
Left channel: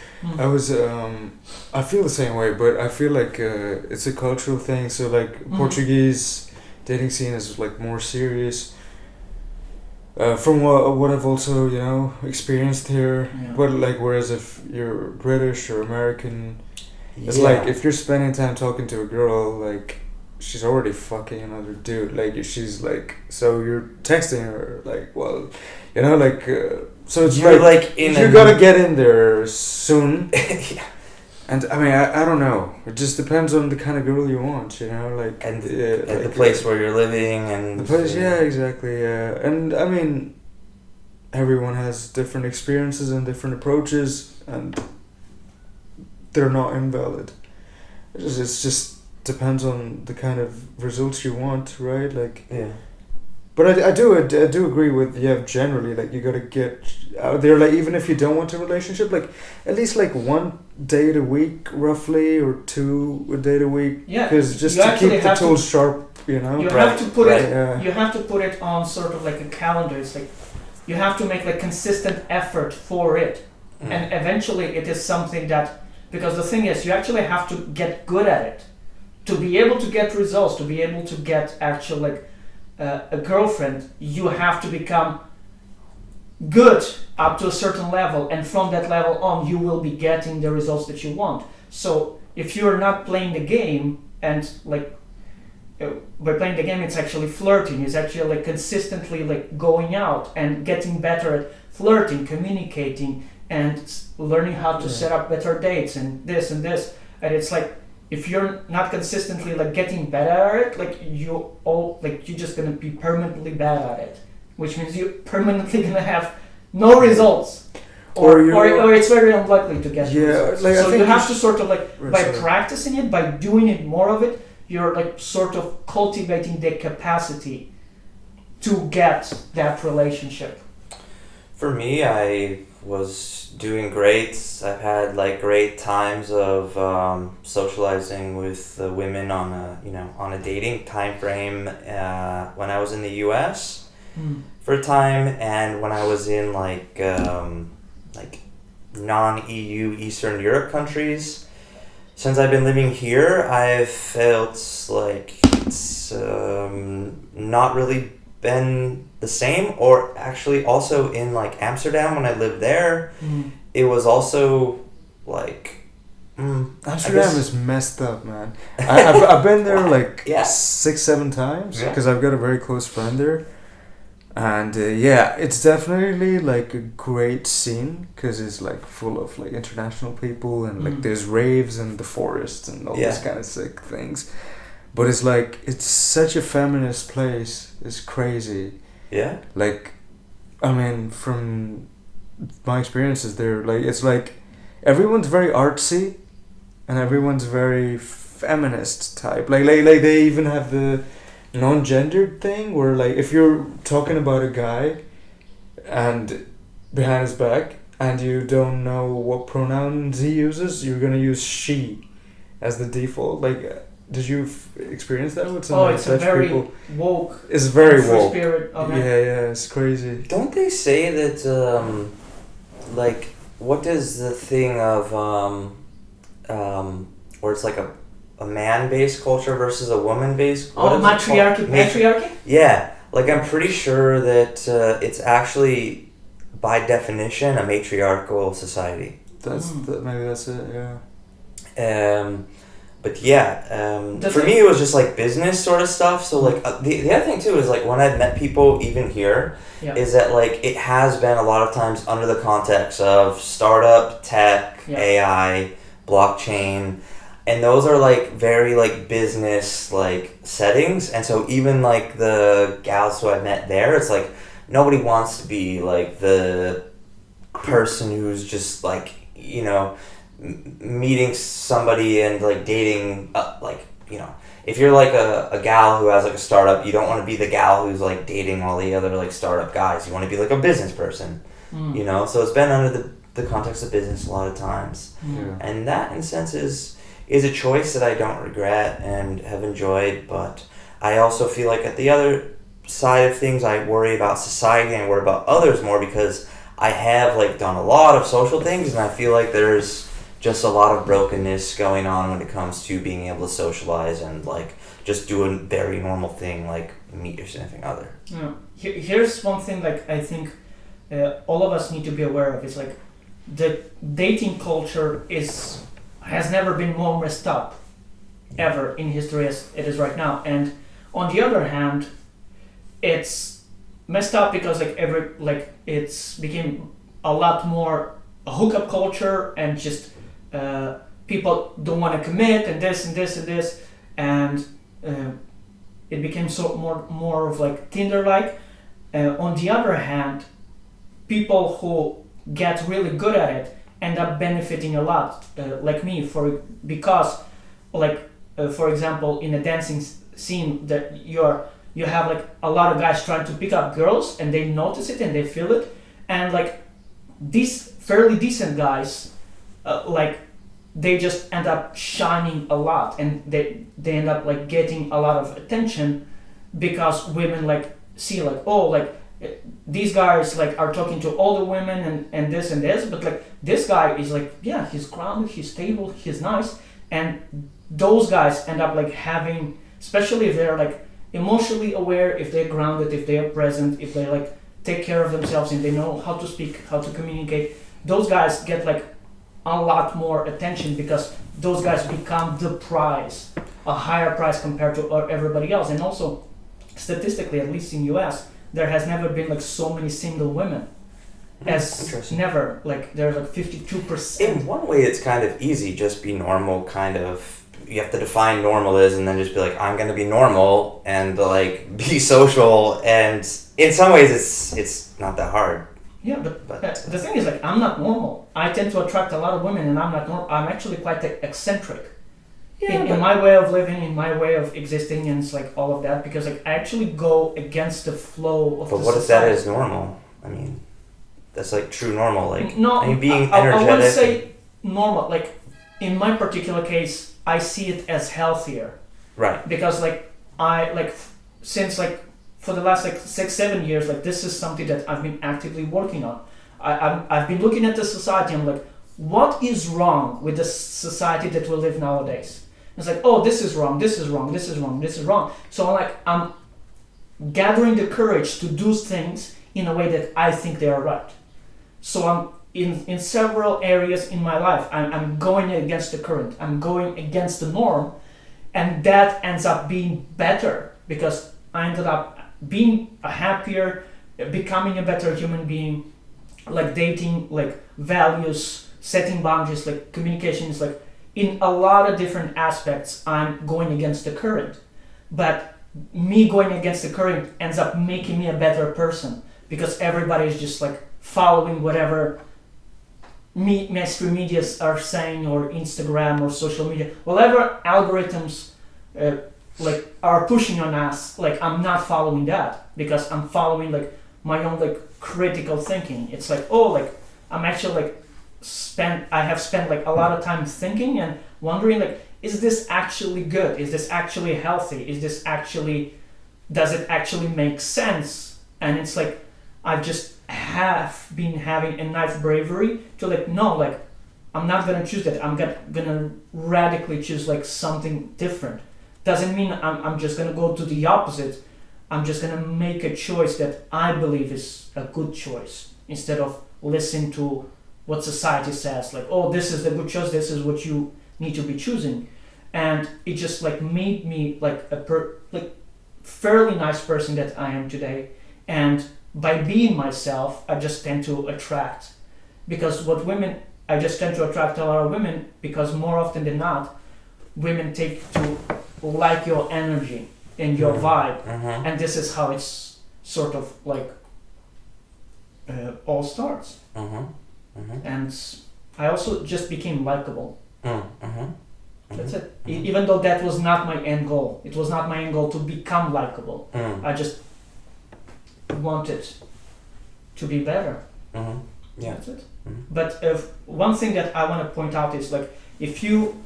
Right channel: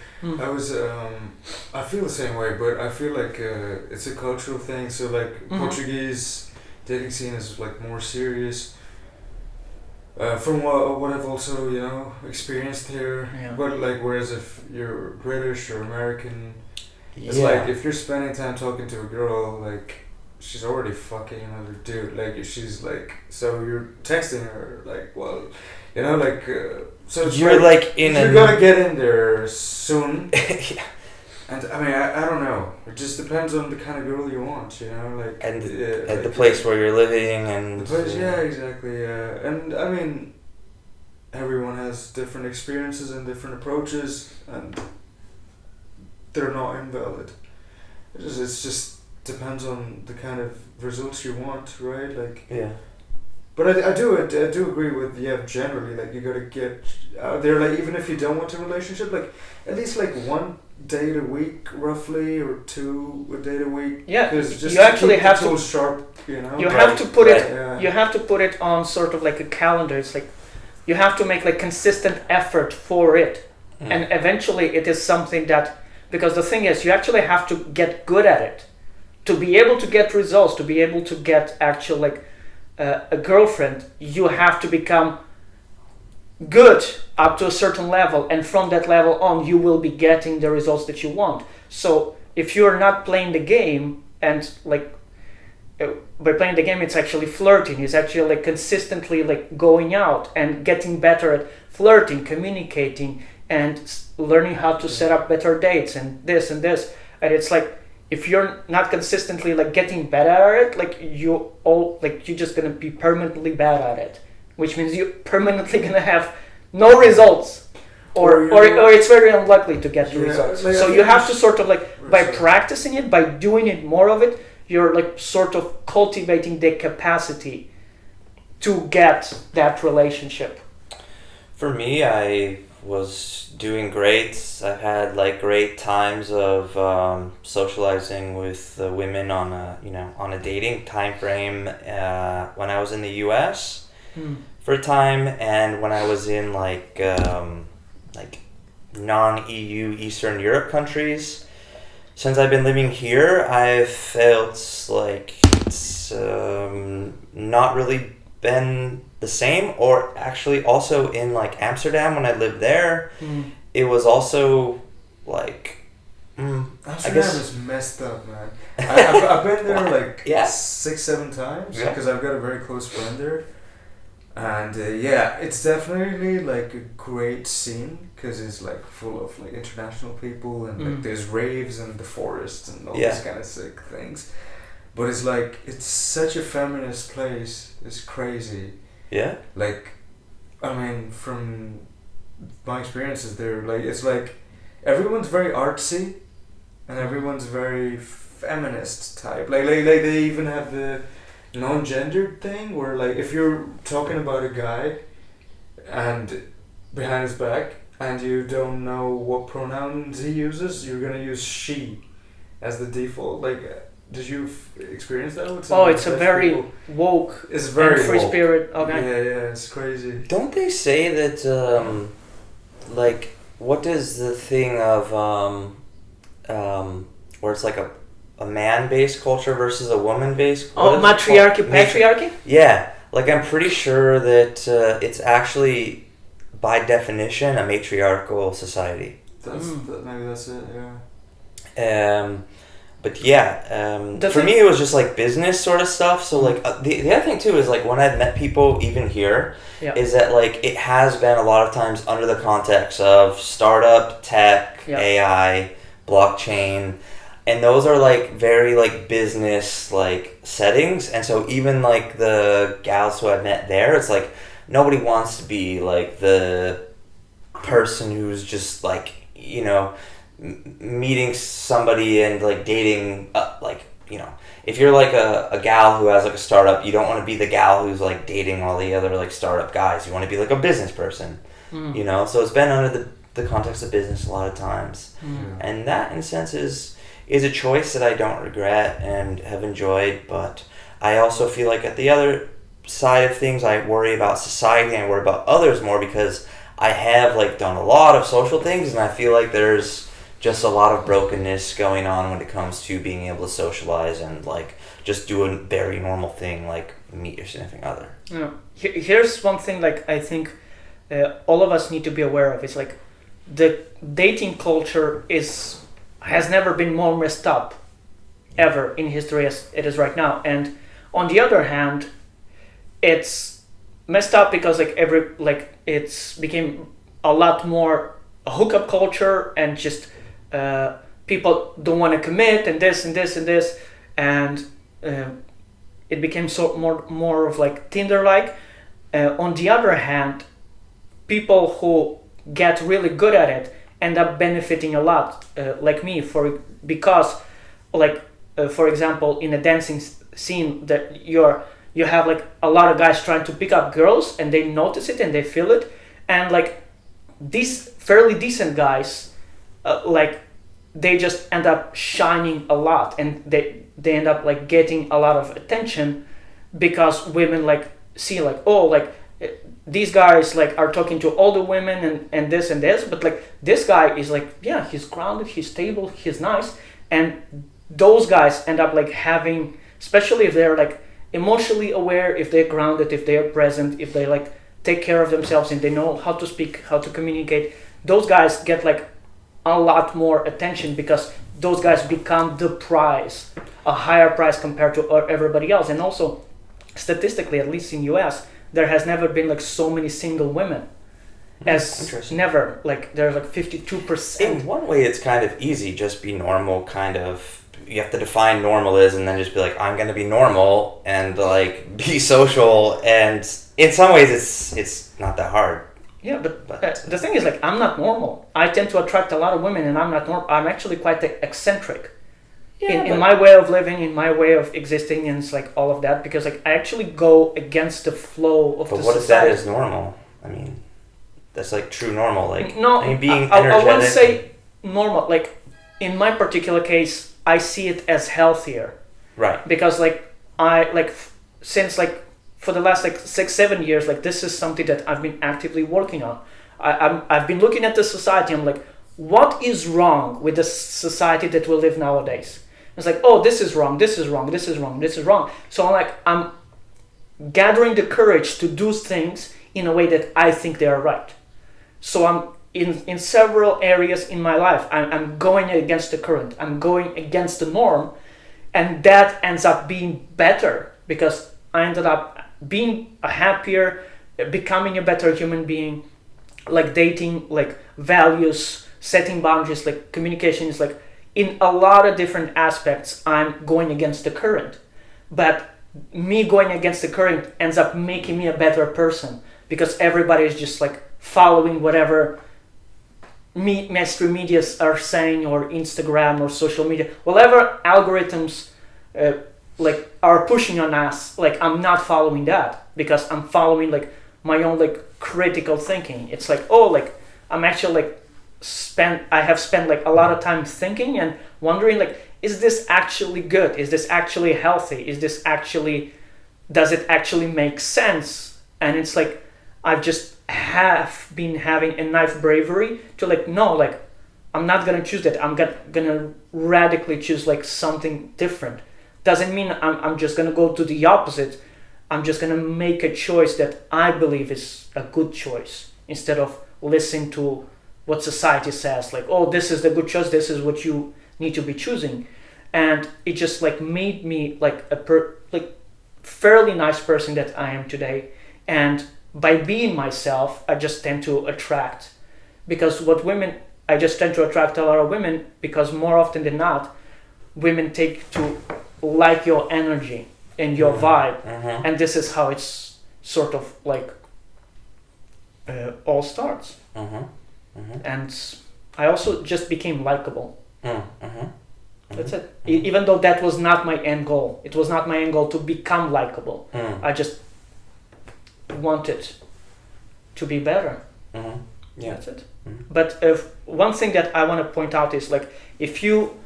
I feel the same way, but I feel like it's a cultural thing. So like, Portuguese dating scene is like more serious. From what I've also experienced here, but like, whereas if you're British or American, it's like, if you're spending time talking to a girl, like, she's already fucking another dude. Like, she's like, so you're texting her, like, well, like, so it's you're like in you gotta get in there soon. And I mean, I don't know. It just depends on the kind of girl you want, like, and like, the place where you're living and the place. Yeah, exactly. Yeah, and I mean, everyone has different experiences and different approaches, and they're not invalid. It just depends on the kind of results you want, right? Like, yeah. But I do agree with generally, like, you gotta get out there, like, even if you don't want a relationship, like, at least like 1 date a week roughly, or 2 a date a week. Yeah, because just to keep the tools sharp, You have to put it. You have to put it on sort of like a calendar. It's like, you have to make like consistent effort for it, and eventually it is something that, because the thing is, you actually have to get good at it to be able to get results, to be able to get actual like a girlfriend. You have to become good up to a certain level, and from that level on, you will be getting the results that you want. So if you're not playing the game, and like, by playing the game, it's actually flirting. It's actually like consistently like going out and getting better at flirting, communicating, and learning how to set up better dates and this. And it's like, if you're not consistently like getting better at it, like, you're just gonna be permanently bad at it, which means you're permanently gonna have no results, or it's very unlikely to get results. Like, so you have to sort of like, by practicing it, by doing it more of it, you're like sort of cultivating the capacity to get that relationship. For me, I was doing great. I've had like great times of socializing with women on a dating time frame when I was in the US for a time, and when I was in like non-EU Eastern Europe countries. Since I've been living here, I've felt like it's not really been the same. Or actually, also in like Amsterdam, when I lived there, it was also like Amsterdam is messed up, man. I've been there like 6-7 times because I've got a very close friend there, And yeah, it's definitely like a great scene because it's like full of like international people and like there's raves and the forest and all these kind of sick things. But it's like it's such a feminist place. It's crazy. Yeah. Like, I mean, from my experiences there, like it's like everyone's very artsy, and everyone's very feminist type. Like they even have the non-gendered thing where like if you're talking about a guy and behind his back and you don't know what pronouns he uses, you're gonna use she as the default. Like, did you experience that with some Oh, it's a Dutch very people? woke, It's very free woke. spirit. Okay. Yeah, it's crazy. Don't they say that, like, what is the thing of, where it's like a man-based culture versus a woman-based? Oh, matriarchy, patriarchy? Yeah, like I'm pretty sure that it's actually, by definition, a matriarchal society. Maybe that's it. Yeah. But yeah, for me it was just like business sort of stuff. So like the other thing too is like when I've met people even here, is that like it has been a lot of times under the context of startup, tech, AI, blockchain, and those are like very like business like settings. And so even like the gals who I've met there, it's like nobody wants to be like the person who's just like, you know, meeting somebody and like dating like, you know, if you're like a gal who has like a startup, you don't want to be the gal who's like dating all the other like startup guys. You want to be like a business person, you know. So it's been under the context of business a lot of times, and that in a sense is a choice that I don't regret and have enjoyed. But I also feel like at the other side of things, I worry about society and I worry about others more because I have like done a lot of social things, and I feel like there's just a lot of brokenness going on when it comes to being able to socialize and like just do a very normal thing like meet your significant other. Yeah. Here's one thing like I think all of us need to be aware of. It's like the dating culture has never been more messed up ever in history as it is right now. And on the other hand, it's messed up because it's became a lot more a hookup culture and just people don't want to commit and this and this and this, and it became so more of like Tinder-like. On the other hand, people who get really good at it end up benefiting a lot, like me, because for example, in a dancing scene that you have like a lot of guys trying to pick up girls and they notice it and they feel it, and like these fairly decent guys they just end up shining a lot, and they end up like getting a lot of attention because women like see like, oh, like these guys like are talking to all the women and this and this, but like this guy is like, yeah, he's grounded, he's stable, he's nice, and those guys end up like having, especially if they're like emotionally aware, if they're grounded, if they're present, if they like take care of themselves and they know how to speak, how to communicate, those guys get like a lot more attention because those guys become the prize, a higher price compared to everybody else. And also statistically, at least in US, there has never been like so many single women as never. Like there's like 52%. In one way it's kind of easy, just be normal, kind of. You have to define normal is and then just be like, I'm going to be normal and like be social, and in some ways it's not that hard. Yeah, but the thing is, like, I'm not normal. I tend to attract a lot of women, and I'm not normal. I'm actually quite eccentric in my way of living, in my way of existing, and it's like all of that, because like I actually go against the flow of. But the what society. if that is normal? I mean, that's like true normal. Like, no, I mean, being I energetic. wouldn't say normal. Like in my particular case, I see it as healthier. Right. Because like since like. For the last like 6-7 years, like this is something that I've been actively working on. I've been looking at the society. I'm like, what is wrong with the society that we live nowadays? It's like, oh, this is wrong, this is wrong, this is wrong, this is wrong. So I'm gathering the courage to do things in a way that I think they are right. So I'm in several areas in my life. I'm going against the current. I'm going against the norm, and that ends up being better because I ended up being a happier, becoming a better human being, like dating, like values, setting boundaries, like communication is like in a lot of different aspects I'm going against the current. But me going against the current ends up making me a better person because everybody is just like following whatever mainstream medias are saying, or Instagram or social media, whatever algorithms like are pushing on us. Like I'm not following that because I'm following like my own like critical thinking. It's like, oh, like I'm actually like I have spent like a lot of time thinking and wondering like, is this actually good? Is this actually healthy? Does it actually make sense? And it's like I've just have been having enough bravery to like, no, like I'm not gonna choose that. I'm gonna radically choose like something different. Doesn't mean I'm just gonna go to the opposite. I'm just gonna make a choice that I believe is a good choice instead of listening to what society says. Like, oh, this is the good choice. This is what you need to be choosing. And it just like made me like fairly nice person that I am today. And by being myself, I just tend to attract, because I just tend to attract a lot of women because more often than not, women take to like your energy and your vibe. And this is how it's sort of like all starts. And I also just became likable. That's it. Even though that was not my end goal. It was not my end goal to become likable. I just wanted to be better. Yeah. That's it. But one thing that I want to point out is like, if you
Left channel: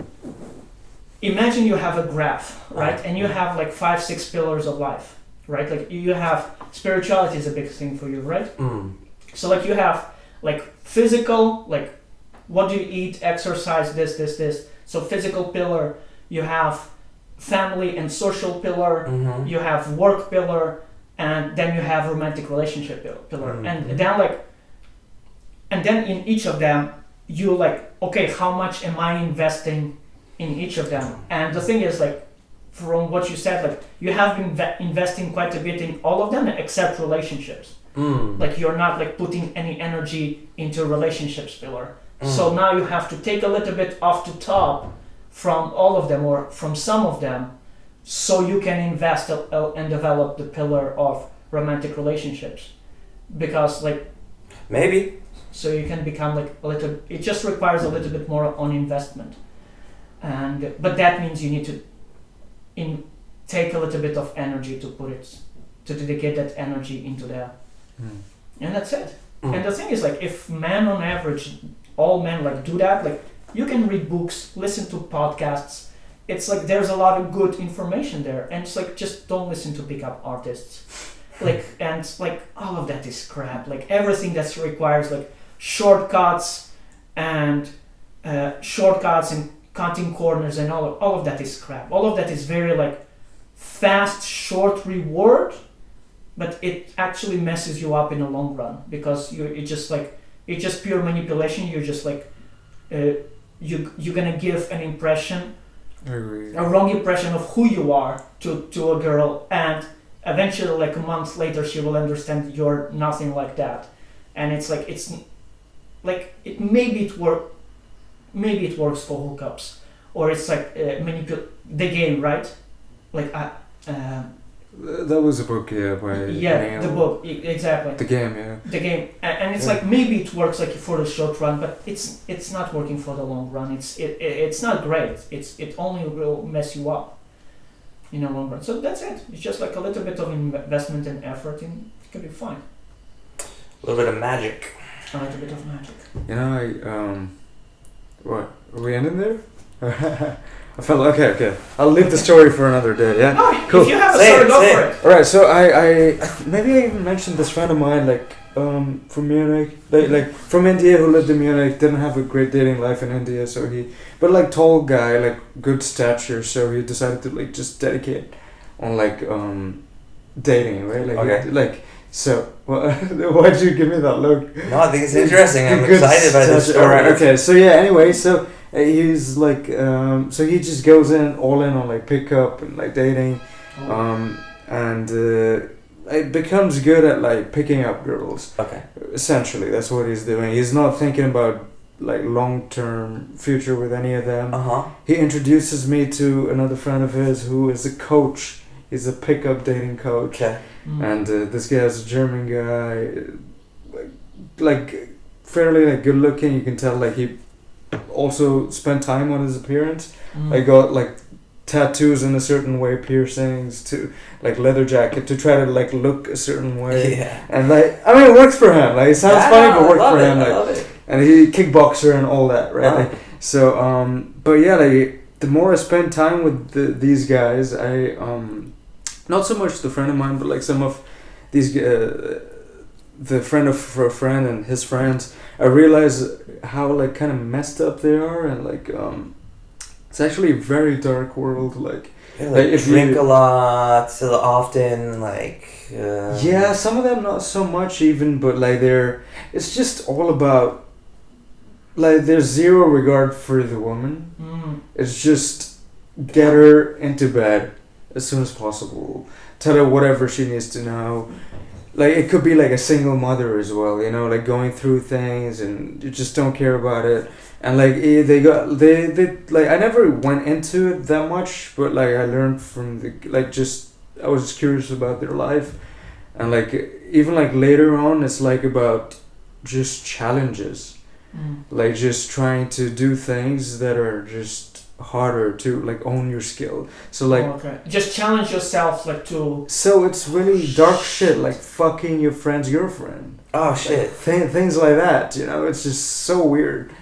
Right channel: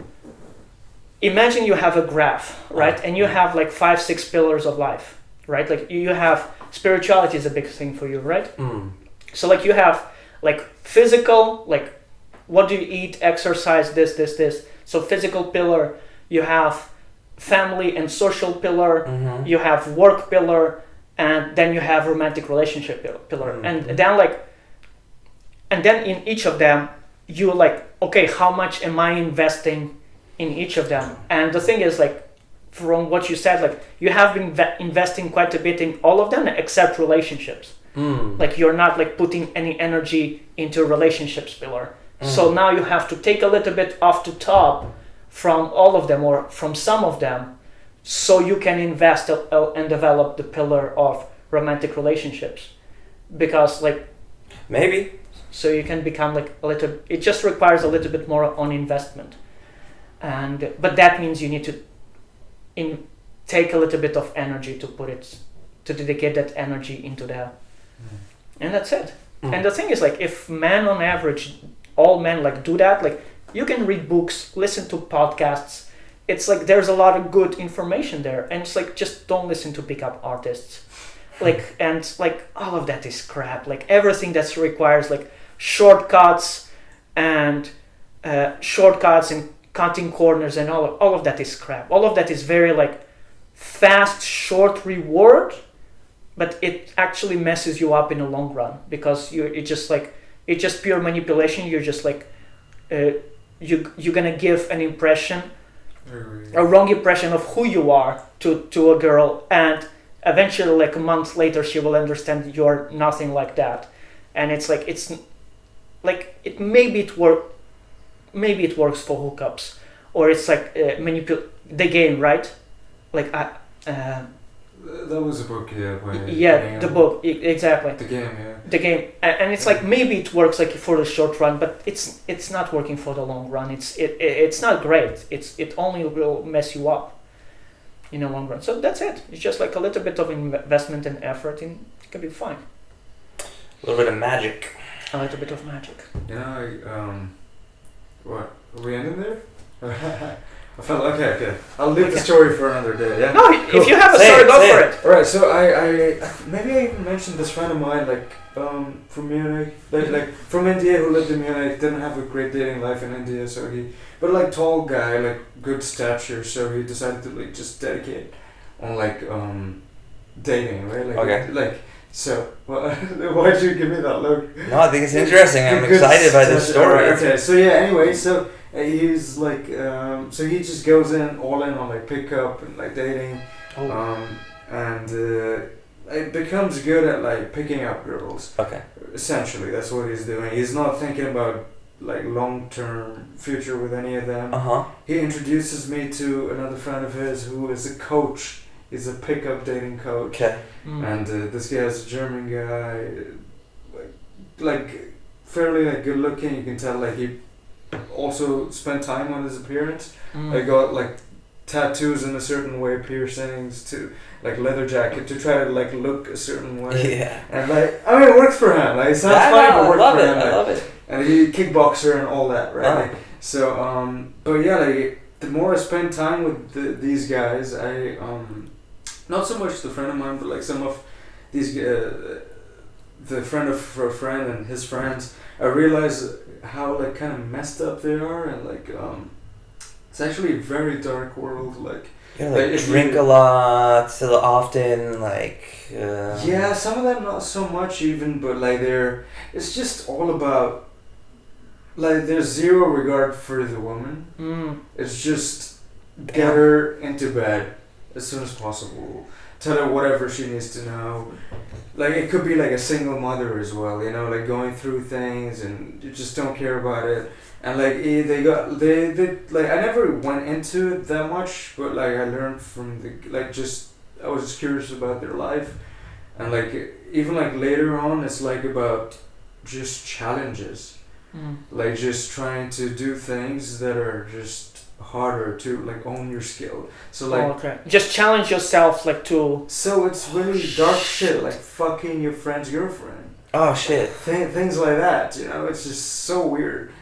imagine you have a graph, right? And you have like 5-6 pillars of life, right? Like you have spirituality is a big thing for you, right? So like you have like physical, like what do you eat, exercise, this. So physical pillar, you have family and social pillar, you have work pillar, and then you have romantic relationship pillar. And then in each of them, you like, okay, how much am I investing in each of them? And the thing is like, from what you said, like you have been investing quite a bit in all of them except relationships. Like you're not like putting any energy into relationships pillar. So now you have to take a little bit off the top from all of them or from some of them, so you can invest and develop the pillar of romantic relationships. Because like maybe so you can become like a little, it just requires a little bit more on investment. And but that means you need to take a little bit of energy to dedicate that energy into there. And that's it. And the thing is like, if men on average, all men like do that, like you can read books, listen to podcasts, it's like there's a lot of good information there. And it's like, just don't listen to pickup artists. Like, and like all of that is crap. Like everything that requires like shortcuts and cutting corners and all of that is crap. All of that is very like fast, short reward, but it actually messes you up in the long run, because it's just pure manipulation. You're just like you're gonna give an impression, a wrong impression of who you are to a girl, and eventually like a month later she will understand you're nothing like that. And it's like maybe it works for hookups, or it's like the game, right? Like that was a book, the book, exactly. The game, yeah. The game, and it's like maybe it works like for the short run, but it's not working for the long run. It's not great. It only will mess you up in the long run. So that's it. It's just like a little bit of investment and effort, and it can be fine. A little bit of magic. A little bit of magic. You know, what? Are we ending there? I felt okay. I'll leave the story for another day. Yeah. No, cool. If you have a story, go for it. All right. So I maybe I even mentioned this friend of mine, like from Munich, like from India, who lived in Munich, didn't have a great dating life in India, so but like tall guy, like good stature, so he decided to like just dedicate on like dating, right? Like okay. Like so. Why'd you give me that look? No, I think it's interesting. I'm excited by this story. Right, okay. So yeah. Anyway, so. He's like, so he just goes all in on like pickup and like dating, and it becomes good at like picking up girls. Okay. Essentially, that's what he's doing. He's not thinking about like long-term future with any of them. He introduces me to another friend of his who is a coach. He's a pickup dating coach. Okay. And this guy is a German guy, like fairly like good looking. You can tell like he also spent time on his appearance. I got like tattoos in a certain way, piercings, to like leather jacket to try to like look a certain way. Yeah. And like I mean, it works for him. Like it sounds funny, but it works for him. I Like, love it. and he kickboxer and all that, right? Wow. Like, so but yeah, like the more I spend time with these guys, I not so much the friend of mine, but like some of these the friend of a friend and his friends, I realize how like kind of messed up they are, and like it's actually a very dark world. Like Yeah, like, like if drink you- a lot, so often, like. yeah, some of them not so much even, but like it's just all about like there's zero regard for the woman. It's just get her into bed as soon as possible. Tell her whatever she needs to know. Like it could be like a single mother as well, you know, like going through things and you just don't care about it. And like they like I never went into it that much, but like I learned from I was just curious about their life, and like even like later on it's like about just challenges, like just trying to do things that are just harder to like own your skill. So like just challenge yourself like to. so it's really dark shit like fucking your friend's girlfriend. Oh shit. Things like that, you know, it's just so weird.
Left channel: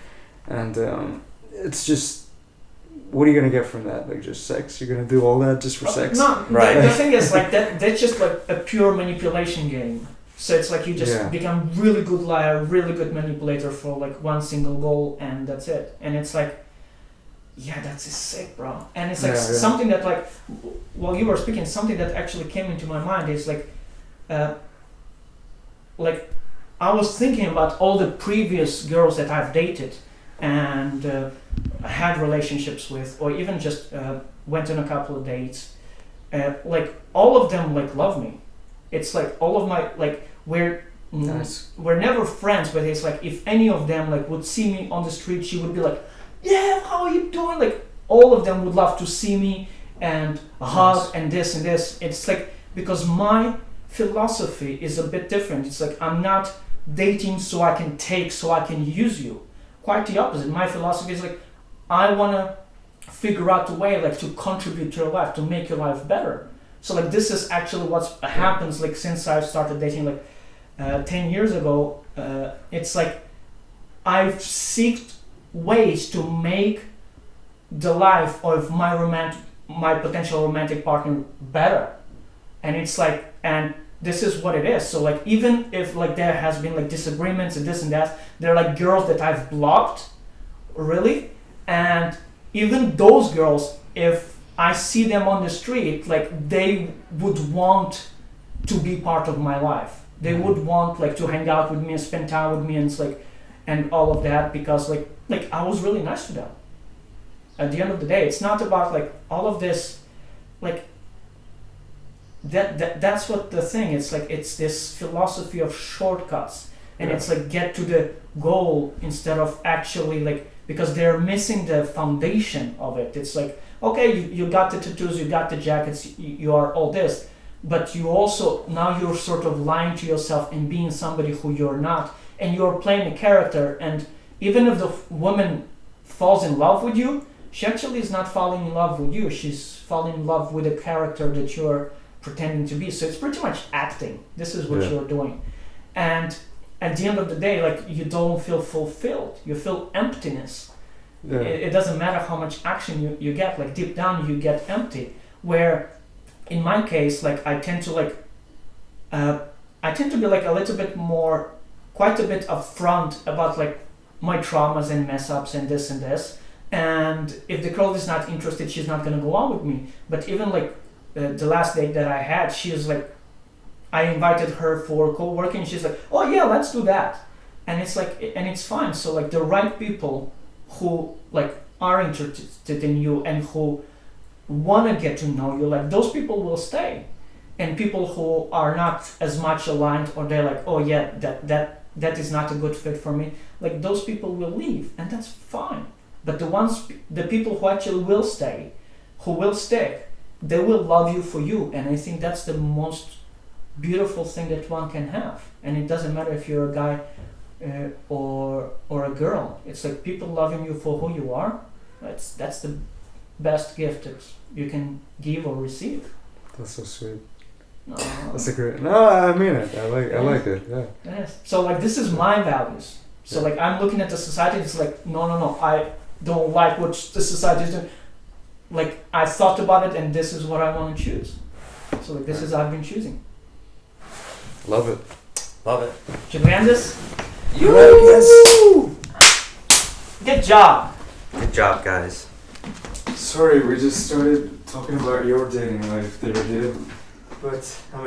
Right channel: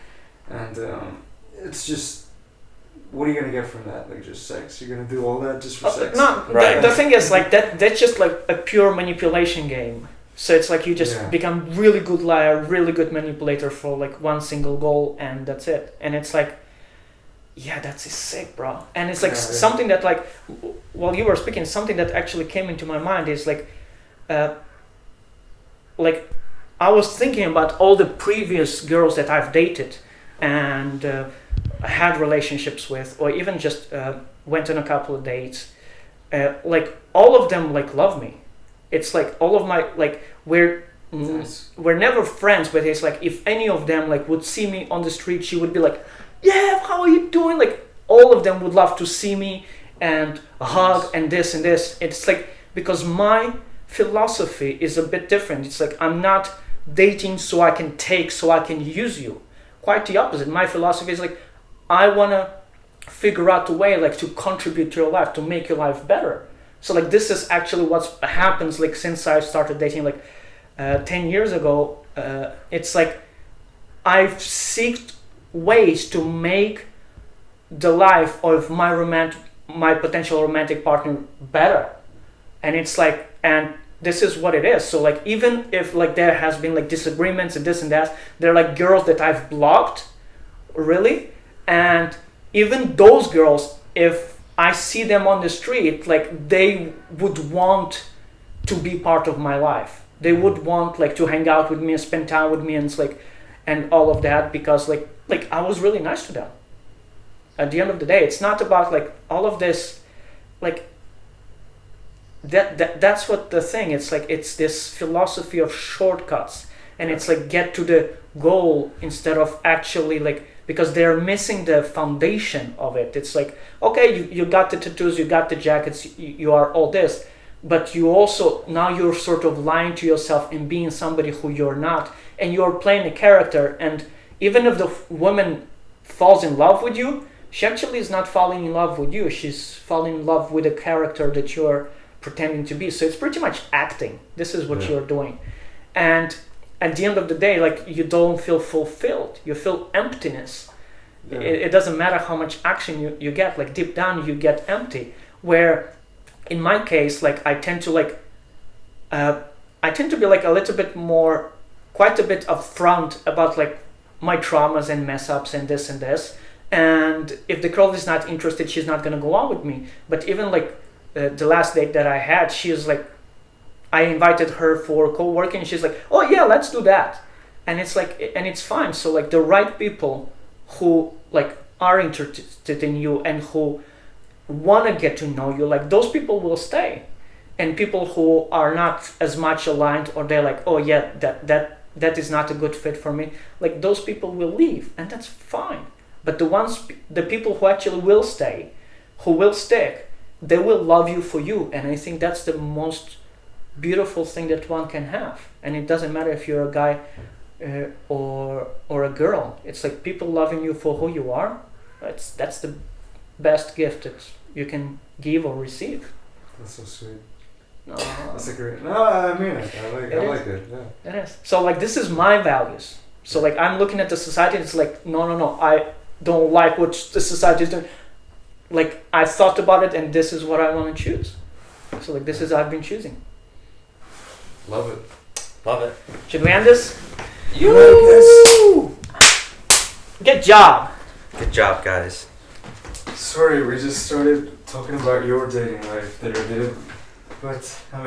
And it's just, what are you gonna get from that? Like just sex? You're gonna do all that just for sex? No, Right. The thing is like that's just like a pure manipulation game. So it's like you just Yeah. become really good liar, really good manipulator for like one single goal, and that's it. And it's like, yeah, that's sick, bro. And it's like something that like, while you were speaking, something that actually came into my mind is like I was thinking about all the previous girls that I've dated and had relationships with, or even just went on a couple of dates. Like all of them like love me. It's like all of my like we're never friends, but it's like if any of them like would see me on the street, she would be like, yeah, how are you doing? Like all of them would love to see me and a hug and this and this. It's like because my philosophy is a bit different. It's like I'm not dating so I can take, so I can use you. Quite the opposite. My philosophy is like I wanna figure out a way like to contribute to your life, to make your life better. So like this is actually what's happens like since I started dating like 10 years ago. It's like I've seeked ways to make the life of my potential romantic partner better. And it's like, and this is what it is. So like even if like there has been like disagreements and this and that, they're like girls that I've blocked, really. And even those girls, if I see them on the street, like they would want to be part of my life. They would want like to hang out with me and spend time with me, and it's like, and all of that, because like I was really nice to them. At the end of the day, it's not about like all of this, like that's what the thing. It's like it's this philosophy of shortcuts, and it's like get to the goal instead of actually like, because they're missing the foundation of it. It's like, okay, you got the tattoos, you got the jackets, you are all this, but you also, now you're sort of lying to yourself and being somebody who you're not, and you're playing a character. And even if the woman falls in love with you, she actually is not falling in love with you, she's falling in love with a character that you're pretending to be. So it's pretty much acting. This is what you're doing. And at the end of the day, like you don't feel fulfilled, you feel emptiness. It doesn't matter how much action you get, like deep down you get empty. Where in my case, like I tend to be like a little bit more, quite a bit upfront about like my traumas and mess ups and this and this. And if the girl is not interested, she's not gonna go on with me. But even like the last date that I had, she was like, I invited her for co-working, and she's like, oh yeah, let's do that. And it's like, and it's fine. So like the right people who like are interested in you and who want to get to know you, like those people will stay. and people who are not as much aligned, or they're like, oh yeah, that is not a good fit for me. Like those people will leave, and that's fine. But the people who actually will stay, who will stick, they will love you for you, and I think that's the most beautiful thing that one can have. And it doesn't matter if you're a guy or a girl. It's like people loving you for who you are. That's the best gift that you can give or receive. That's so sweet. No, That's a great. No, I mean it. I like it. Yeah. it is. So like this is my values. So like I'm looking at the society. It's like no. I don't like what the society is doing. Like I thought about it, and this is what I want to choose. So like this is I've been choosing. Love it. Love it. Should we end this? Yes. Good job. Good job, guys. Sorry, we just started talking about your dating life there, dude. But I mean.